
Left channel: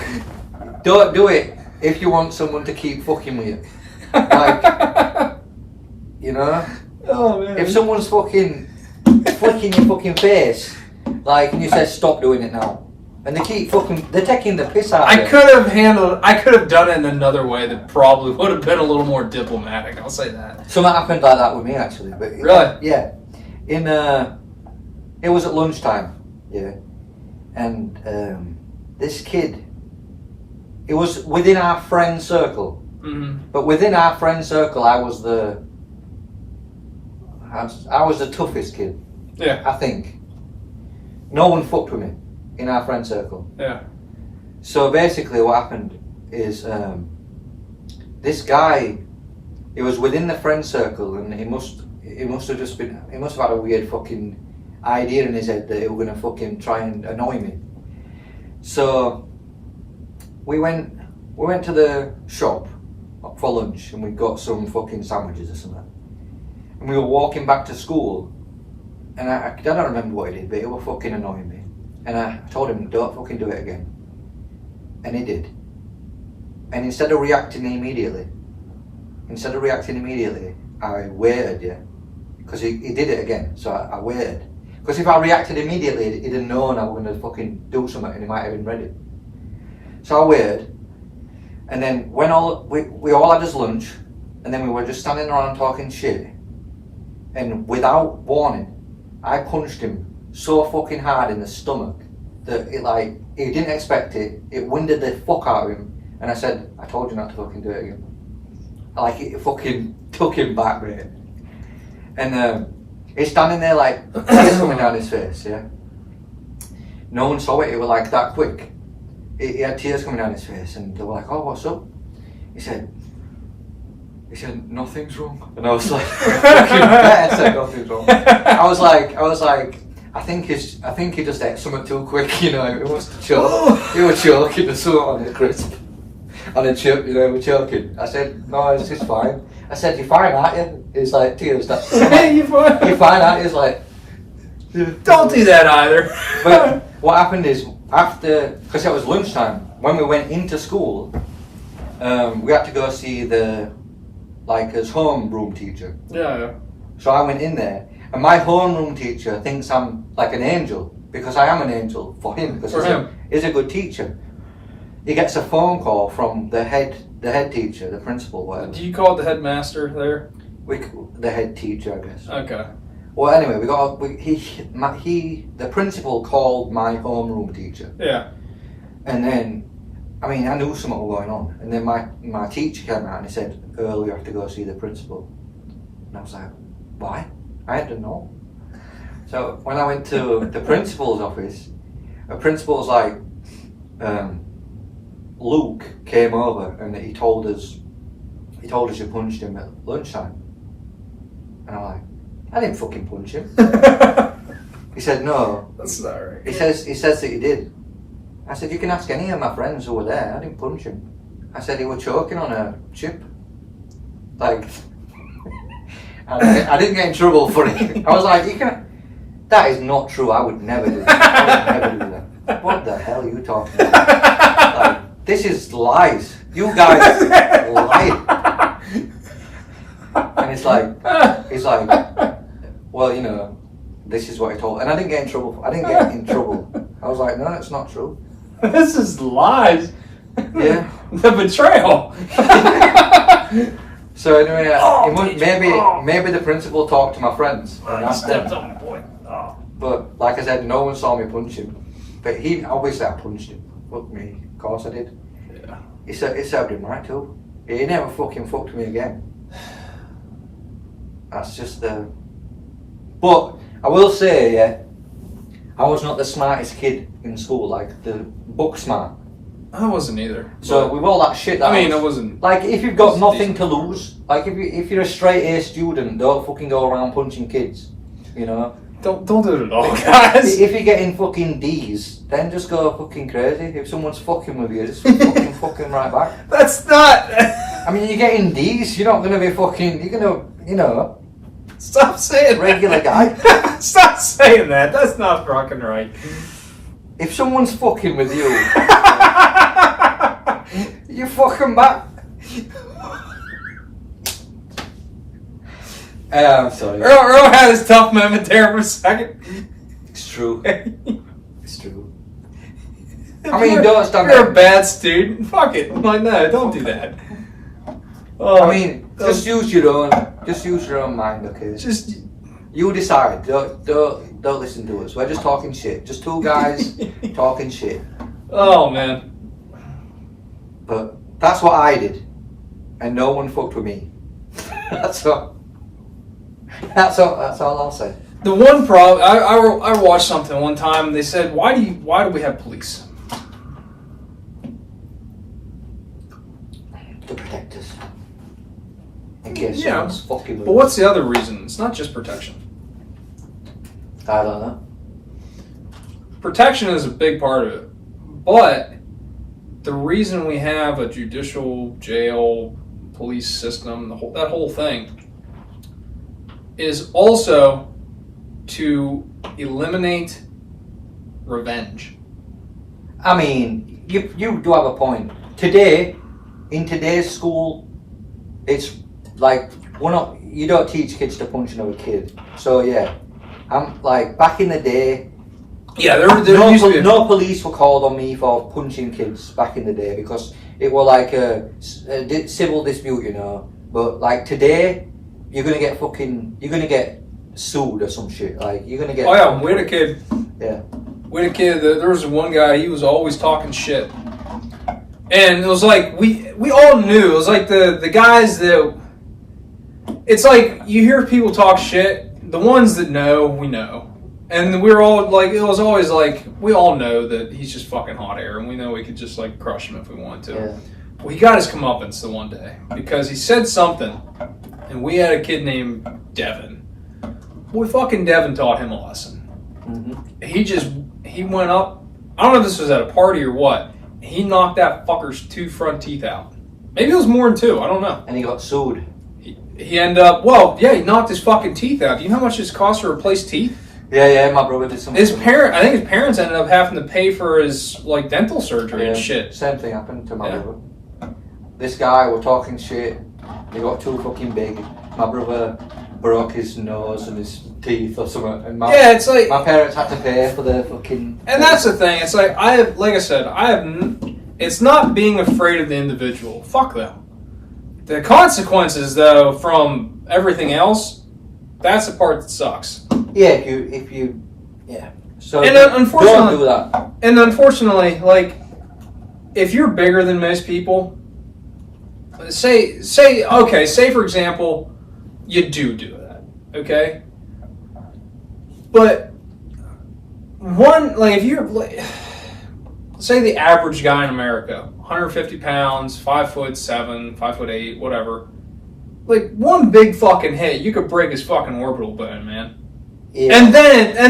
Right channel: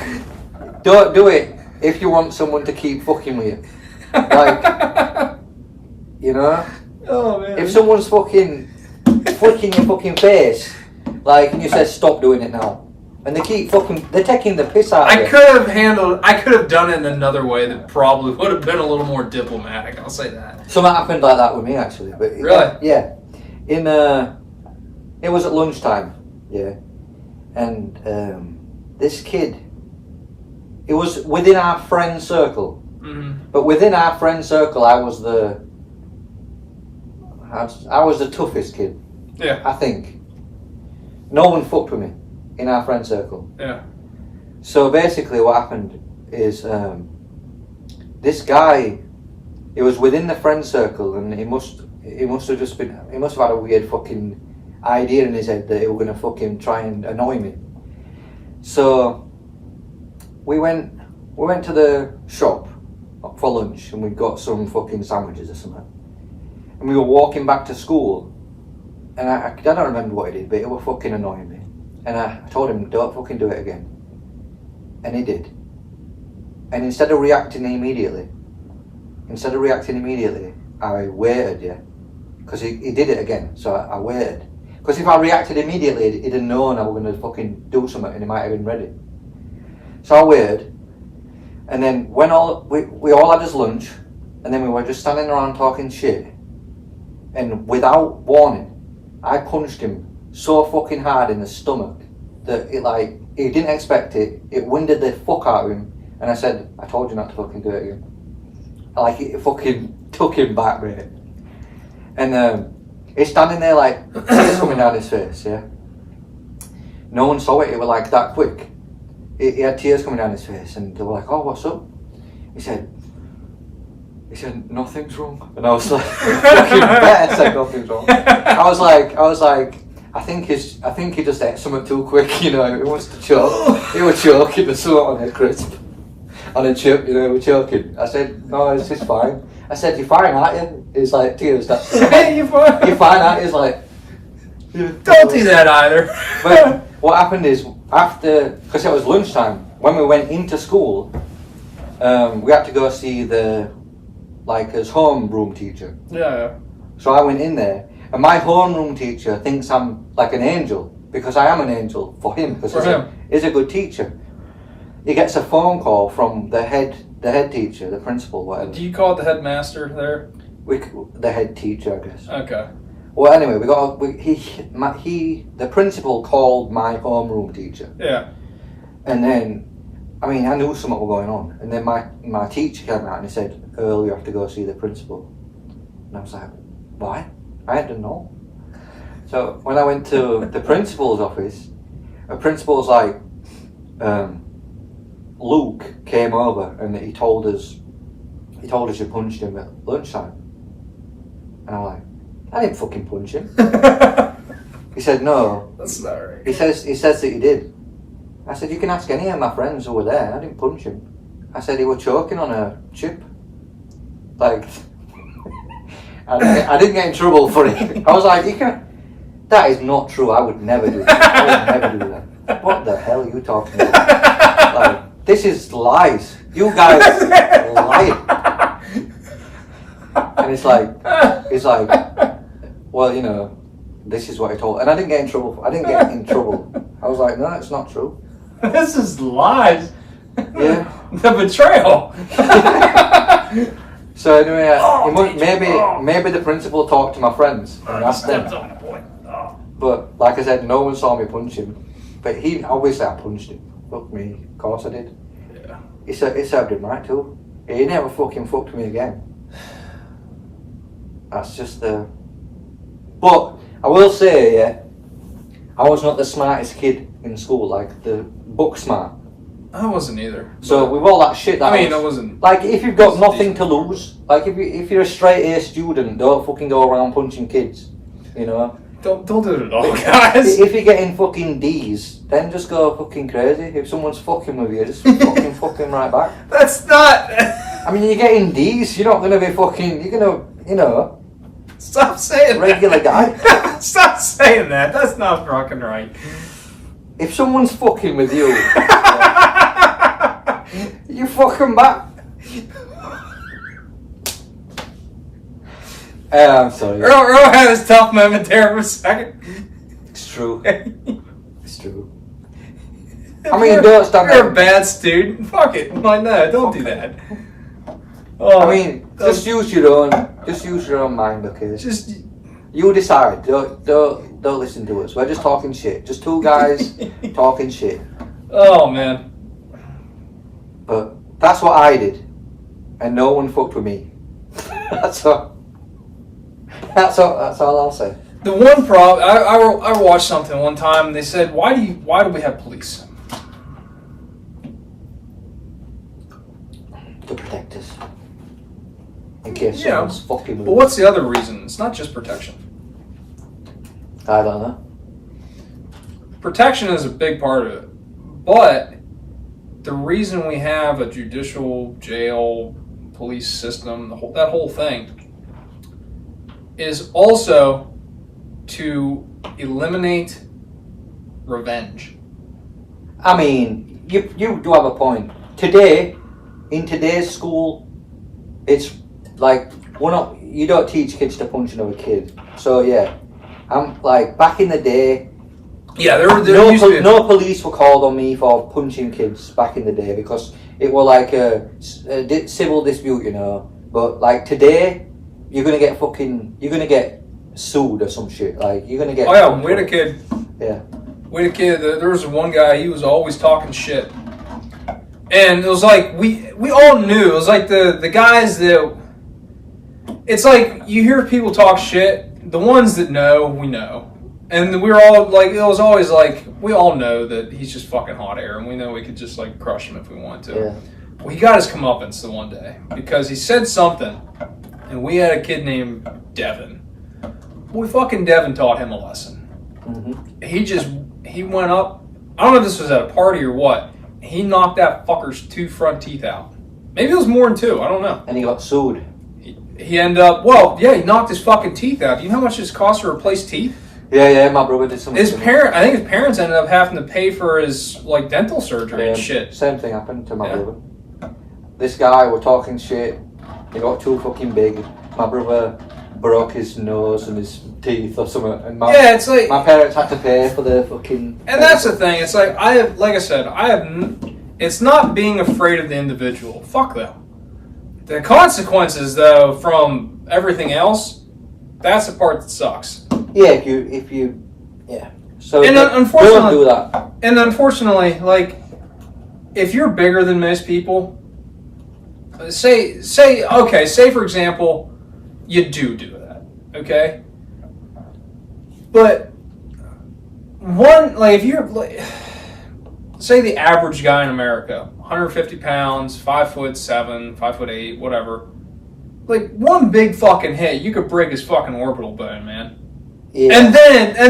don't do it if you want someone to keep fucking with you. Like, you know? Oh, man. If someone's fucking flicking your fucking face, like, and you say stop doing it now, And they keep they're taking the piss out of you. I could have done it in another way that probably would have been a little more diplomatic, I'll say that. Something happened like that with me, actually. But Really? Yeah. It was at lunchtime, yeah. And this kid, it was within our friend circle. Mm-hmm. But within our friend circle, I was the toughest kid. Yeah. I think. No one fucked with me in our friend circle. Yeah. So basically what happened is this guy, he was within the friend circle, and he must have had a weird fucking idea in his head that he was going to fucking try and annoy me. So we went to the shop for lunch, and we got some fucking sandwiches or something. And we were walking back to school, and I don't remember what he did, but it was fucking annoying me. And I told him, don't fucking do it again. And he did. And instead of reacting immediately, I waited, yeah. Because he did it again, so I waited. Because if I reacted immediately, he'd have known I was going to fucking do something, and he might have been ready. So I waited. And then when we all had his lunch, and then we were just standing around talking shit, and without warning, I punched him so fucking hard in the stomach that he didn't expect it. It winded the fuck out of him, and I said, I told you not to fucking do it again. Like, it fucking took him back, mate. And he's standing there like, tears coming down his face, yeah? No one saw it, it was like that quick. He had tears coming down his face, and they were like, oh, what's up? He said, nothing's wrong. And I was like, fucking bet I said nothing's wrong. I was like, I think he just ate something too quick, you know. He was choking or something on a crisp, on a chip, you know. He was choking. I said, no, this is fine. I said, you're fine, aren't you? He's like, tears. You're fine. You're fine, aren't you? He's like, yeah. Don't do that either. But what happened is, because it was lunchtime, when we went into school, we had to go see his homeroom teacher. Yeah. So I went in there, and my homeroom teacher thinks I'm like an angel, because I am an angel for him, because he's a good teacher. He gets a phone call from the head teacher, the principal, whatever. Do you call it the headmaster there? The head teacher, I guess. Okay. Well, anyway, the principal called my homeroom teacher. Yeah. And then, I knew something was going on. And then my teacher came out and he said, Earl, you have to go see the principal. And I was like, why? I didn't know. So when I went to the principal's office, the principal's like, Luke came over and he told us you punched him at lunchtime. And I'm like, I didn't fucking punch him. He said, no. That's not right. He says that you did. I said, you can ask any of my friends who were there. I didn't punch him. I said, he was choking on a chip. Like, I didn't get in trouble for it. I was like, that is not true. I would never do that. I would never do that. What the hell are you talking about? Like, this is lies. You guys lie. And he's like, well, you know, this is what he told. And I didn't get in trouble. I was like, no, it's not true. This is lies. Yeah. The betrayal. So anyway, maybe the principal talked to my friends and asked them. On the point. Oh. But like I said, no one saw me punch him. But obviously I punched him. Fuck me, of course I did. Yeah. It served him right too. He never fucking fucked me again. That's just the. But I will say, yeah, I was not the smartest kid in school, like the book smart. I wasn't either. So with all that shit, it wasn't. Like, if you've got nothing to lose, like if you're a straight A student, don't fucking go around punching kids, you know. Don't do it at all, guys. If you're getting fucking D's, then just go fucking crazy. If someone's fucking with you, just fucking right back. That's not. You're getting D's. You're not gonna be fucking. You're gonna, you know. Stop saying regular that. guy. Stop saying that. That's not fucking right. If someone's fucking with you, you fucking back. I'm sorry. Earl had his tough moment there for a second. It's true. It's true. I mean, don't stand You're there. a bad student. Fuck it. Like, no, don't do that. Oh, I mean, just use your own mind, okay? Just You decide. Don't listen to us. We're just talking shit. Just two guys talking shit. oh man. But that's what I did, and no one fucked with me. That's all. That's all I'll say. The one problem I watched something one time. And they said, why do we have police? To protect us. In case Yeah. someone's fucking moves. But what's the other reason? It's not just protection. I don't know. Protection is a big part of it, but the reason we have a judicial jail, police system, that whole thing, is also to eliminate revenge. I mean, you do have a point. Today, in today's school, it's like you don't teach kids to punch another kid. So yeah, I'm like back in the day. Yeah, there used to be no police were called on me for punching kids back in the day because it was like a civil dispute, you know. But like today, you're gonna get sued or some shit. Like you're gonna get. Oh yeah, we had a kid. Yeah. We had a kid. There was one guy. He was always talking shit, and it was like we all knew. It was like the guys that. It's like you hear people talk shit. The ones that know, we know, and we're all like. It was always like we all know that he's just fucking hot air, and we know we could just like crush him if we wanted to. Yeah. Well, he got his comeuppance the one day because he said something, and we had a kid named Devin. Boy, fucking Devin taught him a lesson. Mm-hmm. He went up. I don't know if this was at a party or what. He knocked that fucker's 2 front teeth out. Maybe it was more than 2. I don't know. And he got sued. He ended up. Well, yeah, he knocked his fucking teeth out. Do you know how much it costs to replace teeth? Yeah. My brother did something. I think his parents ended up having to pay for his like dental surgery and shit. Same thing happened to my brother. This guy were talking shit. They got too fucking big. My brother broke his nose and his teeth or something. And it's like my parents had to pay for the fucking. And that's the thing. It's like it's not being afraid of the individual. Fuck them. The consequences, though, from everything else, that's the part that sucks. Yeah, if you, yeah. So and unfortunately, don't do that. And unfortunately, like, if you're bigger than most people, say for example, you do that, okay? But if you're like, say the average guy in America, 150 pounds, 5'7", 5'8", whatever. Like one big fucking hit, you could break his fucking orbital bone, man. Yeah. And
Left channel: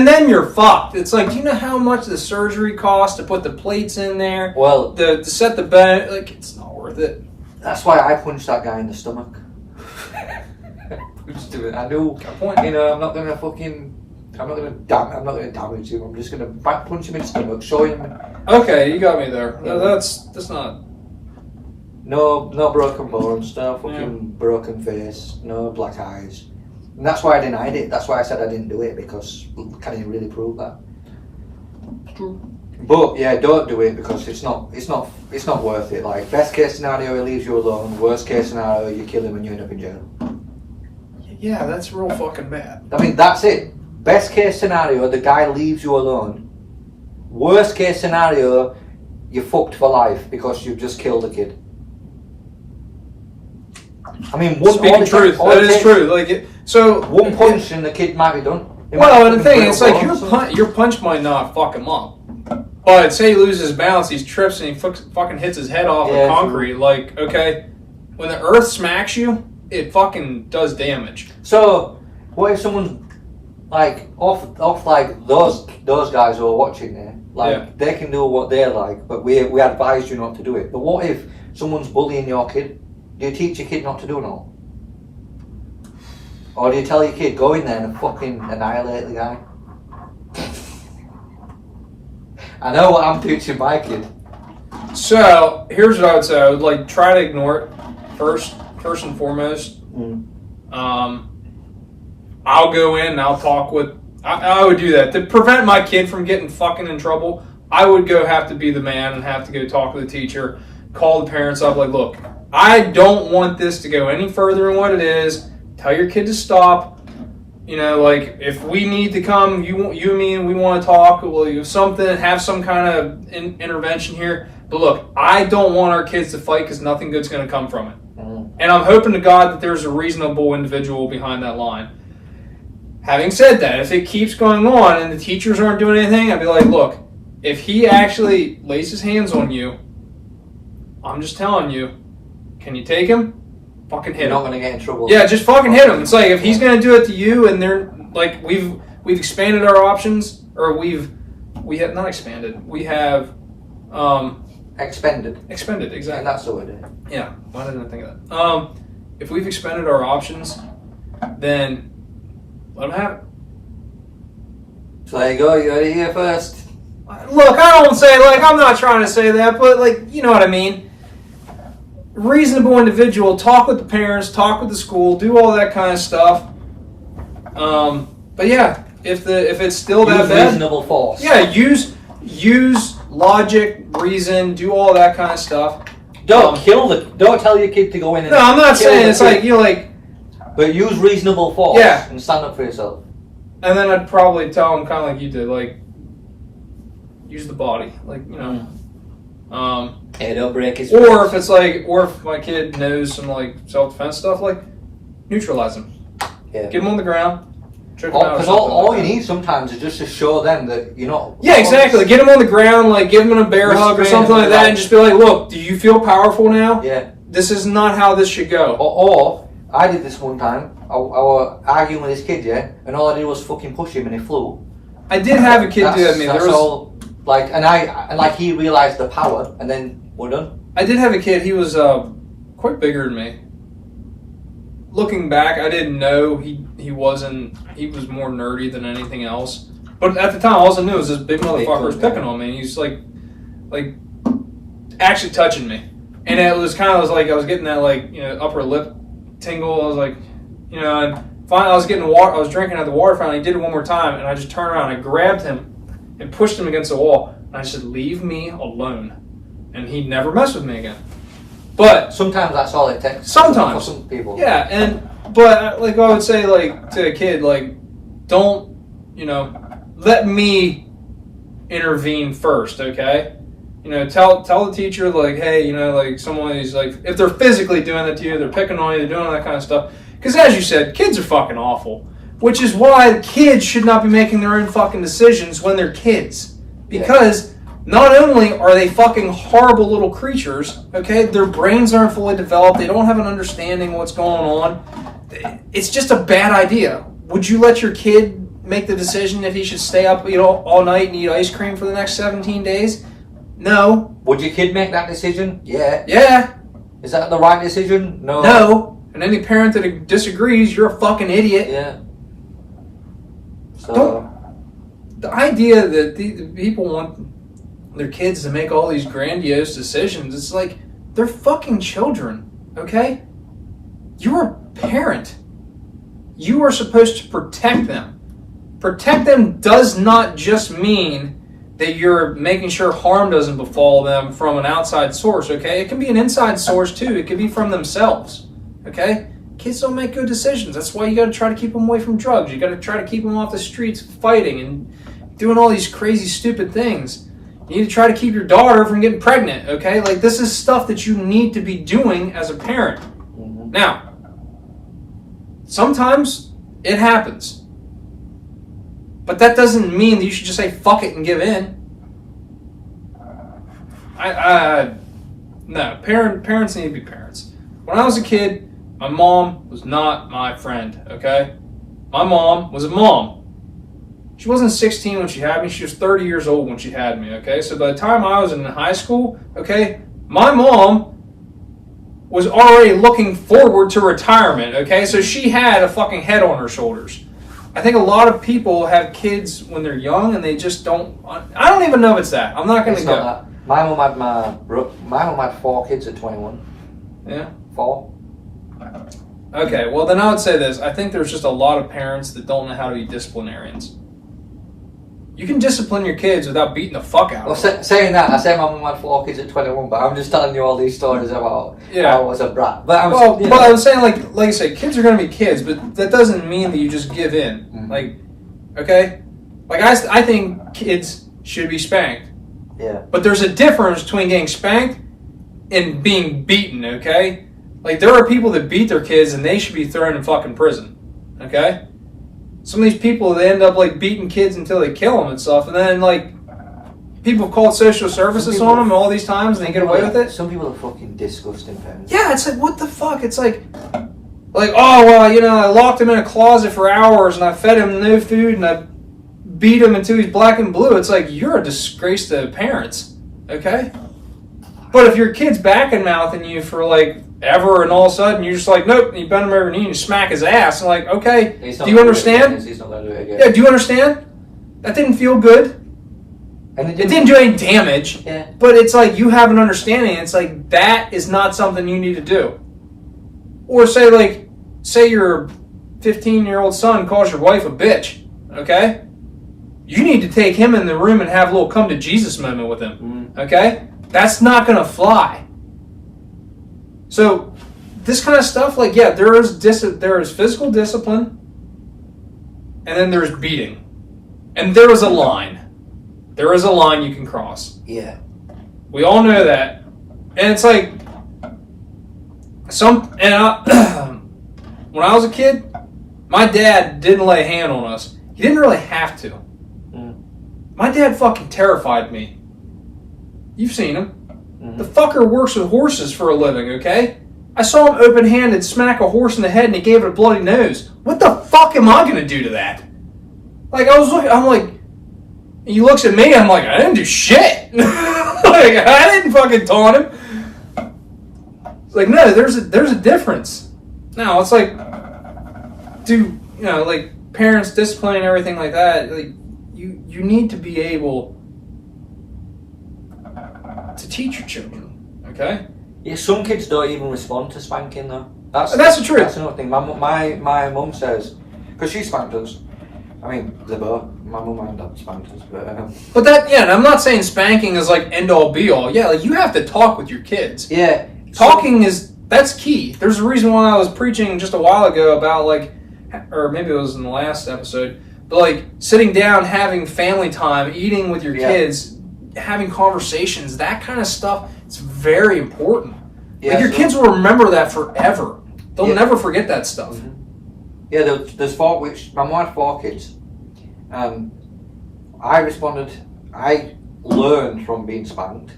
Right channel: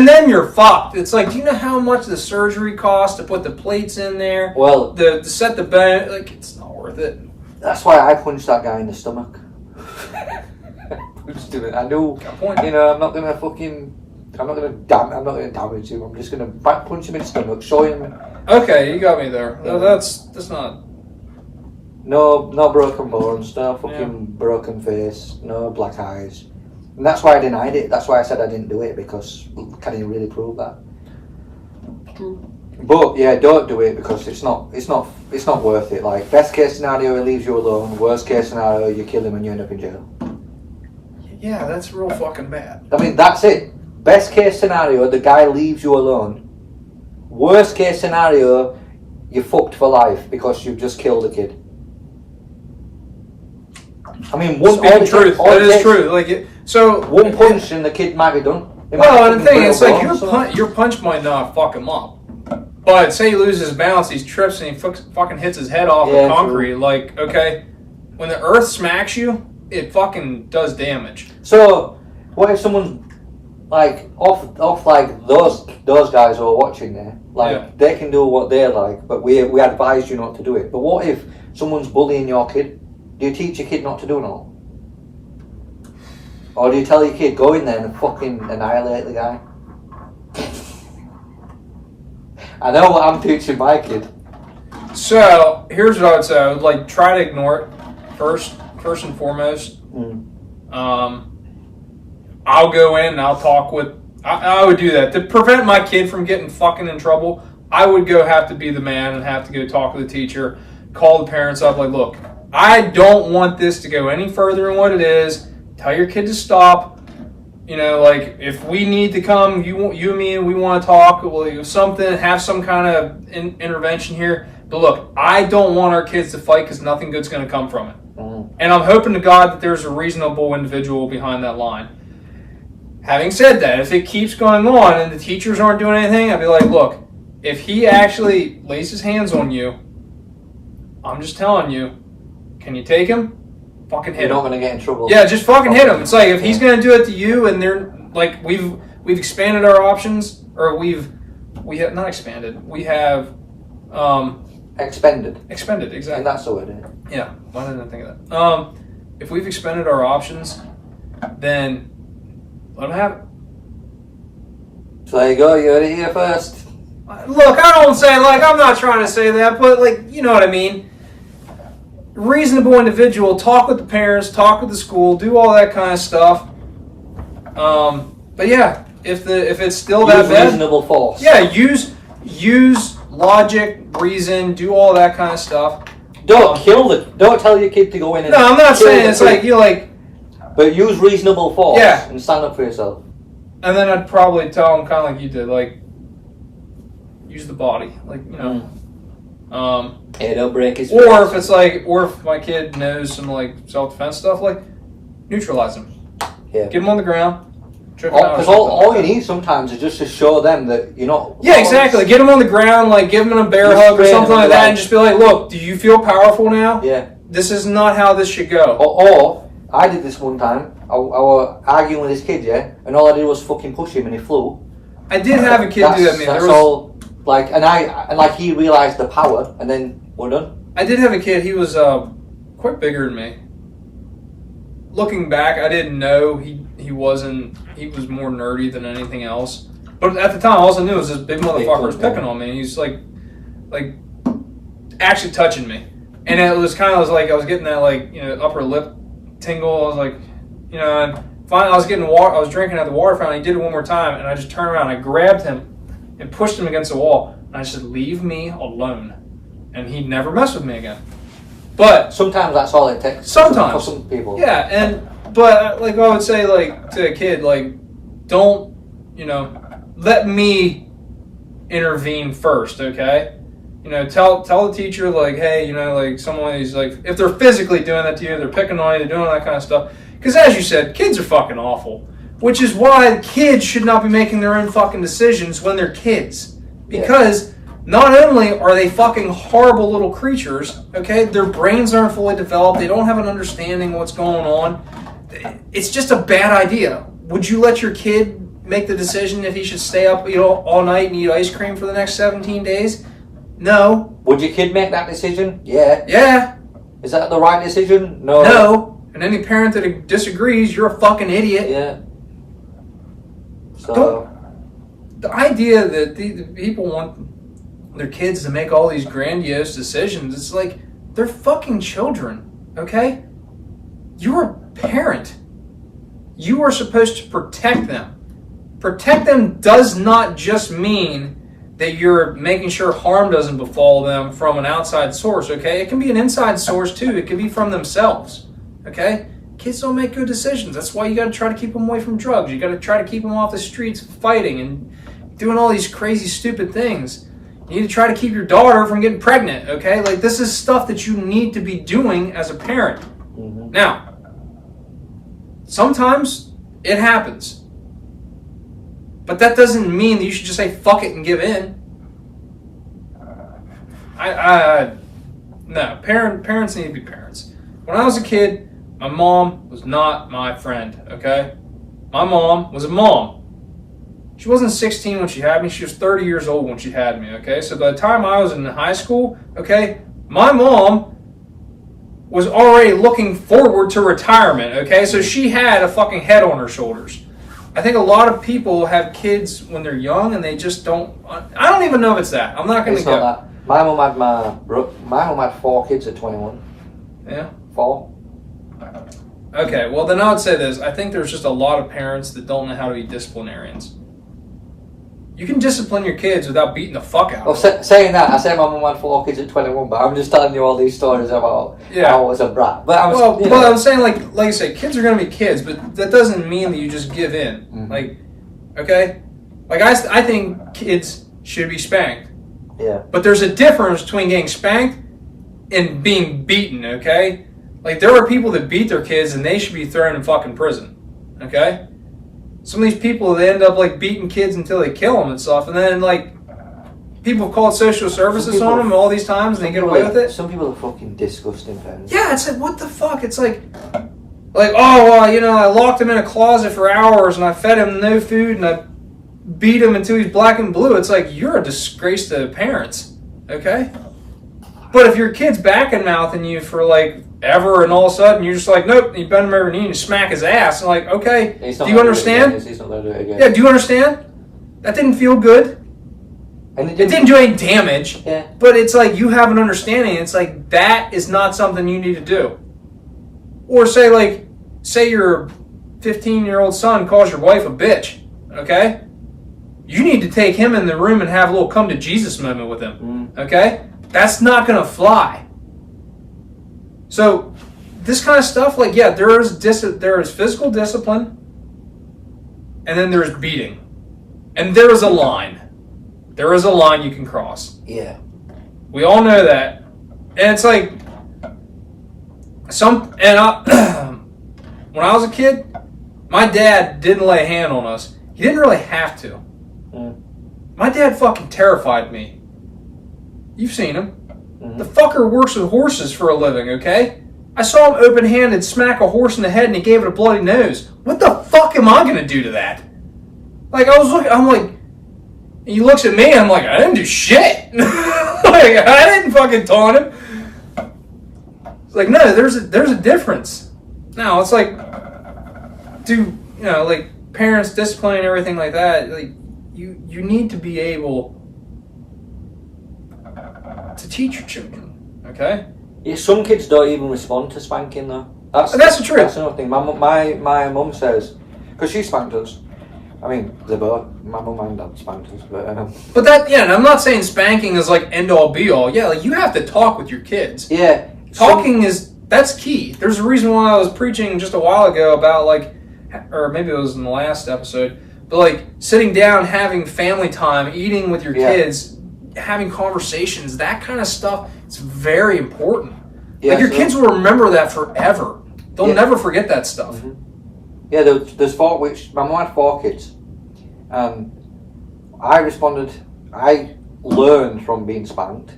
then you're fucked. It's like, do you know how much the surgery costs to put the plates in there? Well, to set the bone, like it's not worth it. That's why I punched that guy in the stomach. I knew, you know, I'm not gonna damage him. I'm just gonna back punch him in the stomach, show him. Okay, you got me there. No, that's not. No broken bones, no fucking broken face, no black eyes, and that's why I denied it. That's why I said I didn't do it because can you really prove that? True. But yeah, don't do it because it's not worth it. Like best case scenario, he leaves you alone. Worst case scenario, you kill him and you end up in jail. Yeah, that's real fucking bad. I mean, that's it. Best case scenario, the guy leaves you alone. Worst case scenario, you're fucked for life because you've just killed a kid. I mean, Speaking truth, that is true. Like one punch and the kid might be done. Well, and the thing is, like your punch might not fuck him up, but say he loses his balance, he trips and he fucking hits his head off the concrete. True. Like, okay, when the earth smacks you, it fucking does damage. So, what if someone's like off like those guys who are watching there? Like they can do what they like, but we advise you not to do it. But what if someone's bullying your kid? Do you teach your kid not to do it all? Or do you tell your kid, go in there and fucking annihilate the guy? I know what I'm teaching my kid. So, here's what I would say. I would like try to ignore it first and foremost. I'll go in and I'll talk with... I would do that. To prevent my kid from getting fucking in trouble, I would have to be the man and have to go talk to the teacher, call the parents up, like, look, I don't want this to go any further than what it is. Tell your kid to stop. You know, like, if we need to come, you and me, and we want to talk, we'll do something, have some kind of intervention here. But look, I don't want our kids to fight because nothing good's going to come from it. Mm. And I'm hoping to God that there's a reasonable individual behind that line. Having said that, if it keeps going on and the teachers aren't doing anything, I'd be like, look, if he actually lays his hands on you, I'm just telling you, can you take him? Fucking hit him. You're not going to get in trouble. Yeah, just fucking hit him. It's like, if he's going to do it to you, and they're like, we've expanded our options, or we have not expanded. We have expended. Expended, exactly. And that's the word. Yeah, why didn't I think of that? If we've expended our options, then let him have it. So there you go. You heard it here first. Look, I don't say, like, I'm not trying to say that, but, like, you know what I mean. Reasonable individual, talk with the parents, talk with the school, do all that kind of stuff. But yeah, if it's still that bad, reasonable force. Yeah, use logic, reason, do all that kind of stuff. Don't tell your kid to go in and no, I'm not saying it's like, you like, but use reasonable force. Yeah. And stand up for yourself. And then I'd probably tell him kind of like you did, like, use the body, like, you know. Yeah, don't break his or face. if it's like, or if my kid knows some like self-defense stuff, like, neutralize him. Yeah. Get him on the ground. Because all you need sometimes is just to show them that you're not. Yeah, exactly. Get him on the ground, like give him a bear hug or something like that, and just be like, "Look, do you feel powerful now? Yeah. This is not how this should go." Or I did this one time. I was arguing with this kid, yeah, and all I did was fucking push him, and he flew. I did have a kid do that to me. That's all. Like, and he realized the power, and then we're done. I did have a kid. He was quite bigger than me. Looking back, I didn't know he wasn't. He was more nerdy than anything else. But at the time, all I knew was this big motherfucker was picking on me, and he's like actually touching me. And it was kind of like I was getting that like, you know, upper lip tingle. I was like, you know, and finally I was getting water. I was drinking at the water fountain. He did it one more time, and I just turned around and I grabbed him and pushed him against the wall. And I said, "Leave me alone." And he never messed with me again. But sometimes that's all it takes. Sometimes for some people. Yeah, but like I would say, like to a kid, like don't, you know, let me intervene first, okay? You know, tell the teacher, like, hey, you know, like somebody's like, if they're physically doing that to you, they're picking on you, they're doing all that kind of stuff. Because as you said, kids are fucking awful. Which is why kids should not be making their own fucking decisions when they're kids. Because not only are they fucking horrible little creatures, okay, their brains aren't fully developed, they don't have an understanding of what's going on. It's just a bad idea. Would you let your kid make the decision if he should stay up, you know, all night and eat ice cream for the next 17 days? No. Would your kid make that decision? Yeah. Yeah. Is that the right decision? No. No. And any parent that disagrees, you're a fucking idiot. Yeah. So the idea that the people want their kids to make all these grandiose decisions, it's like, they're fucking children, okay? You're a parent. You are supposed to protect them. Protect them does not just mean that you're making sure harm doesn't befall them from an outside source, okay? It can be an inside source too. It can be from themselves, okay? Kids don't make good decisions. That's why you got to try to keep them away from drugs. You got to try to keep them off the streets fighting and doing all these crazy, stupid things. You need to try to keep your daughter from getting pregnant, okay? Like, this is stuff that you need to be doing as a parent. Mm-hmm. Now, sometimes it happens. But that doesn't mean that you should just say fuck it and give in. No, parents need to be parents. When I was a kid, my mom was not my friend, okay? My mom was a mom. She wasn't 16 when she had me. She was 30 years old when she had me, okay? So by the time I was in high school, okay, my mom was already looking forward to retirement, okay? So she had a fucking head on her shoulders. I think a lot of people have kids when they're young and they just don't... I don't even know if it's that. I'm not going to go. My mom had 4 kids at 21. Yeah? 4. Okay, well then I would say this. I think there's just a lot of parents that don't know how to be disciplinarians. You can discipline your kids without beating the fuck out of them. Saying that, I say my mum had 4 kids at 21, but I'm just telling you all these stories about how I was a brat. But I'm saying, like I say, kids are going to be kids, but that doesn't mean that you just give in. Mm-hmm. Like, okay? Like, I think kids should be spanked. Yeah. But there's a difference between getting spanked and being beaten, okay? Like, there are people that beat their kids and they should be thrown in fucking prison, okay? Some of these people, they end up, like, beating kids until they kill them and stuff, and then, like, people have called social services on them all these times and they get away with it. Some people are fucking disgusting, parents. Yeah, it's like, what the fuck? It's like, oh, well, you know, I locked him in a closet for hours and I fed him no food and I beat him until he's black and blue. It's like, you're a disgrace to parents, okay? But if your kid's back and mouthing you for, like, ever, and all of a sudden you're just like, nope, and you bend him over your knee and you smack his ass, and like, okay, do you understand? He's not going to do it again. Yeah, do you understand? That didn't feel good. And it didn't do any damage. Yeah. But it's like, you have an understanding. It's like, that is not something you need to do. Or say your 15-year-old son calls your wife a bitch, okay? You need to take him in the room and have a little come to Jesus moment with him, okay? That's not going to fly. So, this kind of stuff, like, yeah, there is physical discipline, and then there's beating. And there is a line. There is a line you can cross. Yeah. We all know that. And it's like, when I was a kid, my dad didn't lay a hand on us. He didn't really have to. My dad fucking terrified me. You've seen him. The fucker works with horses for a living, okay? I saw him open-handed smack a horse in the head and he gave it a bloody nose. What the fuck am I going to do to that? Like, I'm like, and he looks at me, I'm like, I didn't do shit. Like, I didn't fucking taunt him. It's like, no, there's a difference. Now, it's like, like, parents discipline and everything like that, like, you need to be able to teach your children, okay? Yeah, some kids don't even respond to spanking though. That's the truth. That's another thing. My mum says, because she spanked us. I mean, they both. My mum and dad spanked us, but that, yeah. And I'm not saying spanking is like end all be all. Yeah, like you have to talk with your kids. Yeah, talking that's key. There's a reason why I was preaching just a while ago about like, or maybe it was in the last episode, but like sitting down, having family time, eating with your kids, having conversations, that kind of stuff. It's very important. Yeah, like your kids will remember that forever. They'll never forget that stuff. Yeah, there's 4, which my mum had 4 kids. I learned from being spanked.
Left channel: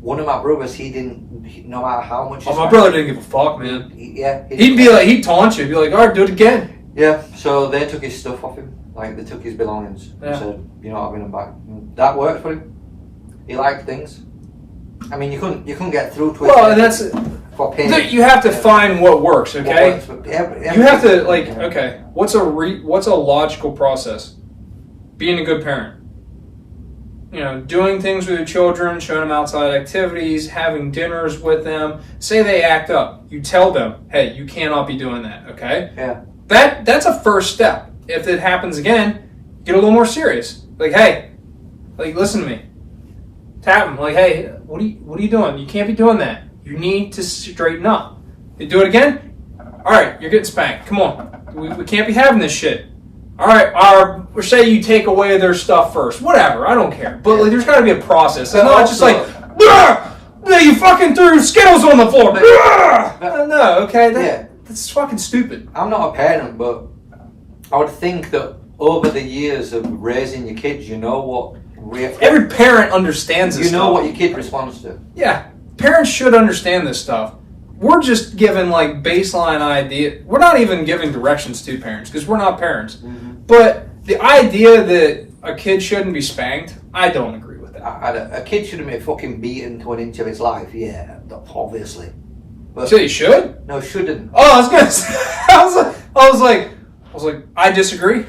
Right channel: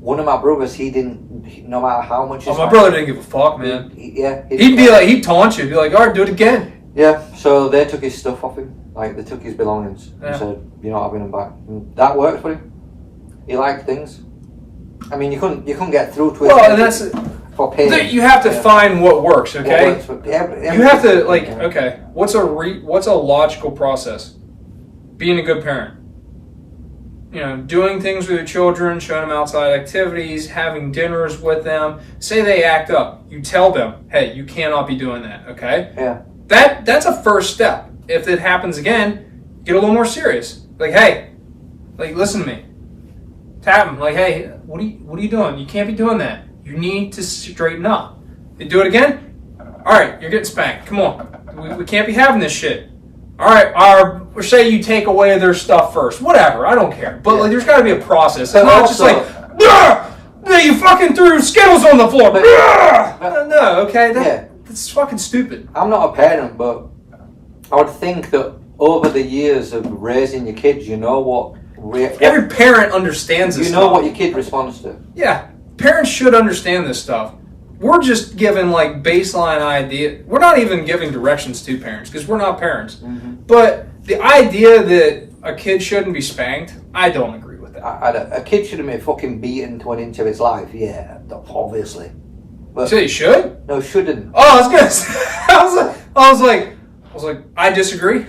One of my brothers, he didn't, no matter how much. My brother didn't give a fuck, man. He'd taunt you. He'd be like, all right, do it again. Yeah, so they took his stuff off him. Like, they took his belongings and said, you're not having them back. And that worked for him. He liked things. I mean, you couldn't get through to it. Well, and that's for pain. You have to find what works, okay? What works, you have to okay. What's a logical process? Being a good parent. You know, doing things with your children, showing them outside activities, having dinners with them. Say they act up, you tell them, hey, you cannot be doing that, okay? Yeah. That's a first step. If it happens again, get a little more serious. Like, hey, listen to me. Tap them, like, hey, what are you doing? You can't be doing that. You need to straighten up. They do it again? All right, you're getting spanked. Come on. We can't be having this shit. All right, or say you take away their stuff first. Whatever, I don't care. But like, there's got to be a process. It's not just like, you fucking threw Skittles on the floor. No, okay, that's fucking stupid. I'm not a parent, but I would think that over the years of raising your kids, you know what every parent understands this. You know what your kid responds to. Yeah, parents should understand this stuff. We're just giving like baseline idea. We're not even giving directions to parents because we're not parents. But the idea that a kid shouldn't be spanked, I don't agree with that. A kid shouldn't be fucking beaten to an inch of his life. Yeah, obviously. But so you should? No, shouldn't. Oh, I was gonna say, I was like, I disagree.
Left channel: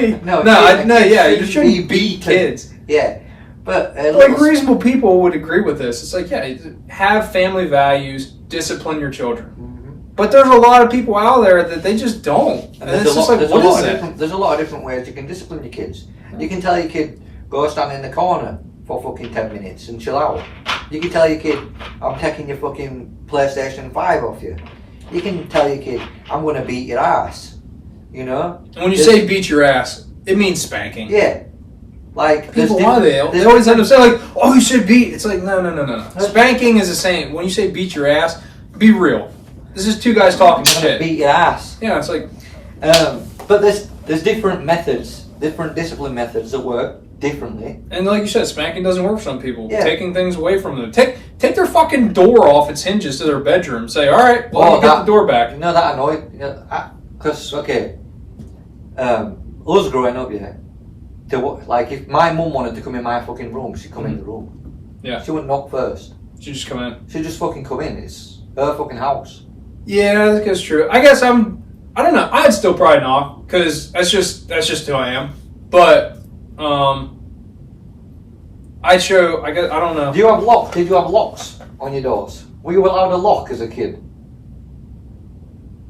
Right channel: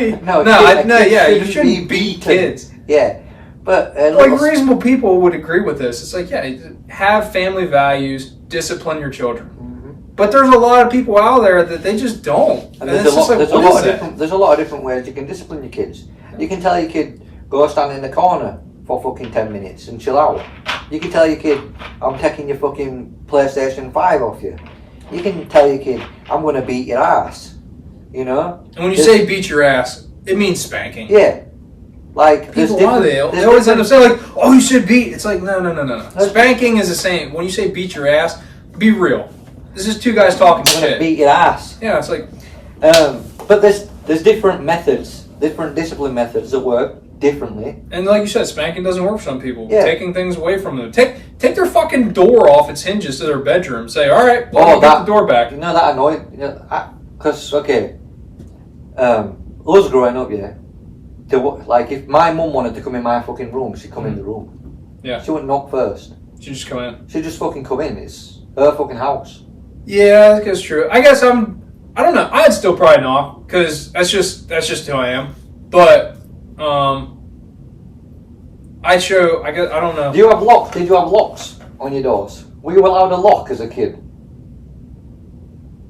You shouldn't beat kids. Yeah, but reasonable people would agree with this. It's like, have family values, discipline your children. But there's a lot of people out there that they just don't. And there's a lot of different ways you can discipline your kids. You can tell your kid, go stand in the corner for fucking 10 minutes and chill out. You can tell your kid, I'm taking your fucking PlayStation 5 off you. You can tell your kid, I'm going to beat your ass. You know? And when you say beat your ass, it means spanking. Yeah. Like, people are they always end up saying, like, oh, you should beat. It's like, no. Spanking is the same. When you say beat your ass, be real. This is two guys talking shit. Beat your ass. Yeah, it's like... but there's different methods, different discipline methods that work differently. And like you said, spanking doesn't work for some people. Yeah. Taking things away from them. Take their fucking door off its hinges to their bedroom. Say, all right, well, get the door back. You know, that annoyed... Because, okay, us growing up, yeah, like, if my mum wanted to come in my fucking room, she'd come in the room. Yeah. She wouldn't knock first. She'd just come in. She'd just fucking come in. It's her fucking house. Yeah, I guess true. I guess I don't know. I'd still probably knock because that's just who I am. But I don't know. Do you have locks? Did you have locks on your doors? Were you allowed a lock as a kid?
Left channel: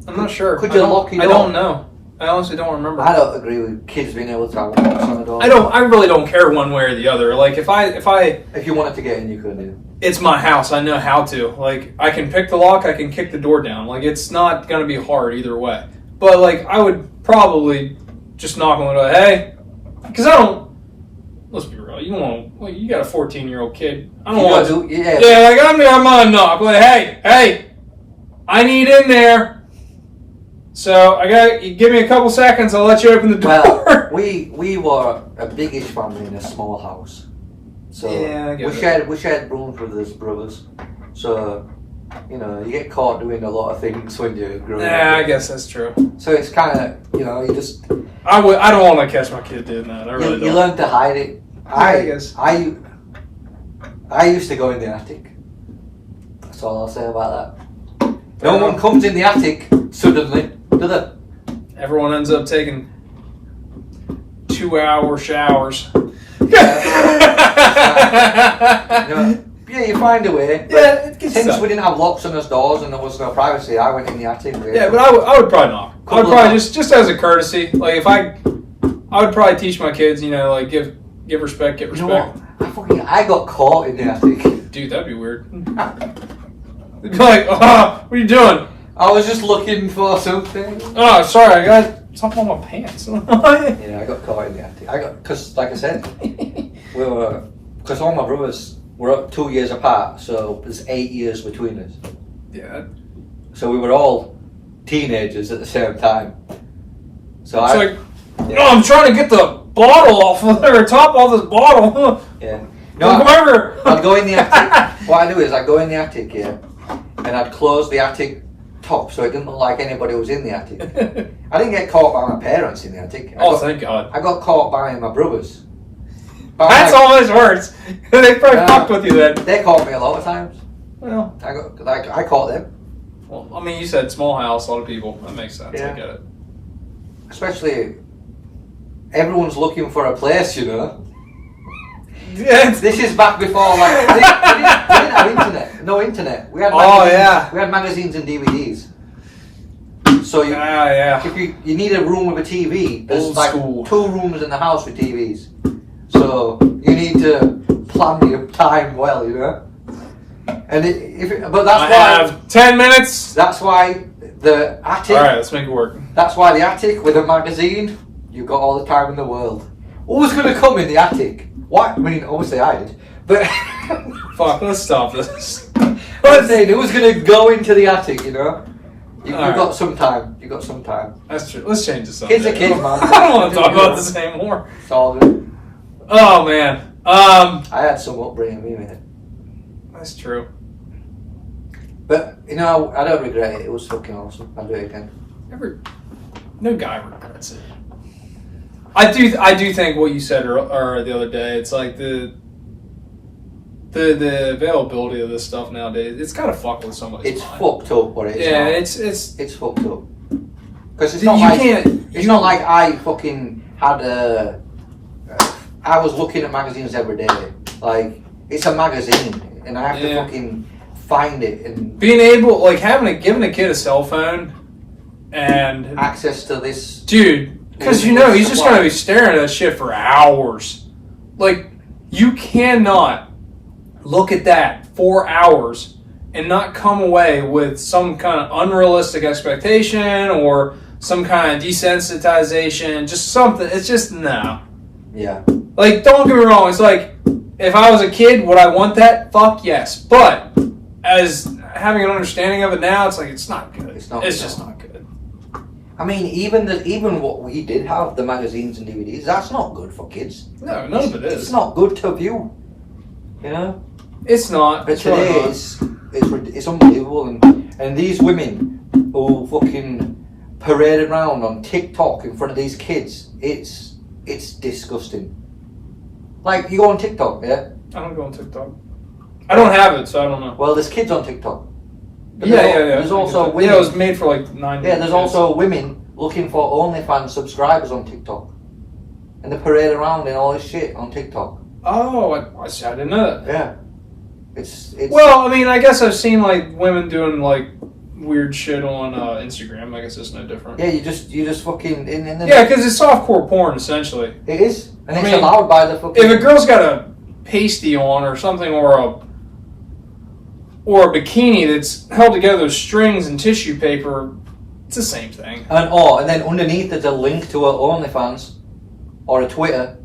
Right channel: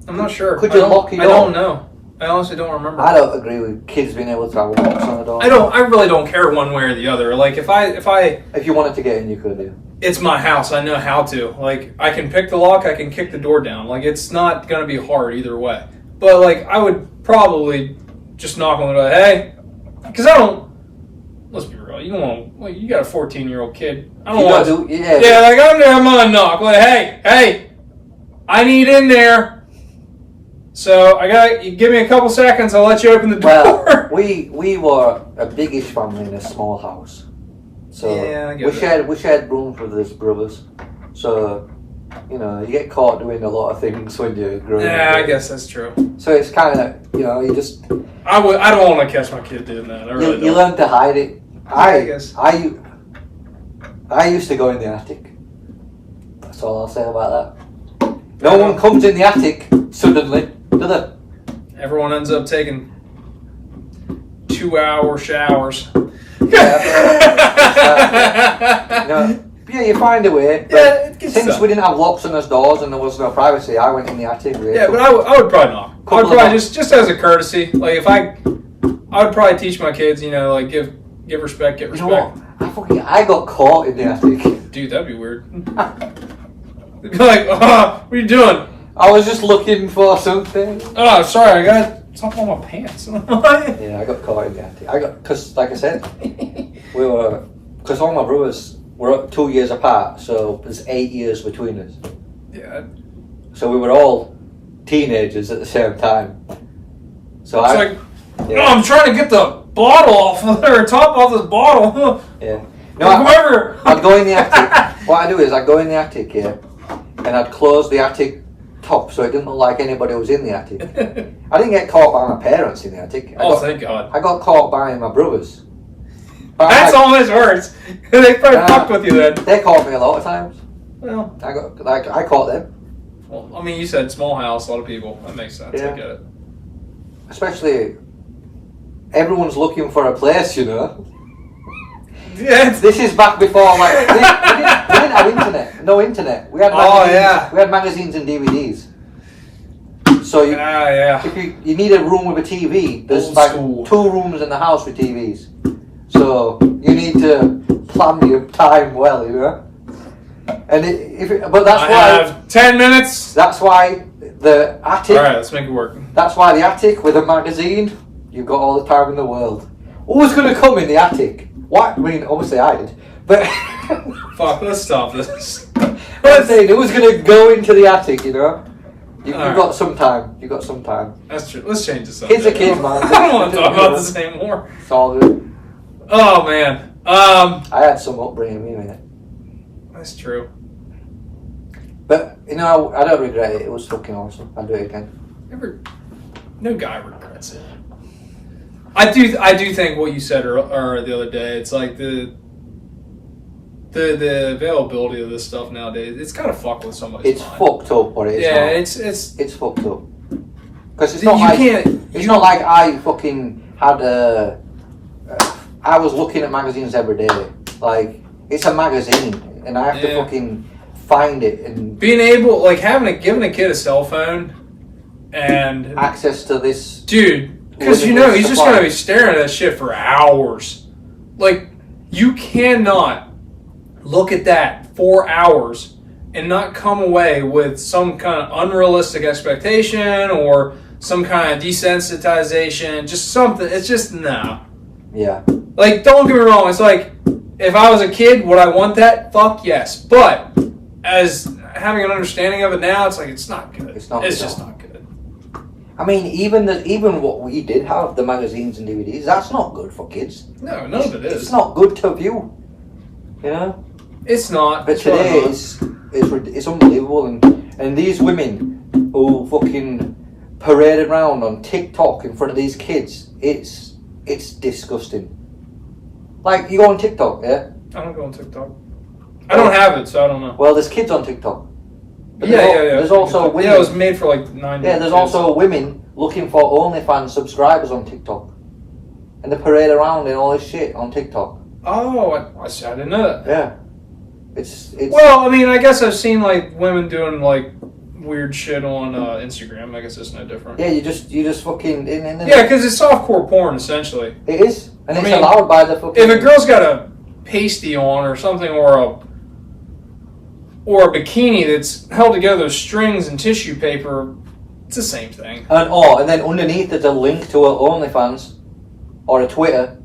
I'm not sure. Could you lock your door? I don't know. I honestly don't remember. I don't agree with kids being able to have locks on the door. I really don't care one way or the other. Like if you wanted to get in, you could do. It's my house. I know how to. Like, I can pick the lock. I can kick the door down. Like, it's not going to be hard either way. But, like, I would probably just knock on the door. Hey, because I don't. Let's be real. You don't want to. Like, you got a 14-year-old kid. I don't want to. Yeah, like, I'm going to knock. Like, hey, I need in there. So, you give me a couple seconds. I'll let you open the door. Well, we were a biggish family in a small house. So yeah, we shared rooms with his brothers. So, you know, you get caught doing a lot of things when you're growing up. Yeah, I guess that's true. So it's kind of, you know, you just... I don't want to catch my kid doing that. I really don't. You learn to hide it. I guess. I used to go in the attic. That's all I'll say about that. No one comes in the attic suddenly, do they? Everyone ends up taking 2-hour showers. You find a way. Yeah, since we didn't have locks on our doors and there was no privacy, I went in the attic. Yeah, but I would probably not. I would probably just as a courtesy. Like, if I would probably teach my kids, you know, like give respect, get respect. You know, I got caught in the attic. Dude, that'd be weird. Like, what are you doing? I was just looking for something. Oh, sorry, I got something on my pants. Yeah, I got caught in the attic. Because, like I said, because all my brothers were 2 years apart, so there's 8 years between us. Yeah. So we were all teenagers at the same time. So no, I'm trying to get the bottle off of there, top off this bottle. Yeah. No, I'd go in the attic. What I do is I'd go in the attic, yeah, and I'd close the attic top so it didn't look like anybody was in the attic. I didn't get caught by my parents in the attic. Thank God. I got caught by my brothers. That's always worse. They probably fucked with you then. They caught me a lot of times. Well, I caught them. Well, I mean, you said small house, a lot of people. That makes sense. Yeah. I get it. Especially, everyone's looking for a place, you know. Yeah. This is back before, like, we didn't have internet. No internet. We had magazines, We had magazines and DVDs. So if you need a room with a TV, there's like 2 rooms in the house with TVs. So you need to plan your time well, you know. And but that's why I have 10 minutes. That's why the attic. All right, let's make it work. That's why the attic with a magazine. You've got all the time in the world. Who's going to come in the attic? What? I mean, obviously I did. But fuck, let's stop this. I'm saying, who's going to go into the attic? You know. You've got some time. You've got some time. That's true. Let's change this subject. It's a kid, man. I don't want to talk about this anymore. It's all good. Oh man. I had some upbringing, man. That's true. But you know, I don't regret it. It was fucking awesome. I'd do it again. No guy regrets it. I do think what you said or the other day. It's like the availability of this stuff nowadays. It's gotta fuck with somebody. It's fucked up, but it's not. It's fucked up. Because it's not not like I fucking had I was looking at magazines every day. Like, it's a magazine, and I have to fucking find it and being able, like giving a kid a cell phone and access to this, dude, because he's just gonna be staring at that shit for hours. Like, you cannot look at that for hours and not come away with some kind of unrealistic expectation or some kind of desensitization, just something. It's just, no. Yeah. Like, don't get me wrong, it's like, if I was a kid, would I want that? Fuck yes. But, as having an understanding of it now, it's like, it's not good. It's just not good. I mean, even what we did have, the magazines and DVDs, that's not good for kids. No, none of it is. It's not good to view. You know? It's not. But today, it's unbelievable. And these women who fucking paraded around on TikTok in front of these kids, it's disgusting. Like, you go on TikTok, yeah? I don't go on TikTok. I don't have it, so I don't know. Well, there's kids on TikTok. Yeah. There's also women. Yeah, it was made for like 9 Yeah, there's also women looking for OnlyFans subscribers on TikTok. And they parade around in all this shit on TikTok. Oh, I didn't know that. Yeah. It's Well, I mean, I guess I've seen like women doing like weird shit on Instagram. I guess it's no different. Yeah, you just fucking yeah, because it's softcore porn essentially. It is, and it's allowed by the fucking. If a girl's got a pasty on or something, or a bikini that's held together with strings and tissue paper, it's the same thing. And then underneath there's a link to a OnlyFans or a Twitter.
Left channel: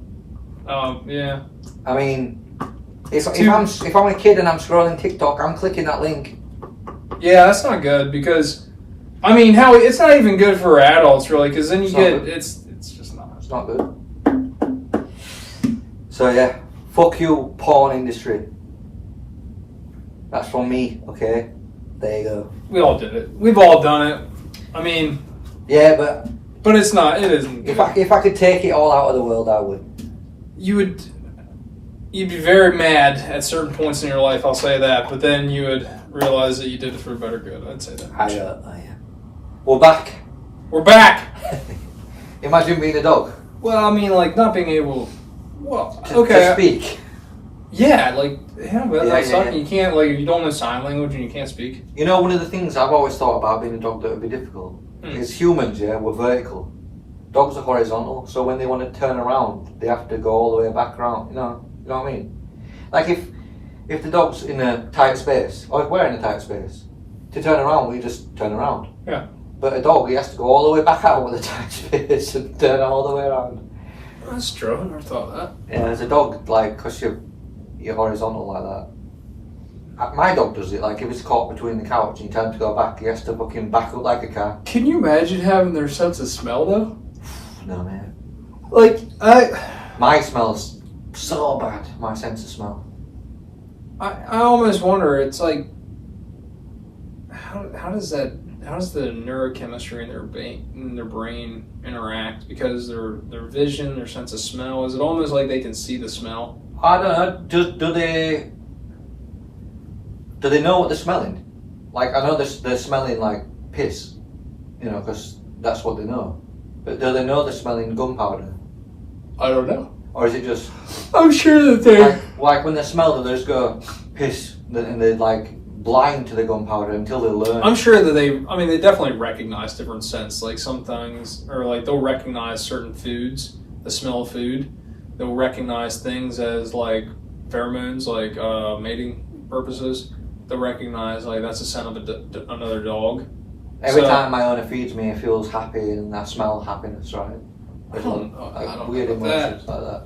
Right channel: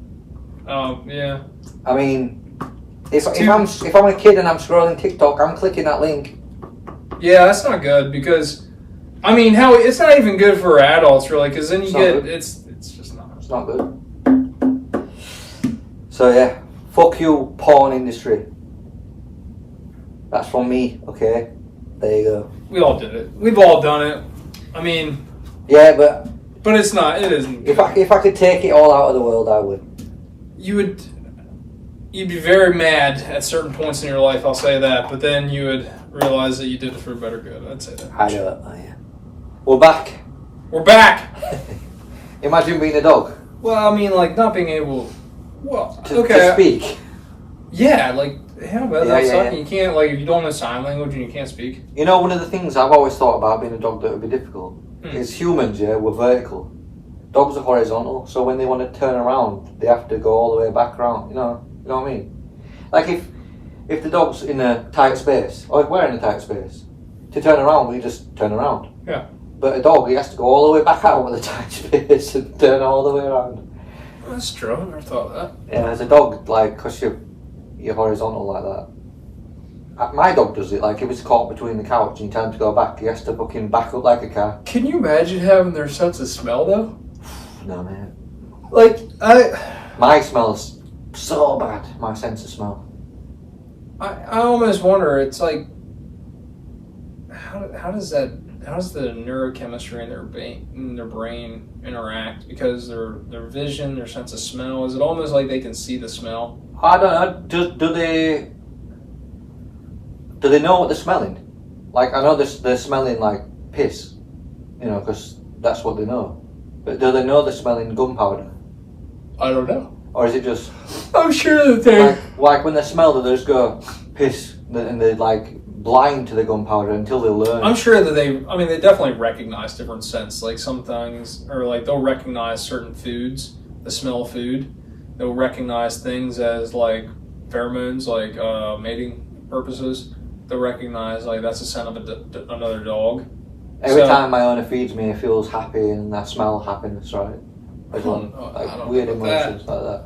Yeah. I mean, if I'm a kid and I'm scrolling TikTok, I'm clicking that link. Yeah, that's not good because, I mean, hell, it's not even good for adults really because then it's just not. It's not good. So yeah, fuck you, porn industry. That's from me. Okay, there you go. We all did it. We've all done it. I mean. Yeah, but it's not. It isn't. If I could take it all out of the world, I would. You'd be very mad at certain points in your life, I'll say that, but then you would realize that you did it for better good, I'd say that. I know, yeah. We're back. We're back! Imagine being a dog. Well, I mean, like, not being able... Well, to speak. Yeah, like, that's yeah. You can't, like, you don't know sign language and you can't speak. You know, one of the things I've always thought about being a dog that would be difficult is humans, we're vertical. Dogs are horizontal, so when they want to turn around, they have to go all the way back around, you know what I mean? Like if the dog's in a tight space, or if we're in a tight space, to turn around, we just turn around. Yeah. But a dog, he has to go all the way back out with a tight space and turn all the way around. That's true, I never thought of that. Yeah, as a dog, like, because you're horizontal like that. My dog does it, like, if it's caught between the couch and time to go back, he has to fucking back up like a car. Can you imagine having their sense of smell, though? No, man. Like, My smell's so bad, my sense of smell. I almost wonder, it's like, how does the neurochemistry in their brain interact? Because their vision, their sense of smell, is it almost like they can see the smell? I don't know, do they know what they're smelling? Like, I know they're smelling like piss, because that's what they know. But do they know they're smelling gunpowder? I don't know. Or is it just... I'm sure that they... Like when they smell it, they just go, piss, and they're like blind to the gunpowder until they learn. I'm sure that they definitely recognize different scents. Like some things, or like they'll recognize certain foods, the smell of food. They'll recognize things as like pheromones, like mating purposes. They'll recognize like that's the scent of another dog. Every time my owner feeds me, it feels happy and I smell happiness, right? Like weird emotions like that.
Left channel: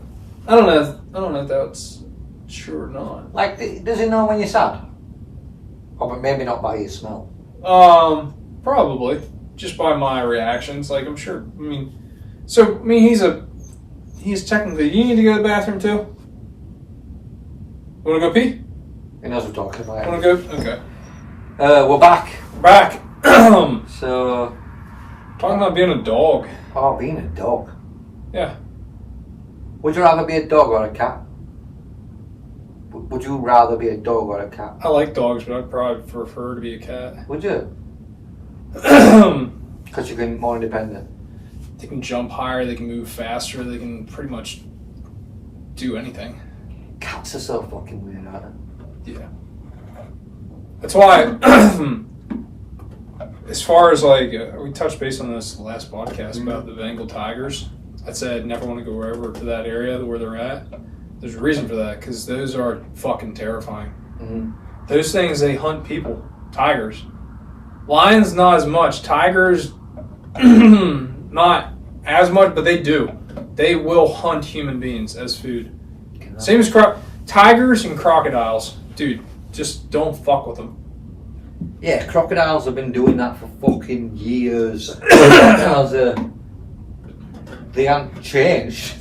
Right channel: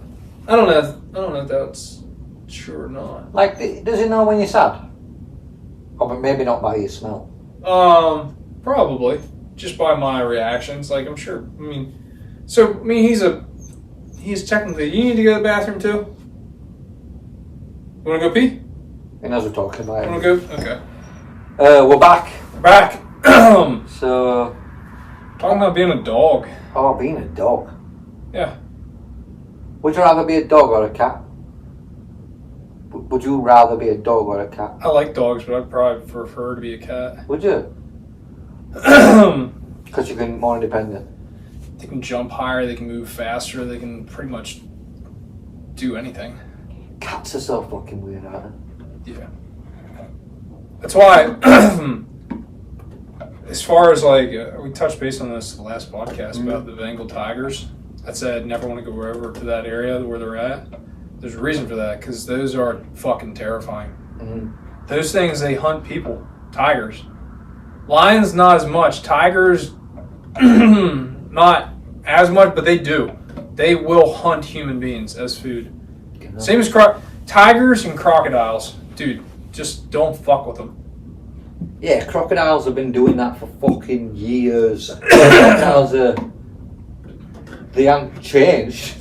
I don't know if that's true or not. Like, does he know when you're sad? Or maybe not by your smell. Probably just by my reactions. Like I'm sure. He's technically. You need to go to the bathroom too. Want to go pee? He knows we're talking about it. Want to go? Okay. We're back. We're back. So, talking about being a dog. Oh, being a dog. Yeah. Would you rather be a dog or a cat? Would you rather be a dog or a cat? I like dogs, but I'd probably prefer to be a cat. Would you? Because you can more independent. They can jump higher, they can move faster, they can pretty much do anything. Cats are so fucking weird, aren't they? Yeah. That's why, as far as like, we touched base on this last podcast about the Bengal tigers. I said never want to go over to that area where they're at. There's a reason for that, because those are fucking terrifying. Those things, they hunt people. Tigers. Lions, not as much. Tigers, not as much, but they do. They will hunt human beings as food. Same as tigers and crocodiles. Dude, just don't fuck with them. Yeah, crocodiles have been doing that for fucking years. Crocodiles they haven't changed.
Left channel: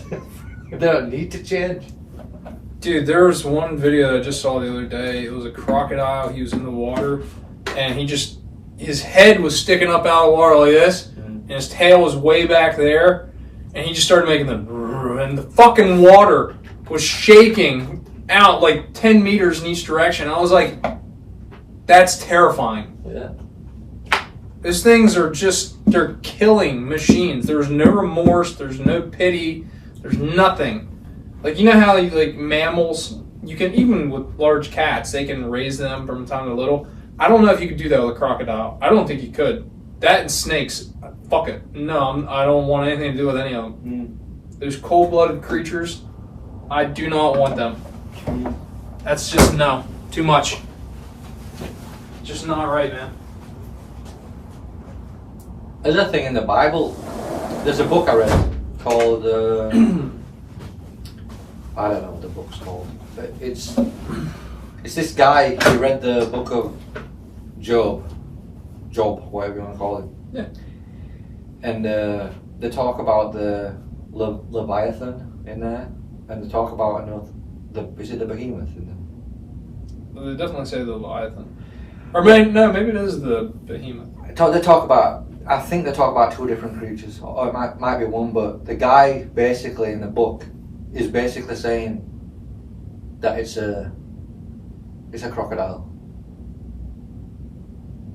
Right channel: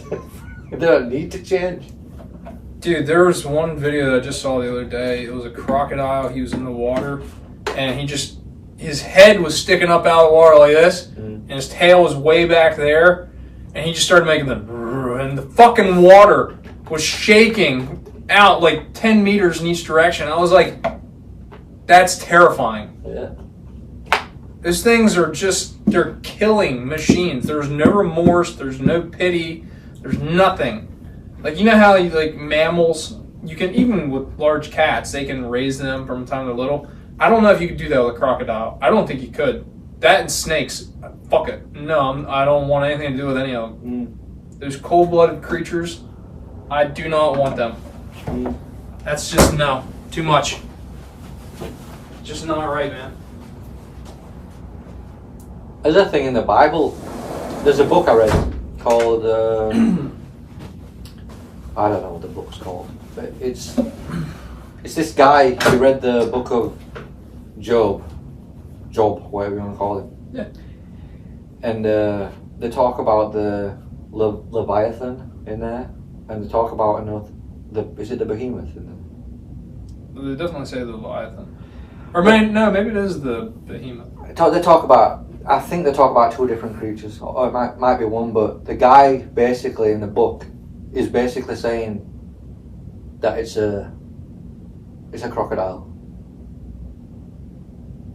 They don't need to change. Dude, there was one video I just saw the other day. It was a crocodile. He was in the water, and his head was sticking up out of the water like this, and his tail was way back there, and he just started making and the fucking water was shaking out like 10 meters in each direction. I was like, that's terrifying. Yeah. Those things are they're killing machines. There's no remorse, there's no pity, there's nothing. Like, you know how like mammals, you can, even with large cats, they can raise them from the time they're little. I don't know if you could do that with a crocodile. I don't think you could. That and snakes, fuck it. No, I don't want anything to do with any of them. Those cold-blooded creatures, I do not want them. That's just, no, too much. Just not right, man. There's a thing in the Bible. There's a book I read called, I don't know what the book's called, but it's this guy who read the book of Job, whatever you want to call it. Yeah. And they talk about the Leviathan in there, and they talk about is it the behemoth in there? They definitely say the Leviathan. Or maybe it is the behemoth. They talk about, I think they talk about two different creatures, or it might be one, but the guy basically in the book is basically saying that it's a crocodile.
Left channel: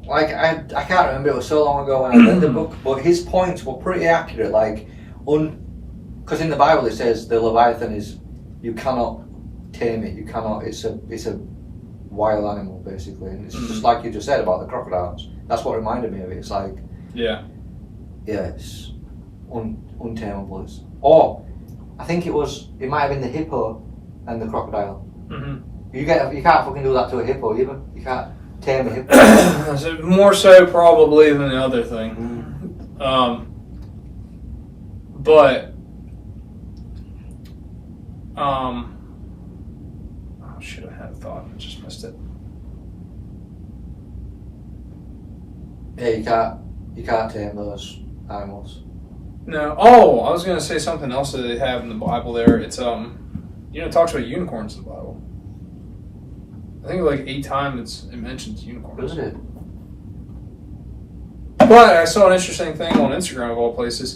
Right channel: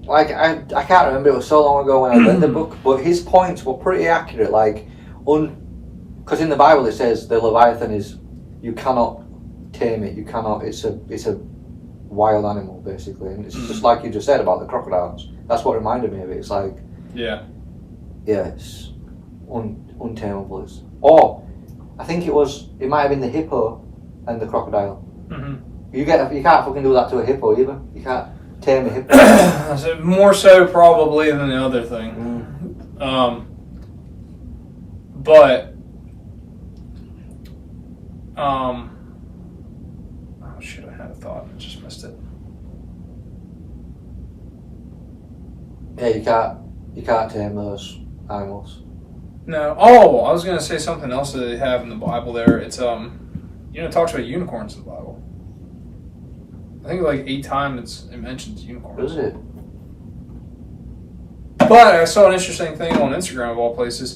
Like, I can't remember, it was so long ago when I read the book, but his points were pretty accurate. Like, because in the Bible it says the Leviathan is, you cannot tame it, it's a wild animal basically, and it's just like you just said about the crocodiles. That's what reminded me of it. It's like, it's untamable. I think it might have been the hippo and the crocodile. You can't fucking do that to a hippo either. You can't tame a hippo. So more so probably than the other thing. Oh shit, I had a thought and I just missed it. Yeah, you can't tame those animals. No. Oh, I was gonna say something else that they have in the Bible there. It's it talks about unicorns in the Bible. I think like 8 times it mentions unicorns. Is it? But I saw an interesting thing on Instagram of all places.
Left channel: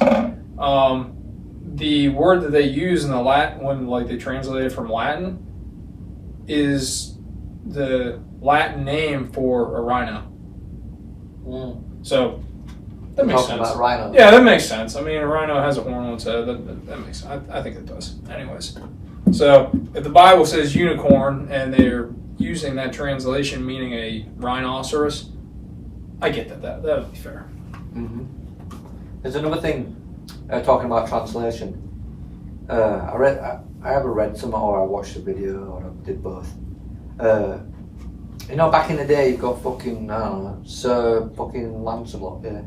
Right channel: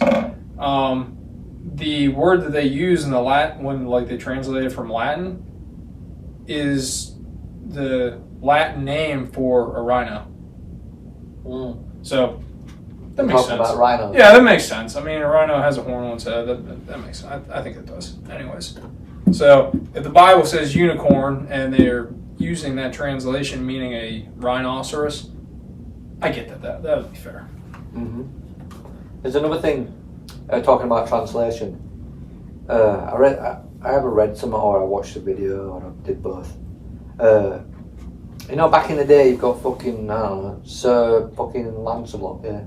The word that they use in the Latin when like they translate it from Latin is the Latin name for a rhino. So that makes sense. About rhinos. Yeah, that makes sense. I mean, a rhino has a horn on its head. That makes sense. I think it does. Anyways, so if the Bible says unicorn and they're using that translation meaning a rhinoceros, I get that would be fair. There's another thing talking about translation. I either read some or I watched a video or I did both. Back in the day, you've got fucking, I don't know, Sir fucking Lancelot, yeah.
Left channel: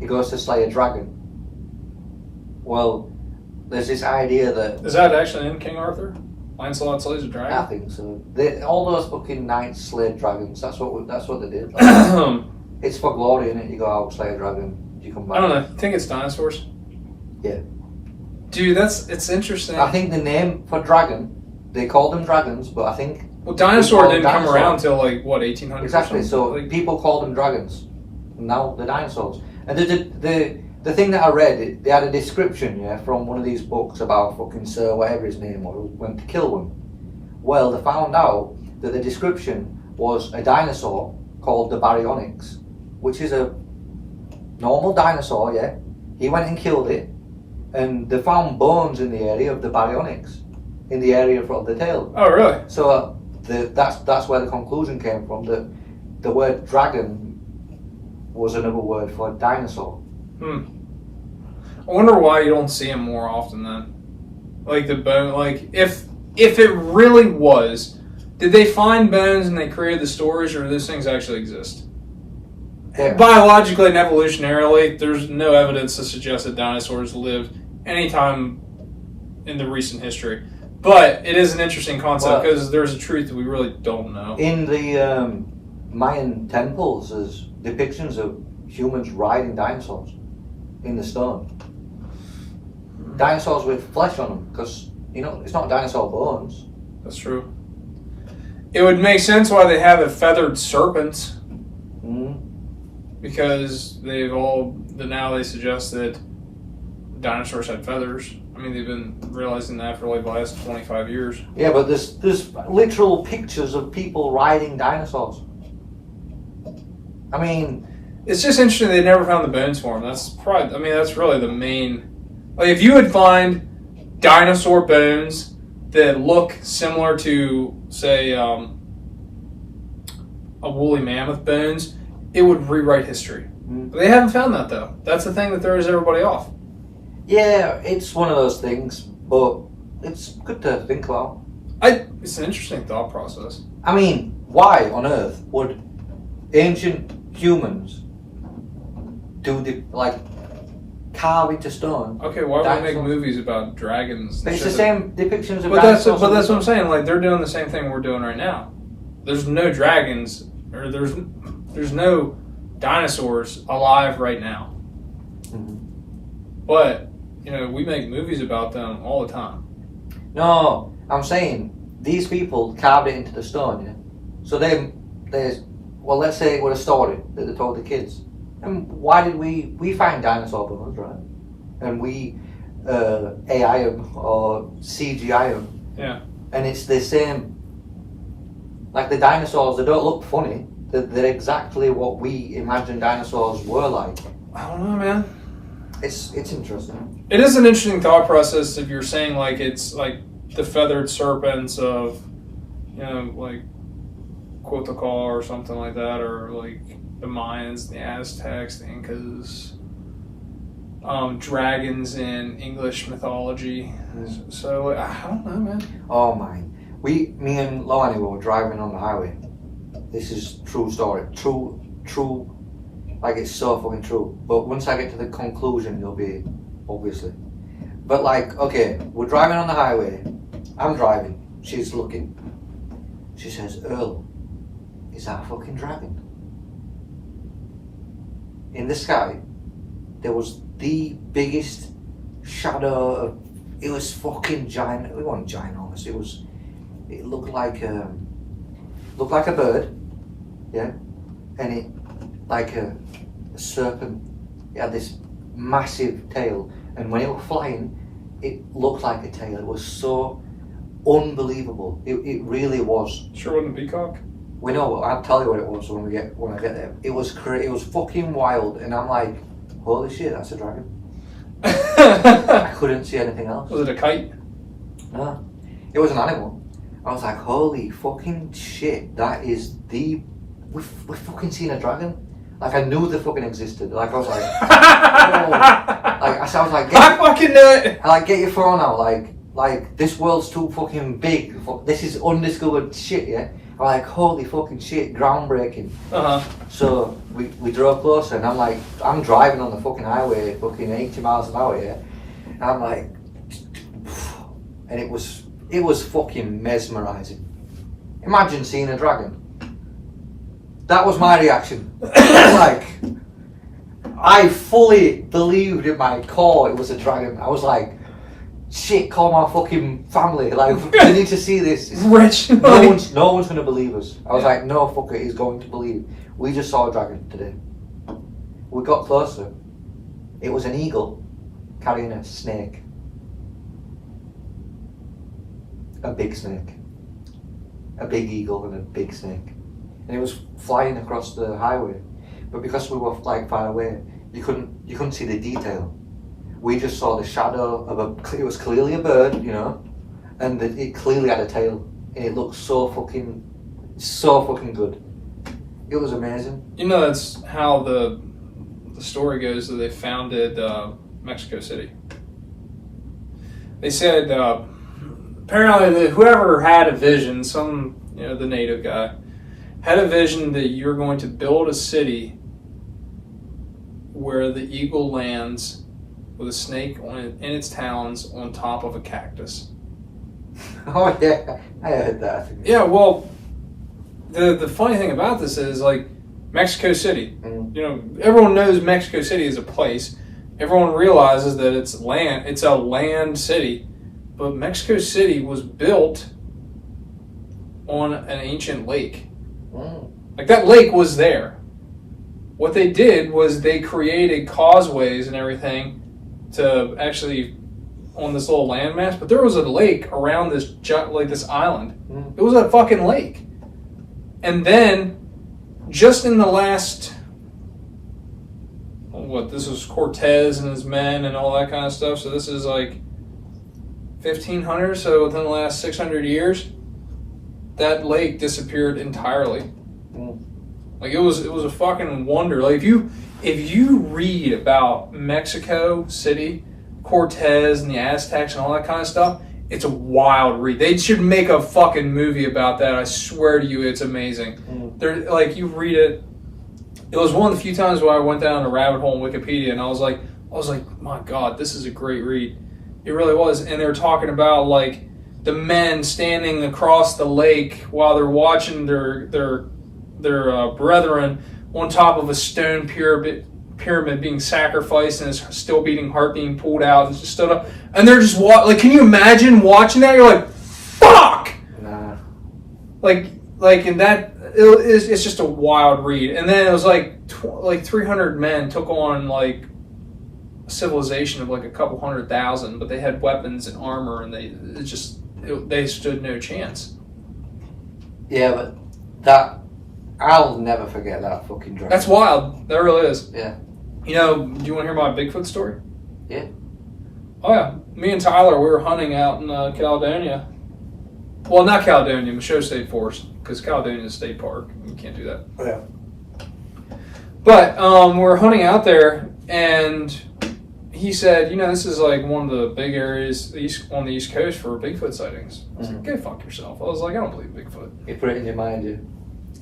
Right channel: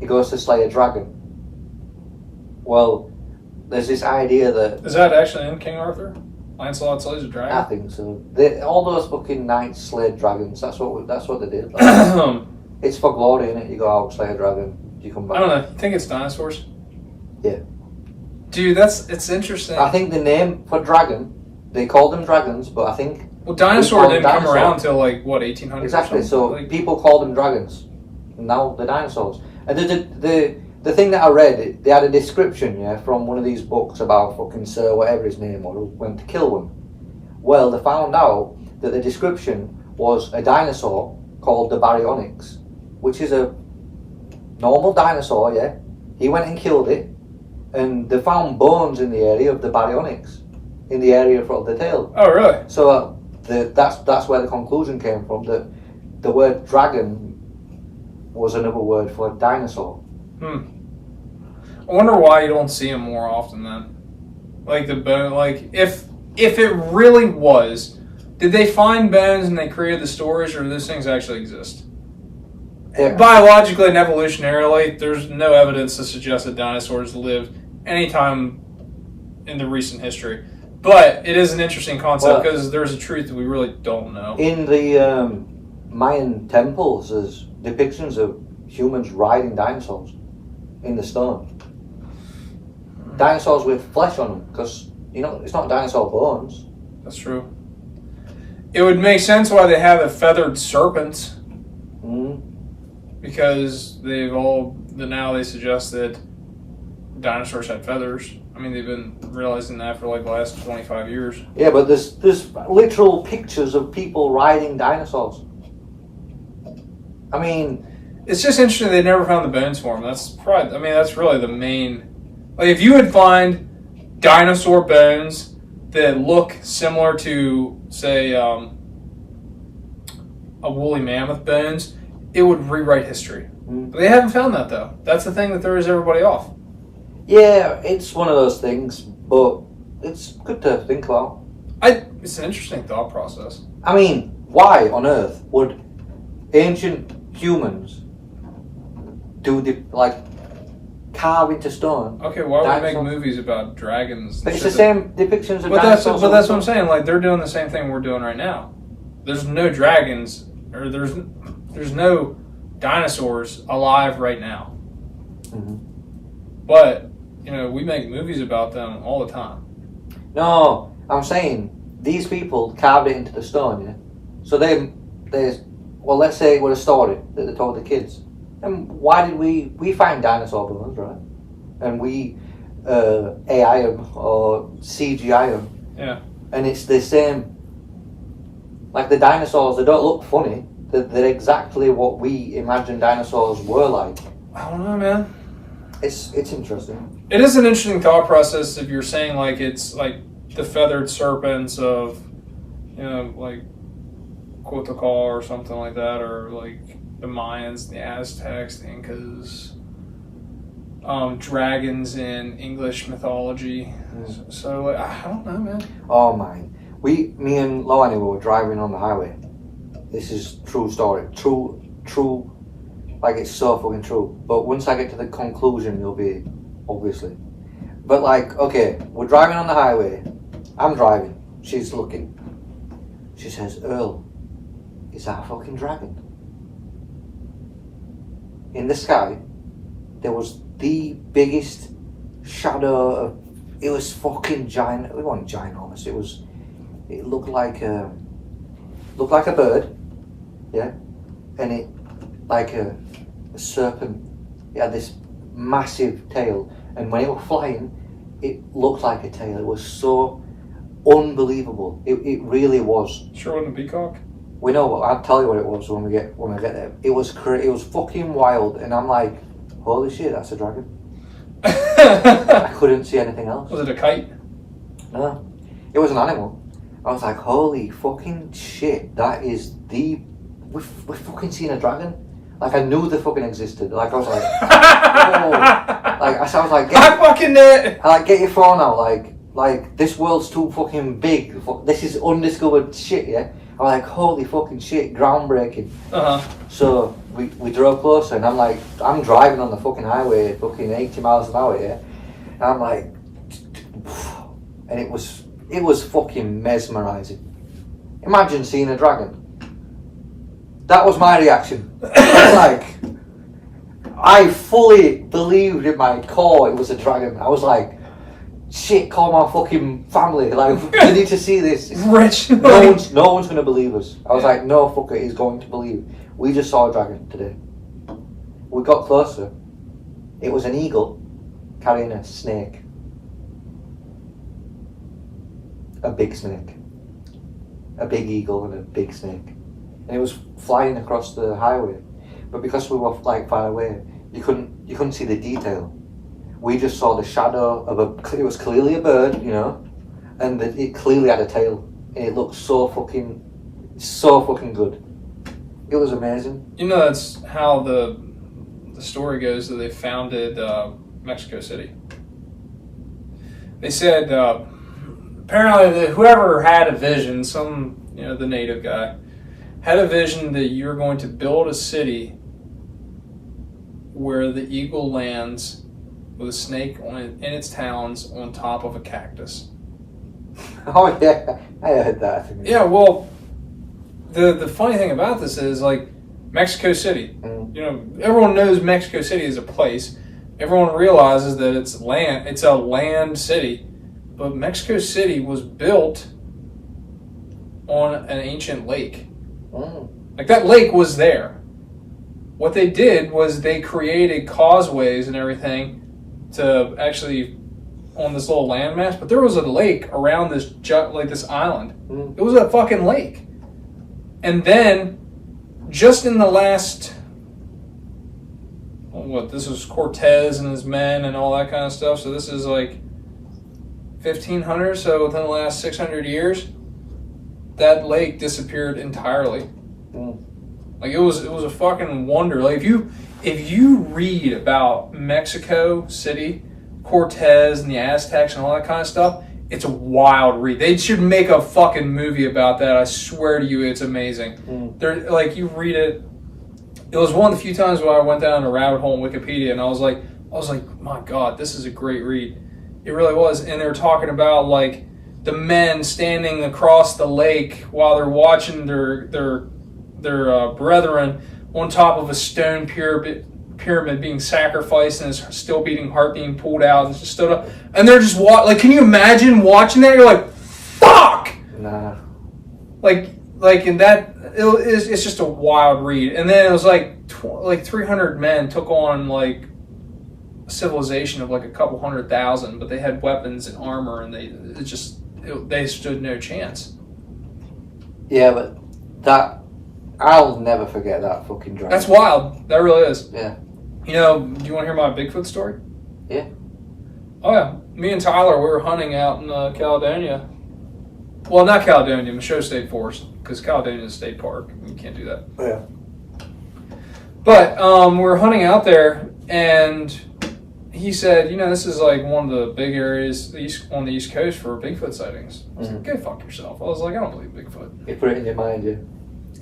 He goes to slay a dragon. Well, there's this idea that... Is that actually in King Arthur? Lancelot slays a dragon? I think so. All those fucking knights slayed dragons. That's what they did. Like, it's for glory, innit? You go out, slay a dragon, you come back. I don't know. I think it's dinosaurs. Yeah. Dude, it's interesting. I think the name for dragon, they called them dragons, but I think... Well, dinosaur didn't come around until like, what, 1800? Exactly, so like, people called them dragons. And now they're dinosaurs. And the thing that I read, they had a description, from one of these books about fucking Sir whatever his name was, who went to kill them. Well, they found out that the description was a dinosaur called the Baryonyx, which is a normal dinosaur, He went and killed it, and they found bones in the area of the Baryonyx, in the area of the tail. Oh, really? So that's where the conclusion came from, that the word dragon was another word for dinosaur. I wonder why you don't see them more often then. Like the bone, like if it really was, did they find bones and they created the stories, or do those things actually exist? Yeah. Biologically and evolutionarily, there's no evidence to suggest that dinosaurs lived anytime in the recent history. But it is an interesting concept because there's a truth that we really don't know. In the Mayan temples, there's depictions of humans riding dinosaurs in the stone. Dinosaurs with flesh on them, because it's not dinosaur bones. That's true. It would make sense why they have a feathered serpent. Because now they suggest that dinosaurs had feathers. I mean, they've been realizing that for like the last 25 years. Yeah, but there's literal pictures of people riding dinosaurs. I mean, it's just interesting they never found the bones for them. That's really the main. Like, if you would find dinosaur bones that look similar to, say, a woolly mammoth bones, it would rewrite history. But they haven't found that, though. That's the thing that throws everybody off. Yeah, it's one of those things, but it's good to think about. It's an interesting thought process. I mean, why on earth would ancient humans carve into stone? Okay, why would they make movies about dragons? But it's the same depictions of dinosaurs. But that's what I'm saying. Like, they're doing the same thing we're doing right now. There's no dragons, or there's no dinosaurs alive right now. But we make movies about them all the time. No, I'm saying these people carved it into the stone. Yeah. So let's say it was a story that they told the kids. And why did we find dinosaur bones, right? And we AI them or CGI them. Yeah. And it's the same. Like the dinosaurs, they don't look funny. They're exactly what we imagine dinosaurs were like. I don't know, man. It's interesting. It is an interesting thought process if you're saying like it's like the feathered serpents of, like Mythical or something like that, or like the Mayans, the Aztecs, the Incas, dragons in English mythology. So like, I don't know, man. Oh man, me and Loani were driving on the highway. This is true story, true. Like, it's so fucking true. But once I get to the conclusion, you'll be, obviously. But like, okay, we're driving on the highway. I'm driving. She's looking. She says, "Earl, is that a fucking dragon?" In the sky, there was the biggest shadow of. It was fucking giant. It wasn't ginormous. It looked like a bird, yeah, and it like a serpent. It had this massive tail, and when it was flying, it looked like a tail. It was so unbelievable. It really was. Sure wasn't a peacock? We know what. I'll tell you what it was when I get there. It was fucking wild, and I'm like, holy shit, that's a dragon. I couldn't see anything else. Was it a kite? No, it was an animal. I was like, holy fucking shit, that is we've fucking seen a dragon. Like, I knew they fucking existed. Like, I was like, oh. Like, I was like, I fucking knew it. Get your phone out. Like this world's too fucking big. This is undiscovered shit. Yeah. I'm like, holy fucking shit, groundbreaking. So we drove closer, and I'm driving on the fucking highway, fucking 80 miles an hour, yeah. And I'm like, and it was fucking mesmerizing. Imagine seeing a dragon. That was my reaction. Like, I fully believed in my core it was a dragon. I was like, shit, call my fucking family. Like, you need to see this. It's rich. No one's going to believe us. I was like, no fucker is going to believe. We just saw a dragon today. We got closer. It was an eagle carrying a snake. A big snake. A big eagle and a big snake. And it was flying across the highway. But because we were like far away, you couldn't see the detail. We just saw the shadow of it was clearly a bird, you know, and it clearly had a tail. And it looked so fucking good. It was amazing. You know, that's how the story goes that they founded Mexico City. They said apparently that whoever had a vision, the native guy, had a vision that you're going to build a city where the eagle lands with a snake in its talons on top of a cactus. Oh yeah, I heard that. Yeah, well, the funny thing about this is, like, Mexico City. Everyone knows Mexico City is a place. Everyone realizes that it's land. It's a land city, but Mexico City was built on an ancient lake. Like, that lake was there. What they did was they created causeways and everything to actually on this little landmass, but there was a lake around this island. It was a fucking lake. And then, just in the last, this was Cortez and his men and all that kind of stuff, so this is like 1500, so within the last 600 years, that lake disappeared entirely. Like, it was a fucking wonder. Like, if you read about Mexico City, Cortez and the Aztecs and all that kind of stuff, it's a wild read. They should make a fucking movie about that. I swear to you, it's amazing. They're, like, you read it. It was one of the few times where I went down a rabbit hole in Wikipedia, and I was like, my God, this is a great read. It really was. And they were talking about, like, the men standing across the lake while they're watching their brethren on top of a stone pyramid being sacrificed, and his still beating heart being pulled out and just stood up, and they're just like, can you imagine watching that? You're like, fuck. Nah. Like in that, it's just a wild read. And then it was like 300 men took on like a civilization of like a couple 100,000, but they had weapons and armor, and they stood no chance. Yeah, but that, I'll never forget that fucking drive. That's wild. That really is. Yeah. Do you want to hear my Bigfoot story? Yeah. Oh yeah. Me and Tyler, we were hunting out in Caledonia. Well, not Caledonia, Michoud State Forest, because Caledonia is a state park. You can't do that. Yeah. But we were hunting out there, and he said, this is like one of the big areas on the East Coast for Bigfoot sightings. I was like, go fuck yourself. I was like, I don't believe Bigfoot. You put it in your mind, yeah.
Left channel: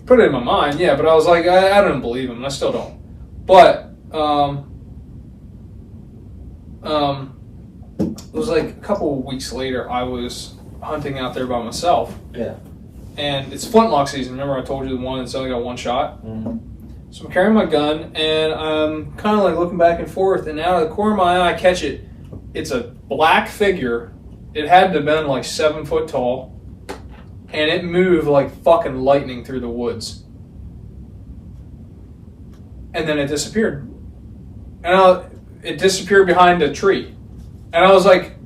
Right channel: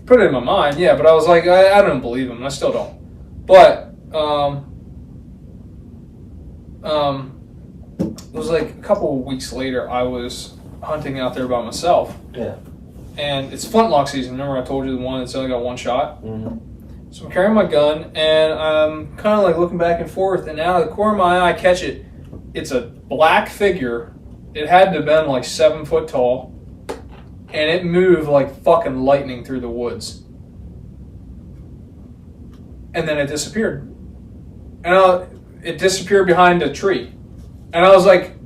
Put it in my mind, yeah, but I was like, I don't believe him. I still don't. But it was like a couple of weeks later, I was hunting out there by myself. Yeah. And it's flintlock season. Remember I told you the one that's only got one shot? So I'm carrying my gun, and I'm kind of like looking back and forth, and out of the corner of my eye, I catch it. It's a black figure. It had to have been like 7 foot tall. And it moved like fucking lightning through the woods. And then it disappeared. And it disappeared behind a tree. And I was like,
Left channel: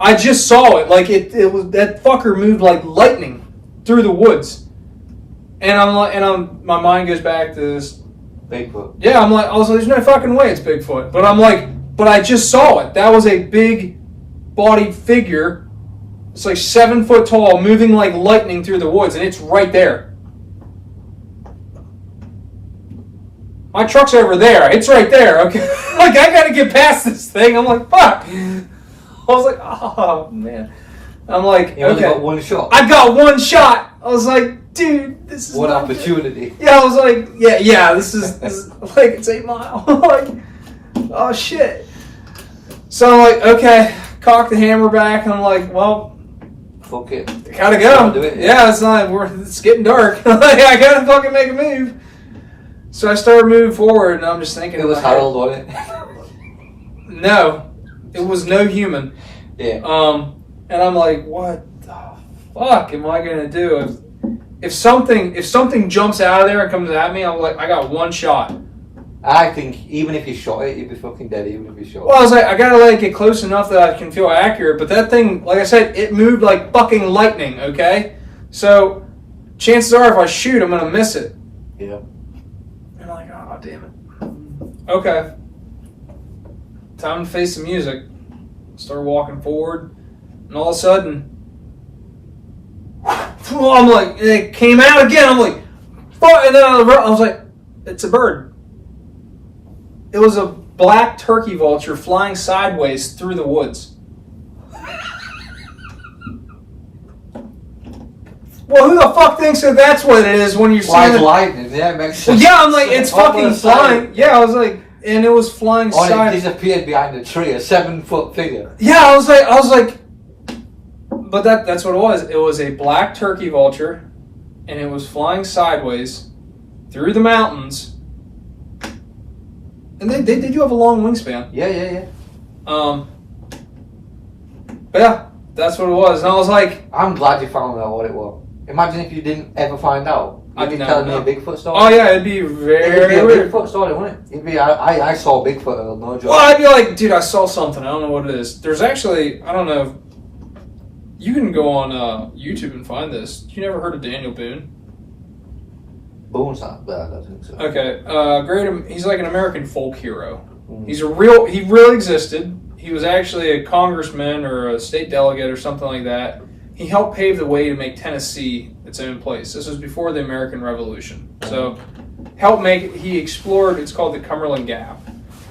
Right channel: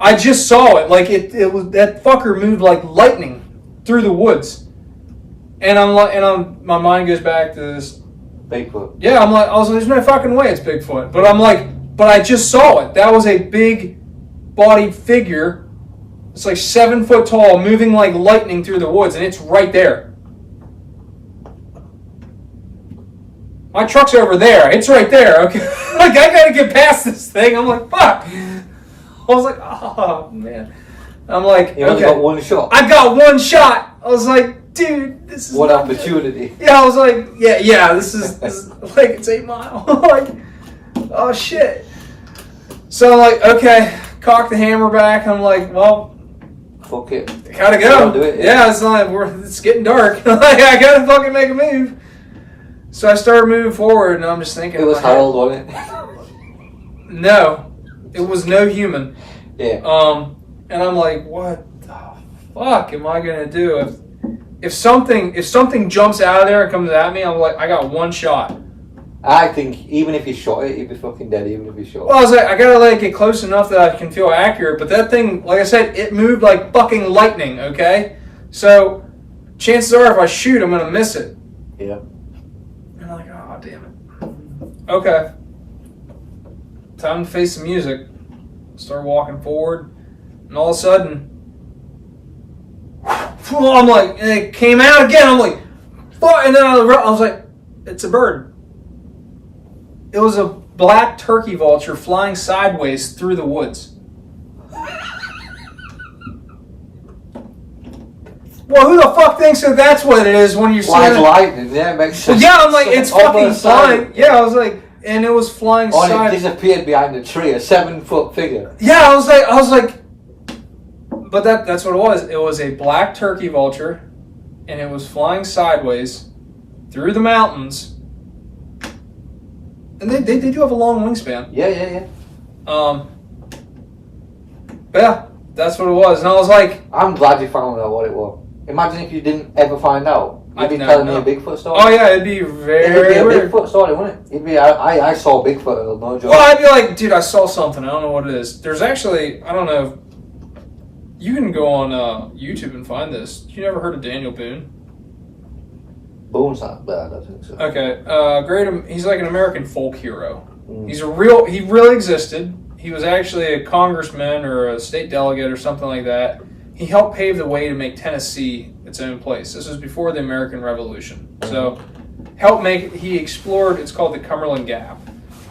I just saw it. Like, it was, that fucker moved like lightning through the woods. And my mind goes back to this. Bigfoot. Yeah, I was like, there's no fucking way it's Bigfoot. But I'm like, but I just saw it. That was a big bodied figure. It's like 7 foot tall, moving like lightning through the woods, and it's right there. My truck's over there. It's right there. Okay, like, I gotta get past this thing. I'm like, fuck. I was like, oh man. I'm like, you only got one shot. I got one shot. I was like, dude, this is what opportunity. Yeah, I was like, yeah, this is like, it's 8 Mile. Like, oh shit. So I'm like, okay, cock the hammer back. I'm like, well, fuck it. Gotta go. Do it, yeah, it's getting dark. Like, I gotta fucking make a move. So I started moving forward, and I'm just thinking. It was Harold, wasn't it? No, it was no human. Yeah. And I'm like, what the fuck am I gonna do if something jumps out of there and comes at me? I'm like, I got one shot. I think even if you shot it, you'd be fucking dead. Even if you shot it. Well, I was like, I gotta like get close enough that I can feel accurate. But that thing, like I said, it moved like fucking lightning. Okay, so chances are if I shoot, I'm gonna miss it. Yeah. I'm like, oh damn it. Okay. Time to face the music. Start walking forward, and all of a sudden, I'm like, and it came out again. I'm like, fuck. And then I was like, it's a bird. It was a black turkey vulture flying sideways through the woods. Well, who the fuck thinks that that's what it is when you're seeing it? Lightning, yeah, it makes sense. Yeah, I'm like, it's fucking flying. Yeah, I was like, and it was flying it disappeared behind a tree, a 7-foot figure. Yeah, I was like, but that's what it was. It was a black turkey vulture, and it was flying sideways through the mountains. And they do have a long wingspan. Yeah. But yeah, that's what it was. And I was like, I'm glad you found out what it was. Imagine if you didn't ever find out. You'd be telling me a Bigfoot story. Oh yeah, it'd be very a weird. Bigfoot story, wouldn't it? It'd be I saw Bigfoot, no joke. Well, I'd be like, dude, I saw something. I don't know what it is. There's actually, I don't know. You can go on YouTube and find this. You never heard of Daniel Boone? Boone's not bad, I don't think so. Okay, he's like an American folk hero. He really existed. He was actually a congressman or a state delegate or something like that. He helped pave the way to make Tennessee its own place. This was before the American Revolution. So, he explored, it's called the Cumberland Gap.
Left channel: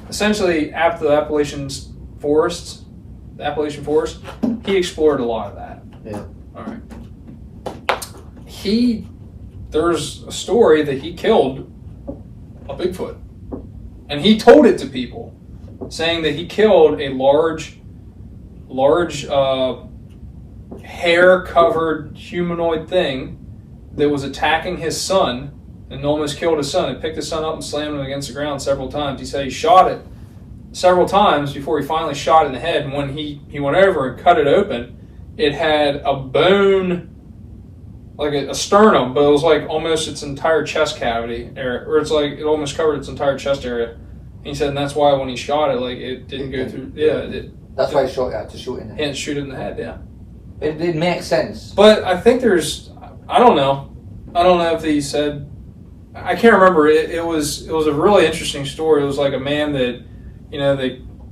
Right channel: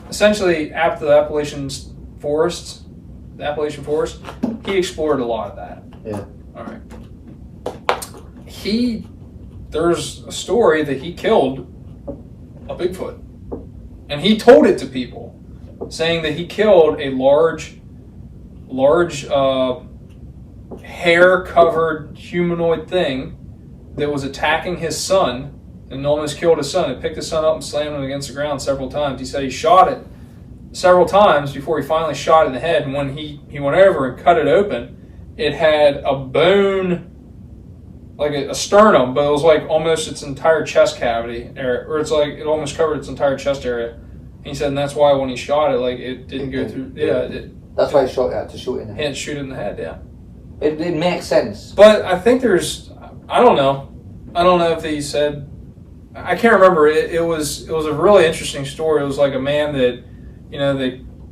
Essentially, after the Appalachian Forest, he explored a lot of that. Yeah. All right. There's a story that he killed a Bigfoot. And he told it to people, saying that he killed a large hair-covered humanoid thing that was attacking his son and almost killed his son. It picked his son up and slammed him against the ground several times. He said he shot it several times before he finally shot it in the head. And when he went over and cut it open, it had a bone, like a sternum, but it was like almost its entire chest cavity, or it's like it almost covered its entire chest area. And he said, and that's why when he shot it, like it didn't go through. Yeah, that's why he had to shoot it in the head. He had to shoot it in the head. Yeah. It makes sense. But I think I don't know if he said, I can't remember. It was a really interesting story. It was like a man that,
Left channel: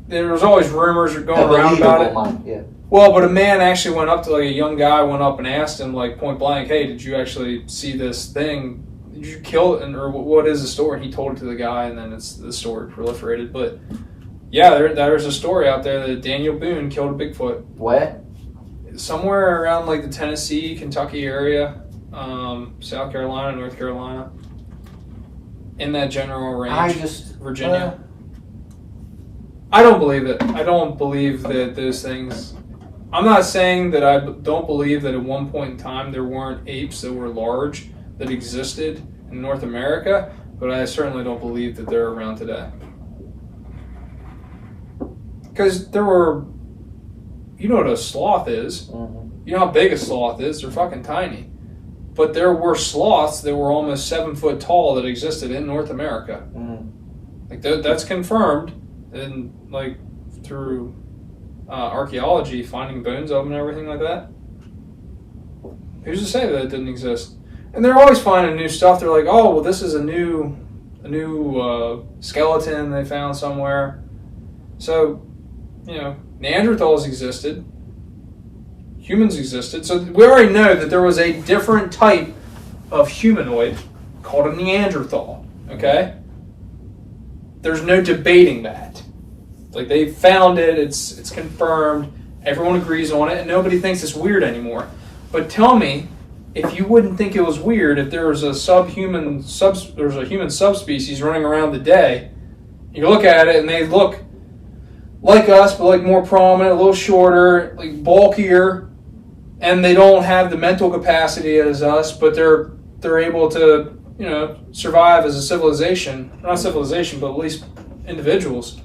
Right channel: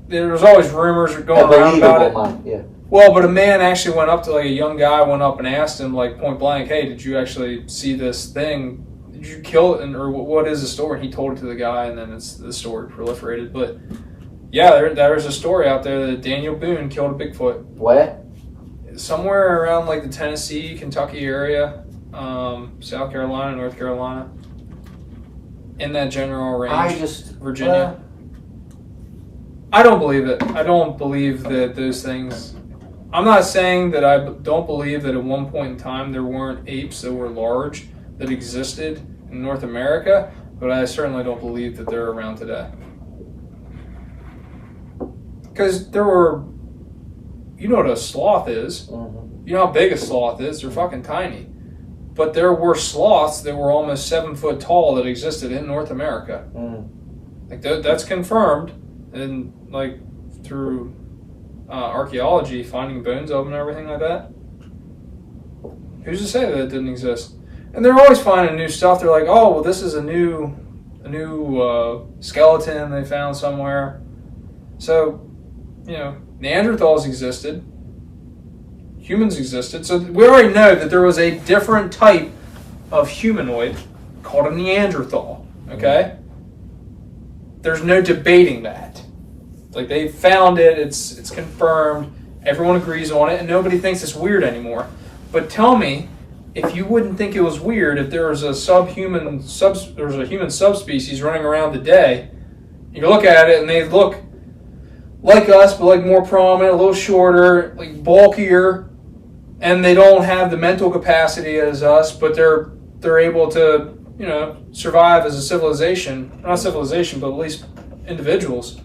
there was always rumors going around about it. Man, yeah. Well, but a man actually went up to, like, a young guy, went up and asked him, like, point blank, hey, did you actually see this thing? Did you kill it? Or what is the story? And he told it to the guy, and then the story proliferated. But yeah, there's a story out there that Daniel Boone killed a Bigfoot. Where? Somewhere around like the Tennessee, Kentucky area, South Carolina, North Carolina, in that general range. Virginia. I don't believe it. I don't believe that those things. I'm not saying that I don't believe that at one point in time there weren't apes that were large that existed in North America, but I certainly don't believe that they're around today. Because there were. You know what a sloth is. Mm-hmm. You know how big a sloth is. They're fucking tiny. But there were sloths that were almost 7 foot tall that existed in North America. Like that's confirmed, and like through archaeology, finding bones of them and everything like that. Who's to say that it didn't exist? And they're always finding new stuff. They're like, oh, well, this is a new skeleton they found somewhere. So, Neanderthals existed. Humans existed. So we already know that there was a different type of humanoid called a Neanderthal. Okay? There's no debating that. Like, they found it. It's confirmed. Everyone agrees on it, and nobody thinks it's weird anymore. But tell me, if you wouldn't think it was weird if there was a human subspecies running around today, you look at it and they look like us, but like more prominent, a little shorter, like bulkier, and they don't have the mental capacity as us, but they're able to, survive as a civilization. Not civilization, but at least individuals.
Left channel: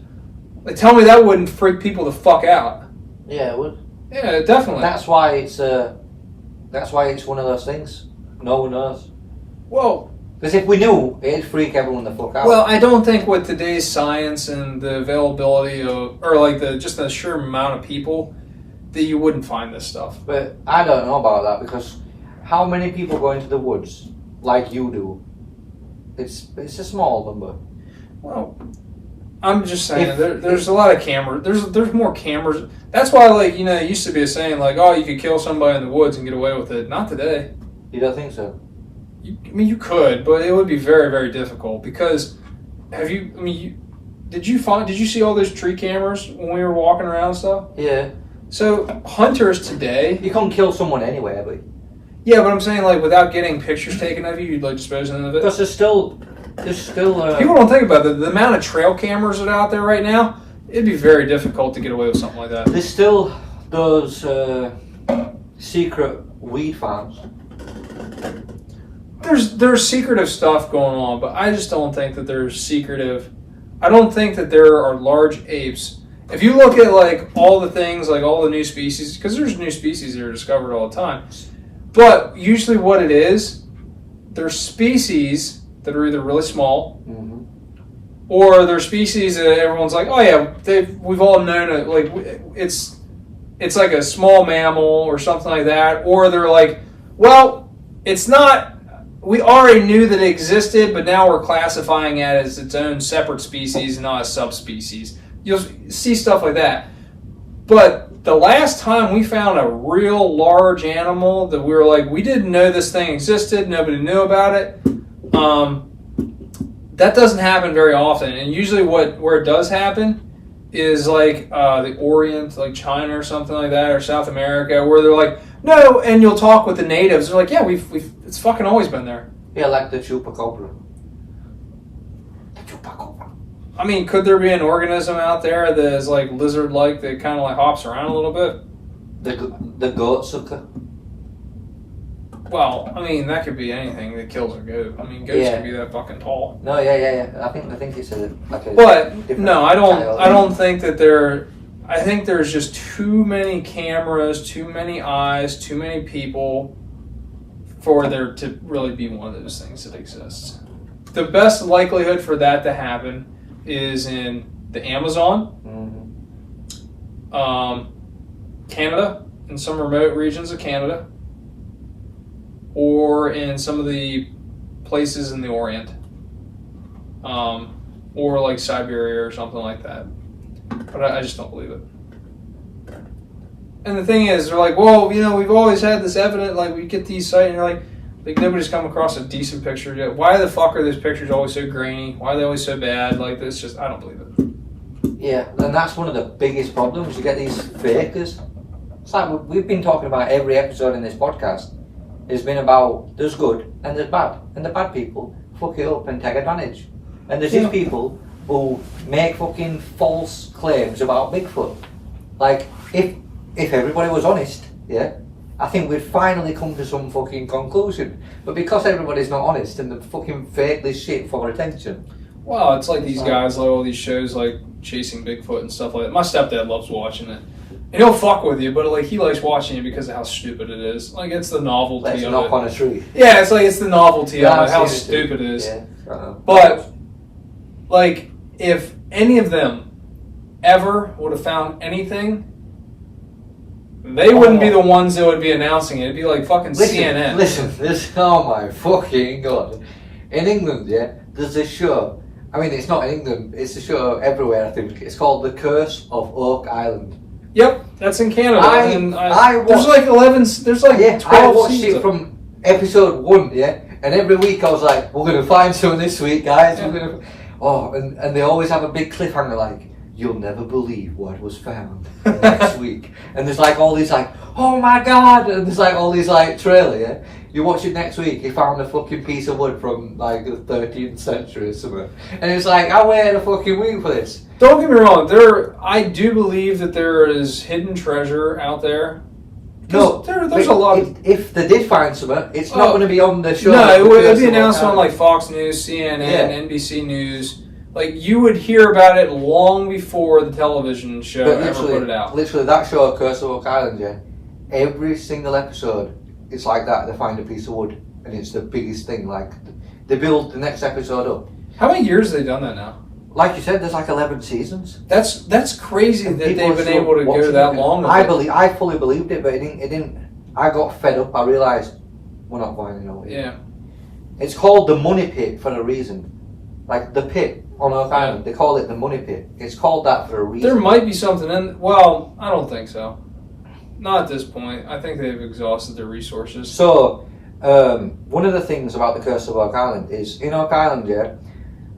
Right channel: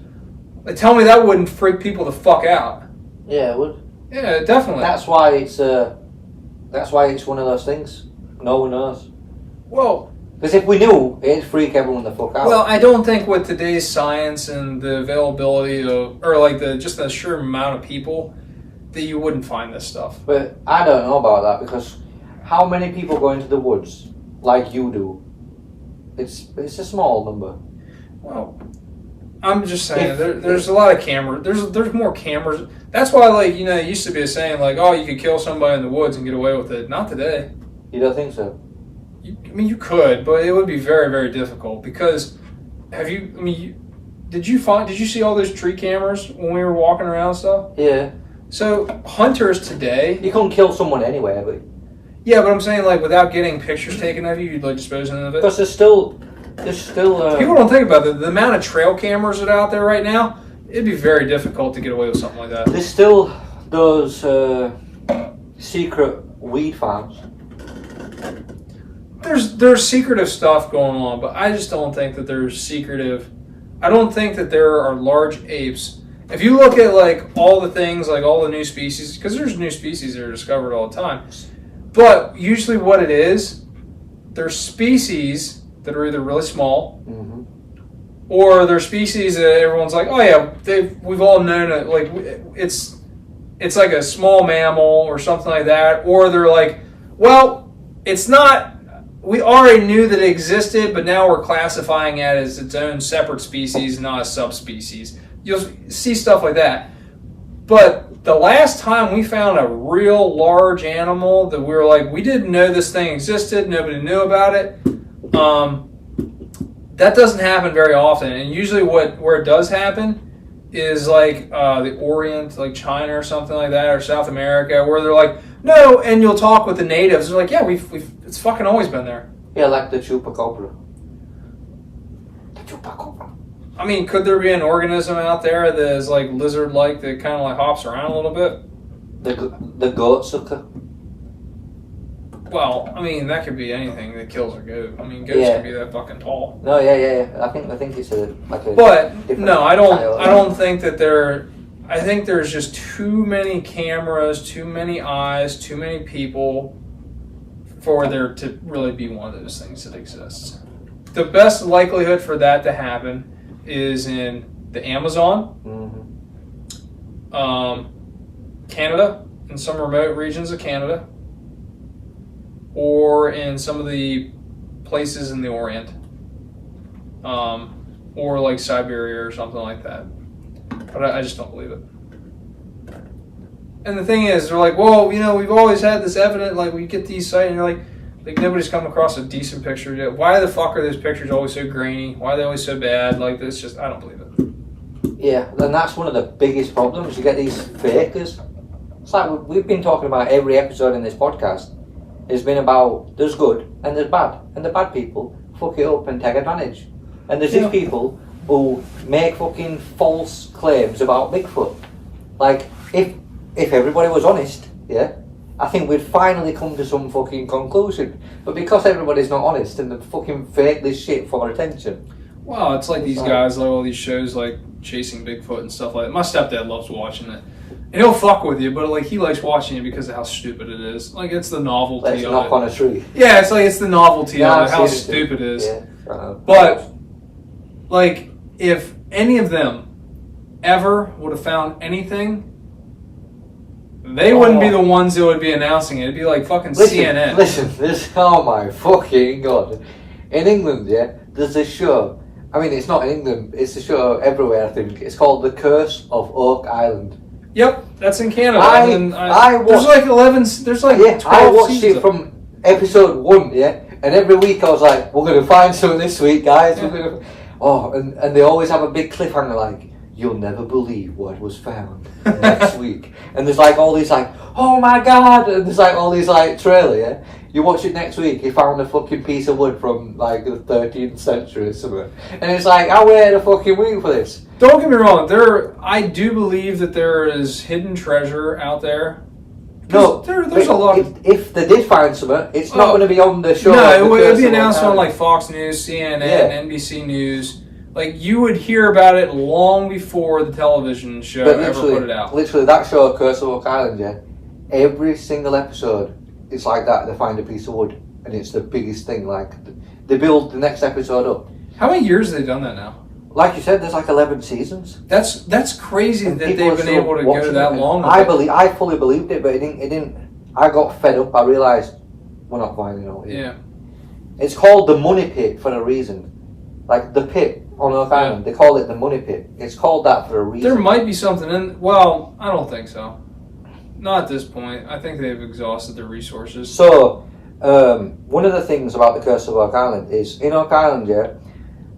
Like, tell me that wouldn't freak people the fuck out. Yeah, it would. Yeah, definitely. That's why it's one of those things. No one knows. Well, because if we knew, it'd freak everyone the fuck out. Well, I don't think with today's science and the availability of, or like just the sheer amount of people, that you wouldn't find this stuff. But I don't know about that, because how many people go into the woods like you do? It's a small number. Well, I'm just saying, there's a lot of cameras. There's more cameras. That's why, like, it used to be a saying, like, oh, you could kill somebody in the woods and get away with it. Not today. You don't think so? You could, but it would be very, very difficult because did you see all those tree cameras when we were walking around and stuff? Yeah. So hunters today, you can't kill someone anyway, but yeah, but I'm saying like without getting pictures taken of you, you'd like dispose of it. Because there's still. People don't think about the amount of trail cameras that are out there right now. It'd be very difficult to get away with something like that. There's still those secret weed farms. There's secretive stuff going on, but I just don't think that there's secretive. I don't think that there are large apes. If you look at like all the things, like all the new species, because there's new species that are discovered all the time. But usually what it is, there's species that are either really small, or they're species that everyone's like, oh yeah, we've all known it. Like it's like a small mammal or something like that. Or they're like, well, it's not. We already knew that it existed, but now we're classifying it as its own separate species, not a subspecies. You'll see stuff like that. But the last time we found a real large animal that we were like, we didn't know this thing existed, nobody knew about it. That doesn't happen very often. And usually where it does happen is like the Orient, like China or something like that, or South America, where they're like, no, and you'll talk with the natives. They're like, yeah, it's fucking always been there. Yeah, like the chupacabra. The chupacabra. I mean, could there be an organism out there that is like lizard-like that kind of like hops around a little bit? The goat sucker. Well, I mean, that could be anything that kills a goat. I mean, goats can be that fucking tall. No, yeah. I think it's a. But no, I don't think that there. I think there's just too many cameras, too many eyes, too many people for there to really be one of those things that exists. The best likelihood for that to happen is in the Amazon, Canada, in some remote regions of Canada, or in some of the places in the Orient, or like Siberia or something like that. But I just don't believe it. And the thing is, they're like, well, we've always had this evidence, like we get these sites, and you're like nobody's come across a decent picture yet. Why the fuck are those pictures always so grainy? Why are they always so bad? Like, it's just, I don't believe it. Yeah, and that's one of the biggest problems. You get these fakers. It's like we've been talking about every episode in this podcast. It's been about there's good and there's bad. And the bad people fuck it up and take advantage. And there's these people who make fucking false claims about Bigfoot. Like, if everybody was honest, I think we'd finally come to some fucking conclusion. But because everybody's not honest and they fucking fake this shit for attention. Well, it's like these guys, like all these shows like Chasing Bigfoot and stuff like that. My stepdad loves watching it. And he'll fuck with you, but like he likes watching it because of how stupid it is. Like it's the novelty Let's of knock it. on a tree. Yeah, it's the novelty of it, how stupid it is. Yeah. But like if any of them ever would have found anything, they wouldn't be the ones that would be announcing it. It'd be like fucking CNN. Listen, oh my fucking god. In England, there's this show. I mean, it's not in England, it's a show everywhere, I think. It's called The Curse of Oak Island. Yep, that's in Canada. I watched, there's like 11, there's like 12 I watched seasons. it from episode 1, and every week I was like, we're going to find something this week, guys. We're gonna... Oh, and they always have a big cliffhanger like, you'll never believe what was found next week. And there's like all these like, oh my god, and there's like all these like trailer, You watch it next week, he found a fucking piece of wood from like the 13th century or something. And it's like, I waited a fucking week for this. Don't get me wrong, I do believe that there is hidden treasure out there. No, there's a lot of... If they did find something, it's not going to be on the show. No, it would be announced on like Fox News, CNN, NBC News. Like, you would hear about it long before the television show ever put it out. Literally, that show, Curse of Oak Island, every single episode, it's like that. They find a piece of wood, and it's the biggest thing. Like, they build the next episode up. How many years have they done that now? Like you said, there's like 11 seasons. That's crazy that they've been able to go that long. I fully believed it, but it didn't. I got fed up. I realised we're not finding out. Yeah. It's called the Money Pit for a reason. Like the pit on Oak Island, they call it the Money Pit. It's called that for a reason. There might be something in. Well, I don't think so. Not at this point. I think they've exhausted their resources. So, one of the things about the Curse of Oak Island is in Oak Island, yeah,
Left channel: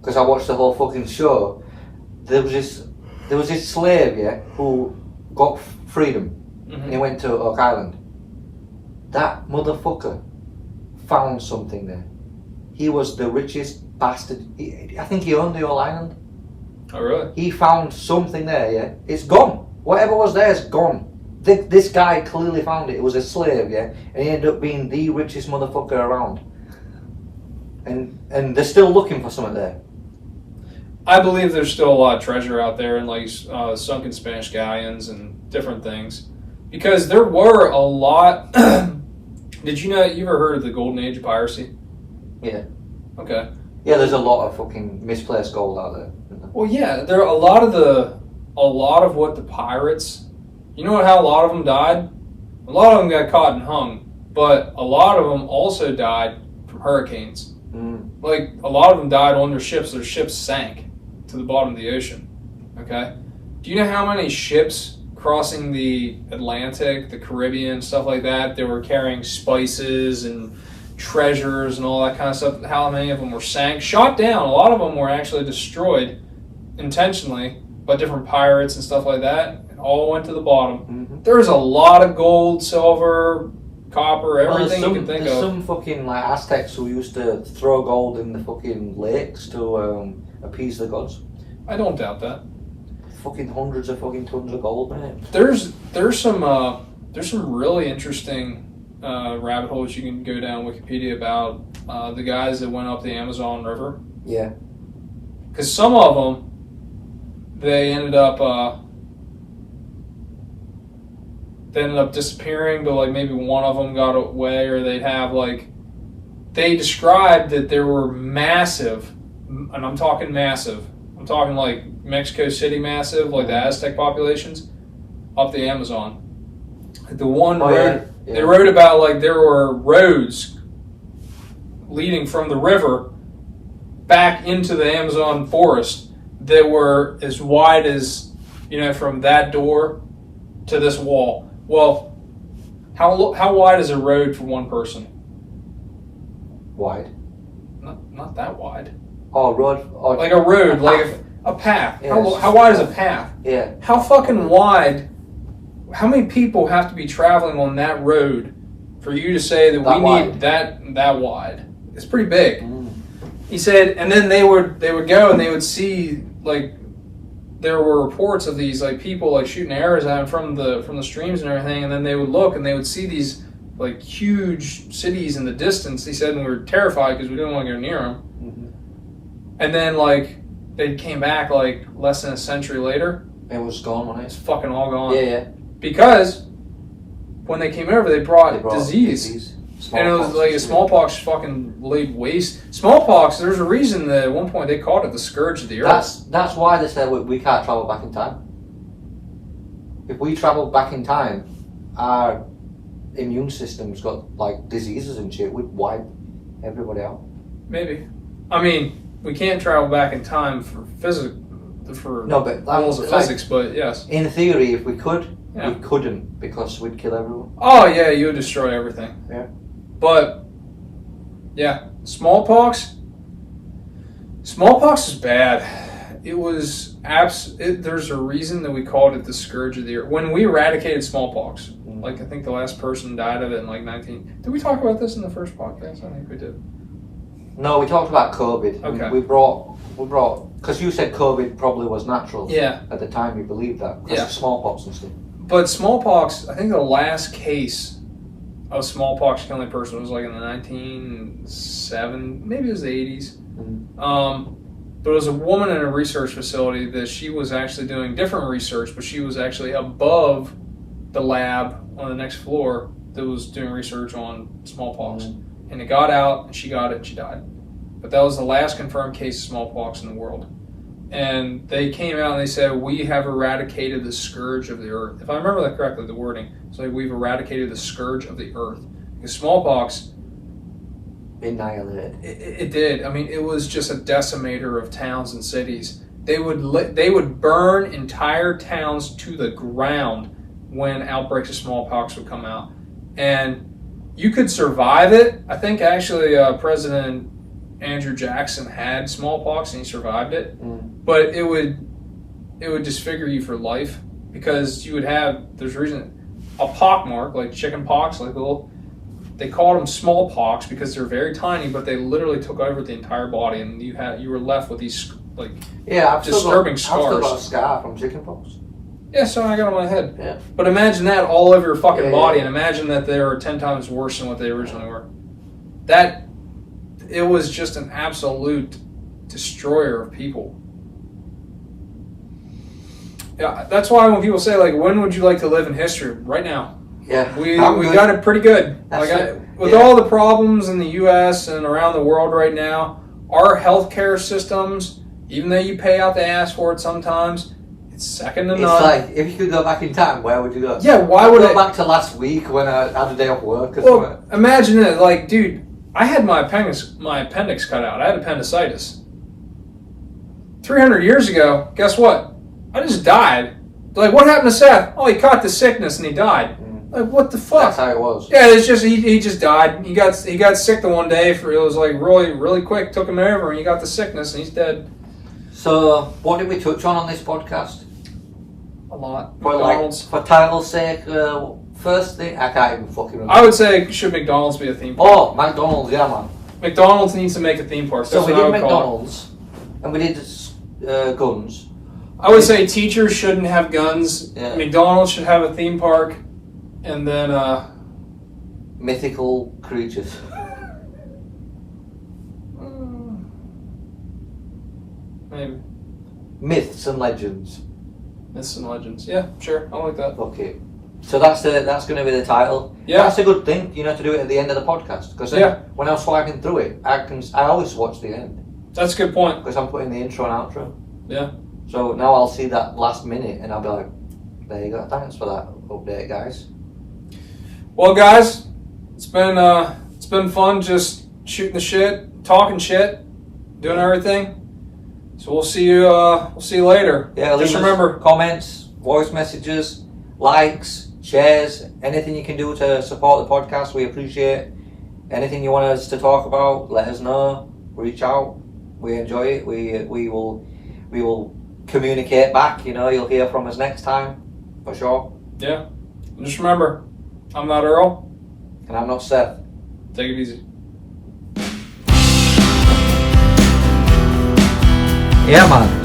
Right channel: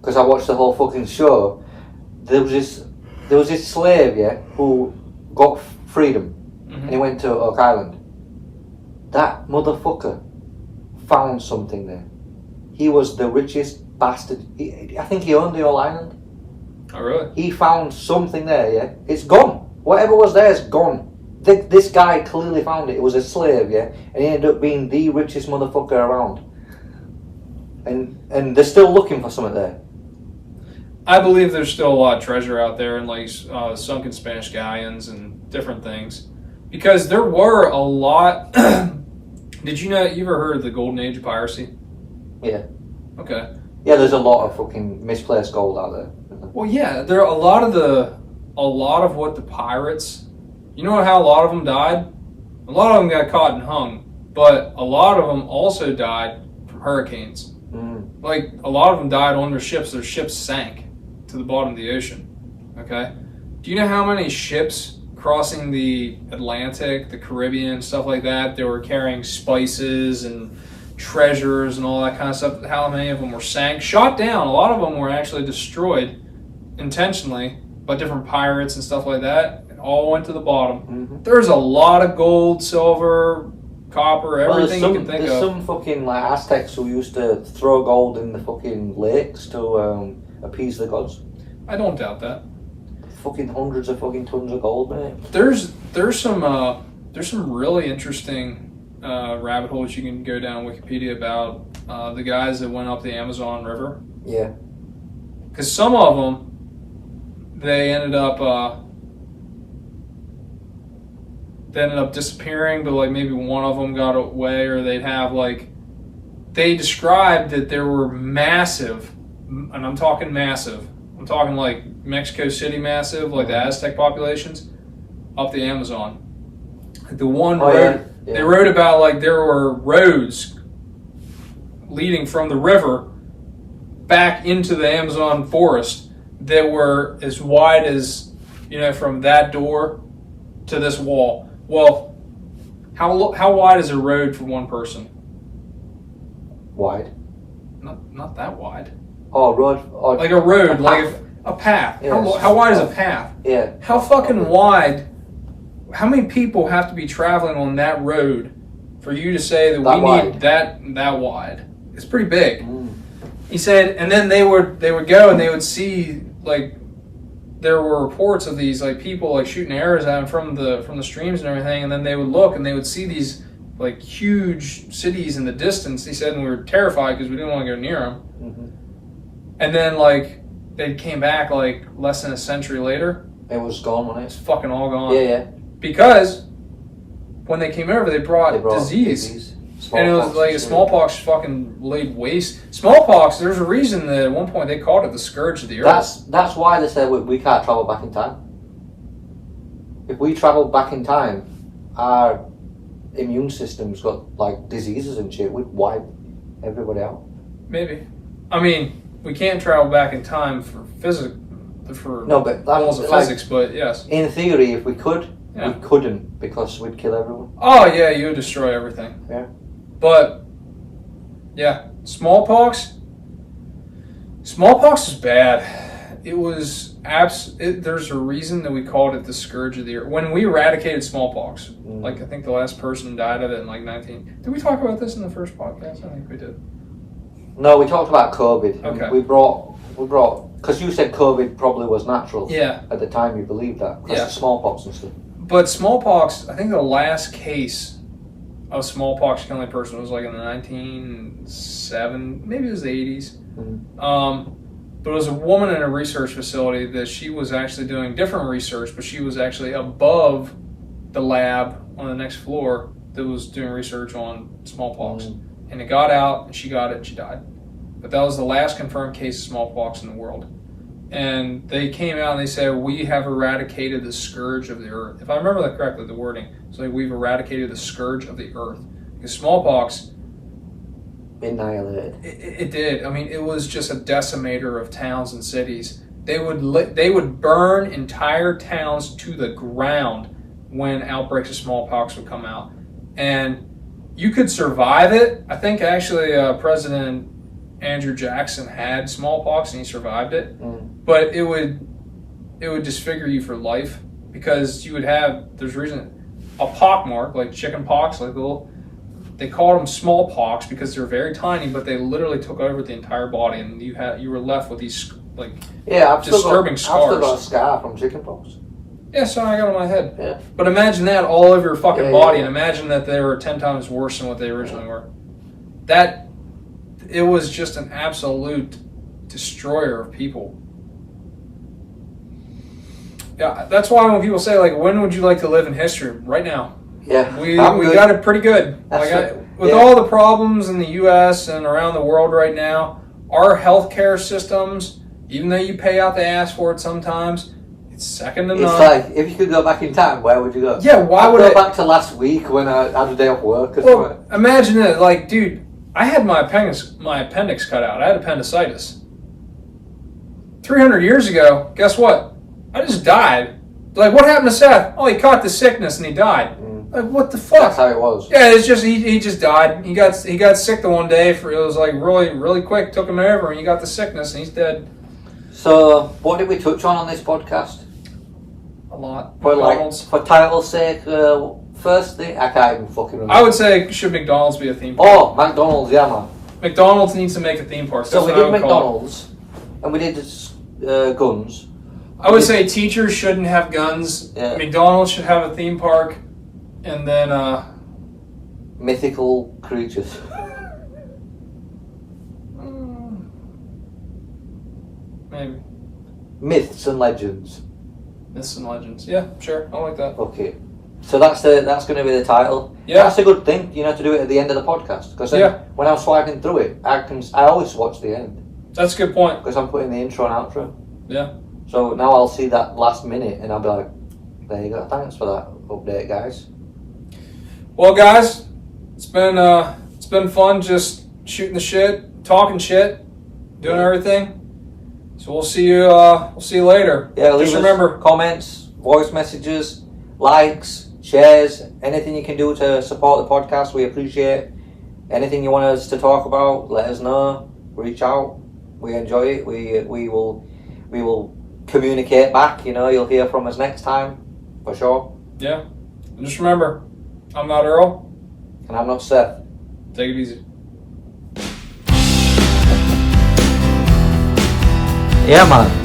because I watched the whole fucking show. There was this slave, yeah, who got freedom, and he went to Oak Island. That motherfucker found something there. He was the richest bastard. I think he owned the whole island. Oh, really? He found something there, yeah. It's gone. Whatever was there is gone. This guy clearly found it. It was a slave, yeah, and he ended up being the richest motherfucker around. And they're still looking for something there. I believe there's still a lot of treasure out there in like sunken Spanish galleons and different things, because there were a lot. Did you know? You ever heard of the golden age of piracy? Yeah. Okay. Yeah, there's a lot of fucking misplaced gold out there. Well, yeah, there are a lot of what the pirates. You know how a lot of them died? A lot of them got caught and hung, but a lot of them also died from hurricanes. Like, a lot of them died on their ships. Their ships sank to the bottom of the ocean. Okay? Do you know how many ships crossing the Atlantic, the Caribbean, stuff like that, they were carrying spices and treasures and all that kind of stuff, how many of them were sank? Shot down. A lot of them were actually destroyed intentionally by different pirates and stuff like that. It all went to the bottom. There's a lot of gold, silver, copper, everything you can think of. There's some fucking like Aztecs who used to throw gold in the fucking lakes to appease the gods. I don't doubt that. Fucking hundreds of fucking tons of gold, mate. There's some really interesting rabbit holes you can go down Wikipedia about the guys that went up the Amazon River. Yeah. Because some of them, they ended up disappearing, but like maybe one of them got away, or they'd have like, they described that there were massive, and I'm talking massive, I'm talking like Mexico City massive, like the Aztec populations, up the Amazon. The one they wrote about like there were roads leading from the river back into the Amazon forest that were as wide as, you know, from that door to this wall. Well, how wide is a road for one person? Wide? Not that wide. Oh, a road? Oh, like a road, like a path. Yes. How wide is a path? Yeah. How fucking wide? How many people have to be traveling on that road for you to say that we need that wide? It's pretty big. He said, and then they would go and they would see, like, there were reports of these like people like shooting arrows at them from the streams and everything, and then they would look and they would see these like huge cities in the distance. He said, and we were terrified because we didn't want to go near them. And then like they came back like less than a century later. It was gone, wasn't it? It's fucking all gone. Yeah. Because when they came over, they brought disease. And it was like smallpox fucking laid waste. Smallpox, there's a reason that at one point they called it the scourge of the earth. That's why they said we can't travel back in time. If we travel back in time, our immune system's got like diseases and shit. We'd wipe everybody out. Maybe. I mean, we can't travel back in time for physics, for rules of physics, but yes. In theory, if we could, we couldn't because we'd kill everyone. Oh yeah, you would destroy everything. Yeah. But yeah, smallpox is bad. It was there's a reason that we called it the scourge of the earth. When we eradicated smallpox, like I think the last person died of it in like 19. Did we talk about this in the first podcast? I think we did. No, we talked about COVID. Okay. We brought because you said COVID probably was natural. Yeah. At the time, you believed that because of smallpox and stuff. But smallpox, I think the last case of smallpox killing a person was like in the 1970s, maybe it was the 80s. But it was a woman in a research facility that she was actually doing different research, but she was actually above the lab on the next floor that was doing research on smallpox. And it got out, and she got it, and she died. But that was the last confirmed case of smallpox in the world. And they came out and they said, we have eradicated the scourge of the earth. If I remember that correctly, the wording. It's like, we've eradicated the scourge of the earth. Because smallpox... annihilated. It did. I mean, it was just a decimator of towns and cities. They would burn entire towns to the ground when outbreaks of smallpox would come out. And you could survive it. I think actually President Andrew Jackson had smallpox and he survived it, but it would disfigure you for life because you would have, there's a reason, a pockmark, like chicken pox, like they called them smallpox because they're very tiny, but they literally took over the entire body, and you were left with these disturbing scars. I've still got a scar from chickenpox. Yeah, so I got on my head. Yeah. But imagine that all over your fucking body, and imagine that they were 10 times worse than what they originally were. It was just an absolute destroyer of people. Yeah, that's why when people say, like, when would you like to live in history? Right now. Yeah. We got it pretty good. With all the problems in the U.S. and around the world right now, our healthcare systems, even though you pay out the ass for it sometimes, it's second to none. It's like, if you could go back in time, where would you go? Yeah, why would I go back to last week when I had a day off work? Well, imagine it. Like, dude, I had my appendix cut out. I had appendicitis. 300 years ago, guess what? I just died. Like, what happened to Seth? Oh, he caught the sickness and he died. Like, what the fuck? That's how it was. Yeah, it's just he just died. He got sick the one day. It was like really quick. Took him over and he got the sickness and he's dead. So, what did we touch on this podcast? A lot. For title's sake, first thing, I can't even fucking remember. I would say, should McDonald's be a theme park? Oh, McDonald's, yeah, man. McDonald's needs to make a theme park. So we did McDonald's, and we did guns. I would say teachers shouldn't have guns. Yeah. McDonald's should have a theme park, and then mythical creatures. Maybe Myths and legends. Myths and legends. Yeah, sure. I like that. Okay. So that's going to be the title. Yeah. That's a good thing, to do it at the end of the podcast. Because when I'm sliding through it, I always watch the end. That's a good point. Because I'm putting the intro and outro. Yeah. So now I'll see that last minute and I'll be like, there you go. Thanks for that update, guys. Well, guys, it's been fun just shooting the shit, talking shit, doing everything. So we'll see you later. Yeah, just remember, comments, voice messages, likes, shares, anything you can do to support the podcast, we appreciate. Anything you want us to talk about, let us know. Reach out. We enjoy it. We will communicate back. You'll hear from us next time for sure. Yeah. And just remember, I'm not Earl, and I'm not Seth. Take it easy. Yeah, man.